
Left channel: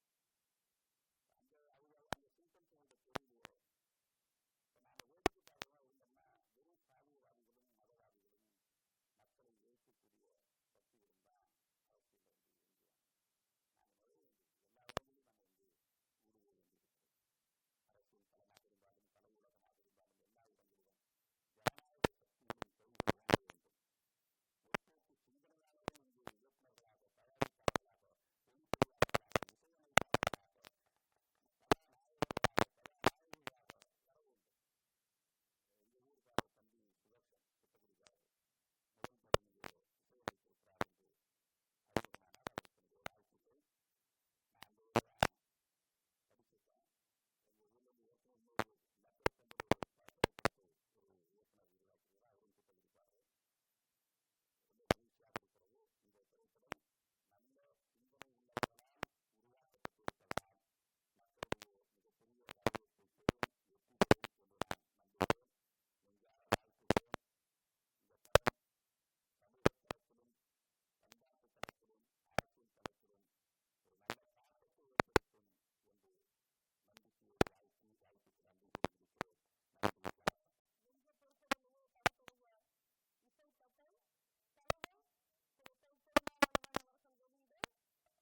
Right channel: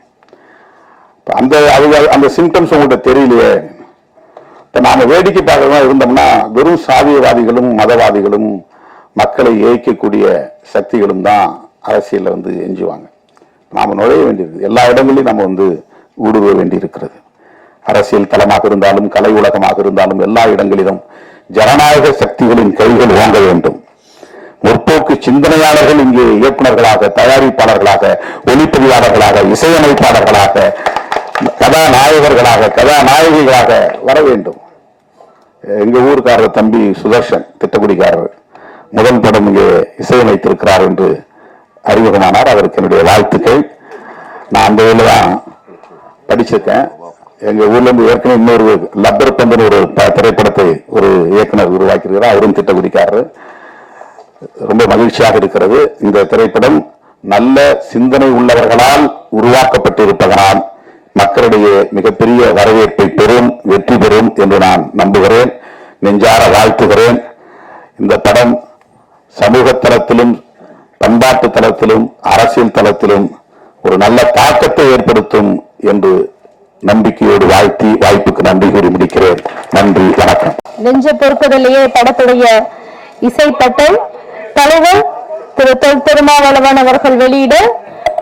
அந்த சிம்டம்ஸ் உங்கள்கிட்ட தெரியலையே. இப்ப நாம வேடிக்கை பார்க்கறதா இருந்தோம்னா வெறும் சாதியவாதிகளும் மதவாதிகளும் மக்களை ஏய்க்கக்கூடிய சக்திகளும் தான் அரசியல்ல வந்து எஞ்சுவாங்க. நாம நுழைய வேண்டியிருக்கு, எல்லா இடங்களிலும் நம்ம வந்து ஊடுருவ வேண்டியிருக்கிறது. அரசியல் தளமாக இருந்தாலும் கலை உலகமாக இருந்தாலும் எல்லா இடங்களிலும் ஜனநாயக சக்திகளின் கைகள் ஓங்க வேண்டும். முற்போக்கு சிந்தனையாளர்கள் இங்கே இயக்குநர்களாக, தயாரிப்பாளர்களாக, ஒளிப்பதிவாளர்களாக, இசையமைப்பாளர்களாக, கதாநாயகர்களாக, கதாநாயகிகளாக வர வேண்டும். எங்க ஊருக்காரர் தம்பி சுதர்ஷன் திட்டக்குடிக்காரர் முதல் படம் இங்கே இசையமைத்திருக்கிறார் என்று அறிமுகமானார். அவருக்கு என்னுடைய வாழ்த்துக்கள். நான் அந்த ஊர்ல தான் படிச்சிருக்கேன். எங்க ஊர்ல இருந்து ஏற்கனவே இன்னொரு லப்பர் பந்தன் ஒரு திரைப்படத்தை ஒரு இயக்குனர் உருவாக்கியிருக்கிறார். அவரும் திட்டக்குடிக்காரர். ரொம்ப மகிழ்ச்சியாக இருக்கிறது. இந்த திரைப்படம் நல்ல சிந்தனை உள்ளவர்களால் உருவாக்கப்பட்டிருப்பதனால் மக்களிடையே மிகப்பெரிய வரவேற்பை பெறும், வெற்றி பெறும் என்று நான் நம்புகிறேன், நெஞ்சார வாழ்த்துகிறேன். இந்த படம் சமூக தளத்திலும் பண்பாட்டு தளத்திலும் அரசியல் தளத்திலும் ஒரு நல்ல தாக்கத்தை ஏற்படுத்தும் என்று நம்பிக்கையோடு வாழ்த்தி வாய்ப்புக்கு நன்றி கூறி முடிக்கிறேன். நன்றி, வணக்கம். நெஞ்ச பொறுப்பதிலேயே படத்துடைய இசைப்பட்டை தலைவர் திரு தொல் திருமாவளவன் அவர்கள் வெளியிட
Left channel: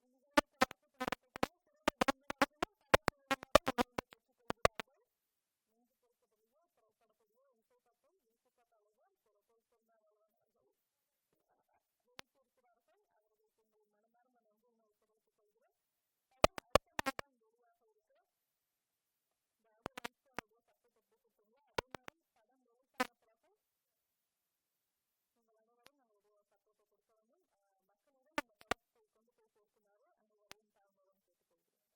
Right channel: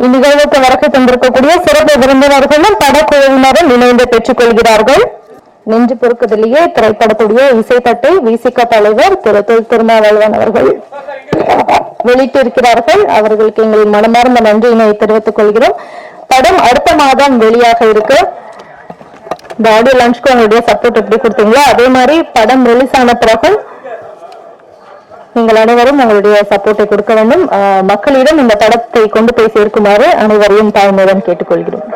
இந்நிகழ்வுக்கு வருகை தந்திருக்கக்கூடிய சிறப்பு விருந்தினர்களும் படக்குழுவினரும் இணைந்து பெற்றுக் கொள்கிறார்கள். நெஞ்சு பொறுப்பதிலேயே திரைப்படத்துடைய இசைப்பட்டை விசிக தலைவர் திரு தொல் திருமாவளவன் அவர்கள் வெளியிட்டிருக்கிறார்கள். அவர்களுக்கு எங்களின் மனமார்ந்த நன்றியினை தெரிவித்துக் கொள்கிறோம். படம் அடுத்த மாதம் வெளியாக இருக்கு. இந்த ஆடியோ லான்ச்க்கு உங்களுடைய சப்போர்ட் எப்படி கொடுத்தீங்களோ அதே மாதிரி படம் ரிலீஸ் ஆன பிறகு நீங்கள் அனைவரும் உங்களுடைய சப்போர்ட்டை கொடுக்க வேண்டும். மக்களிடம் இந்த படத்தை கொண்டு போய் சேர்க்குமாறு அனைவரையும் தாழ்மையுடன் கேட்டுக்கொள்கிறோம்.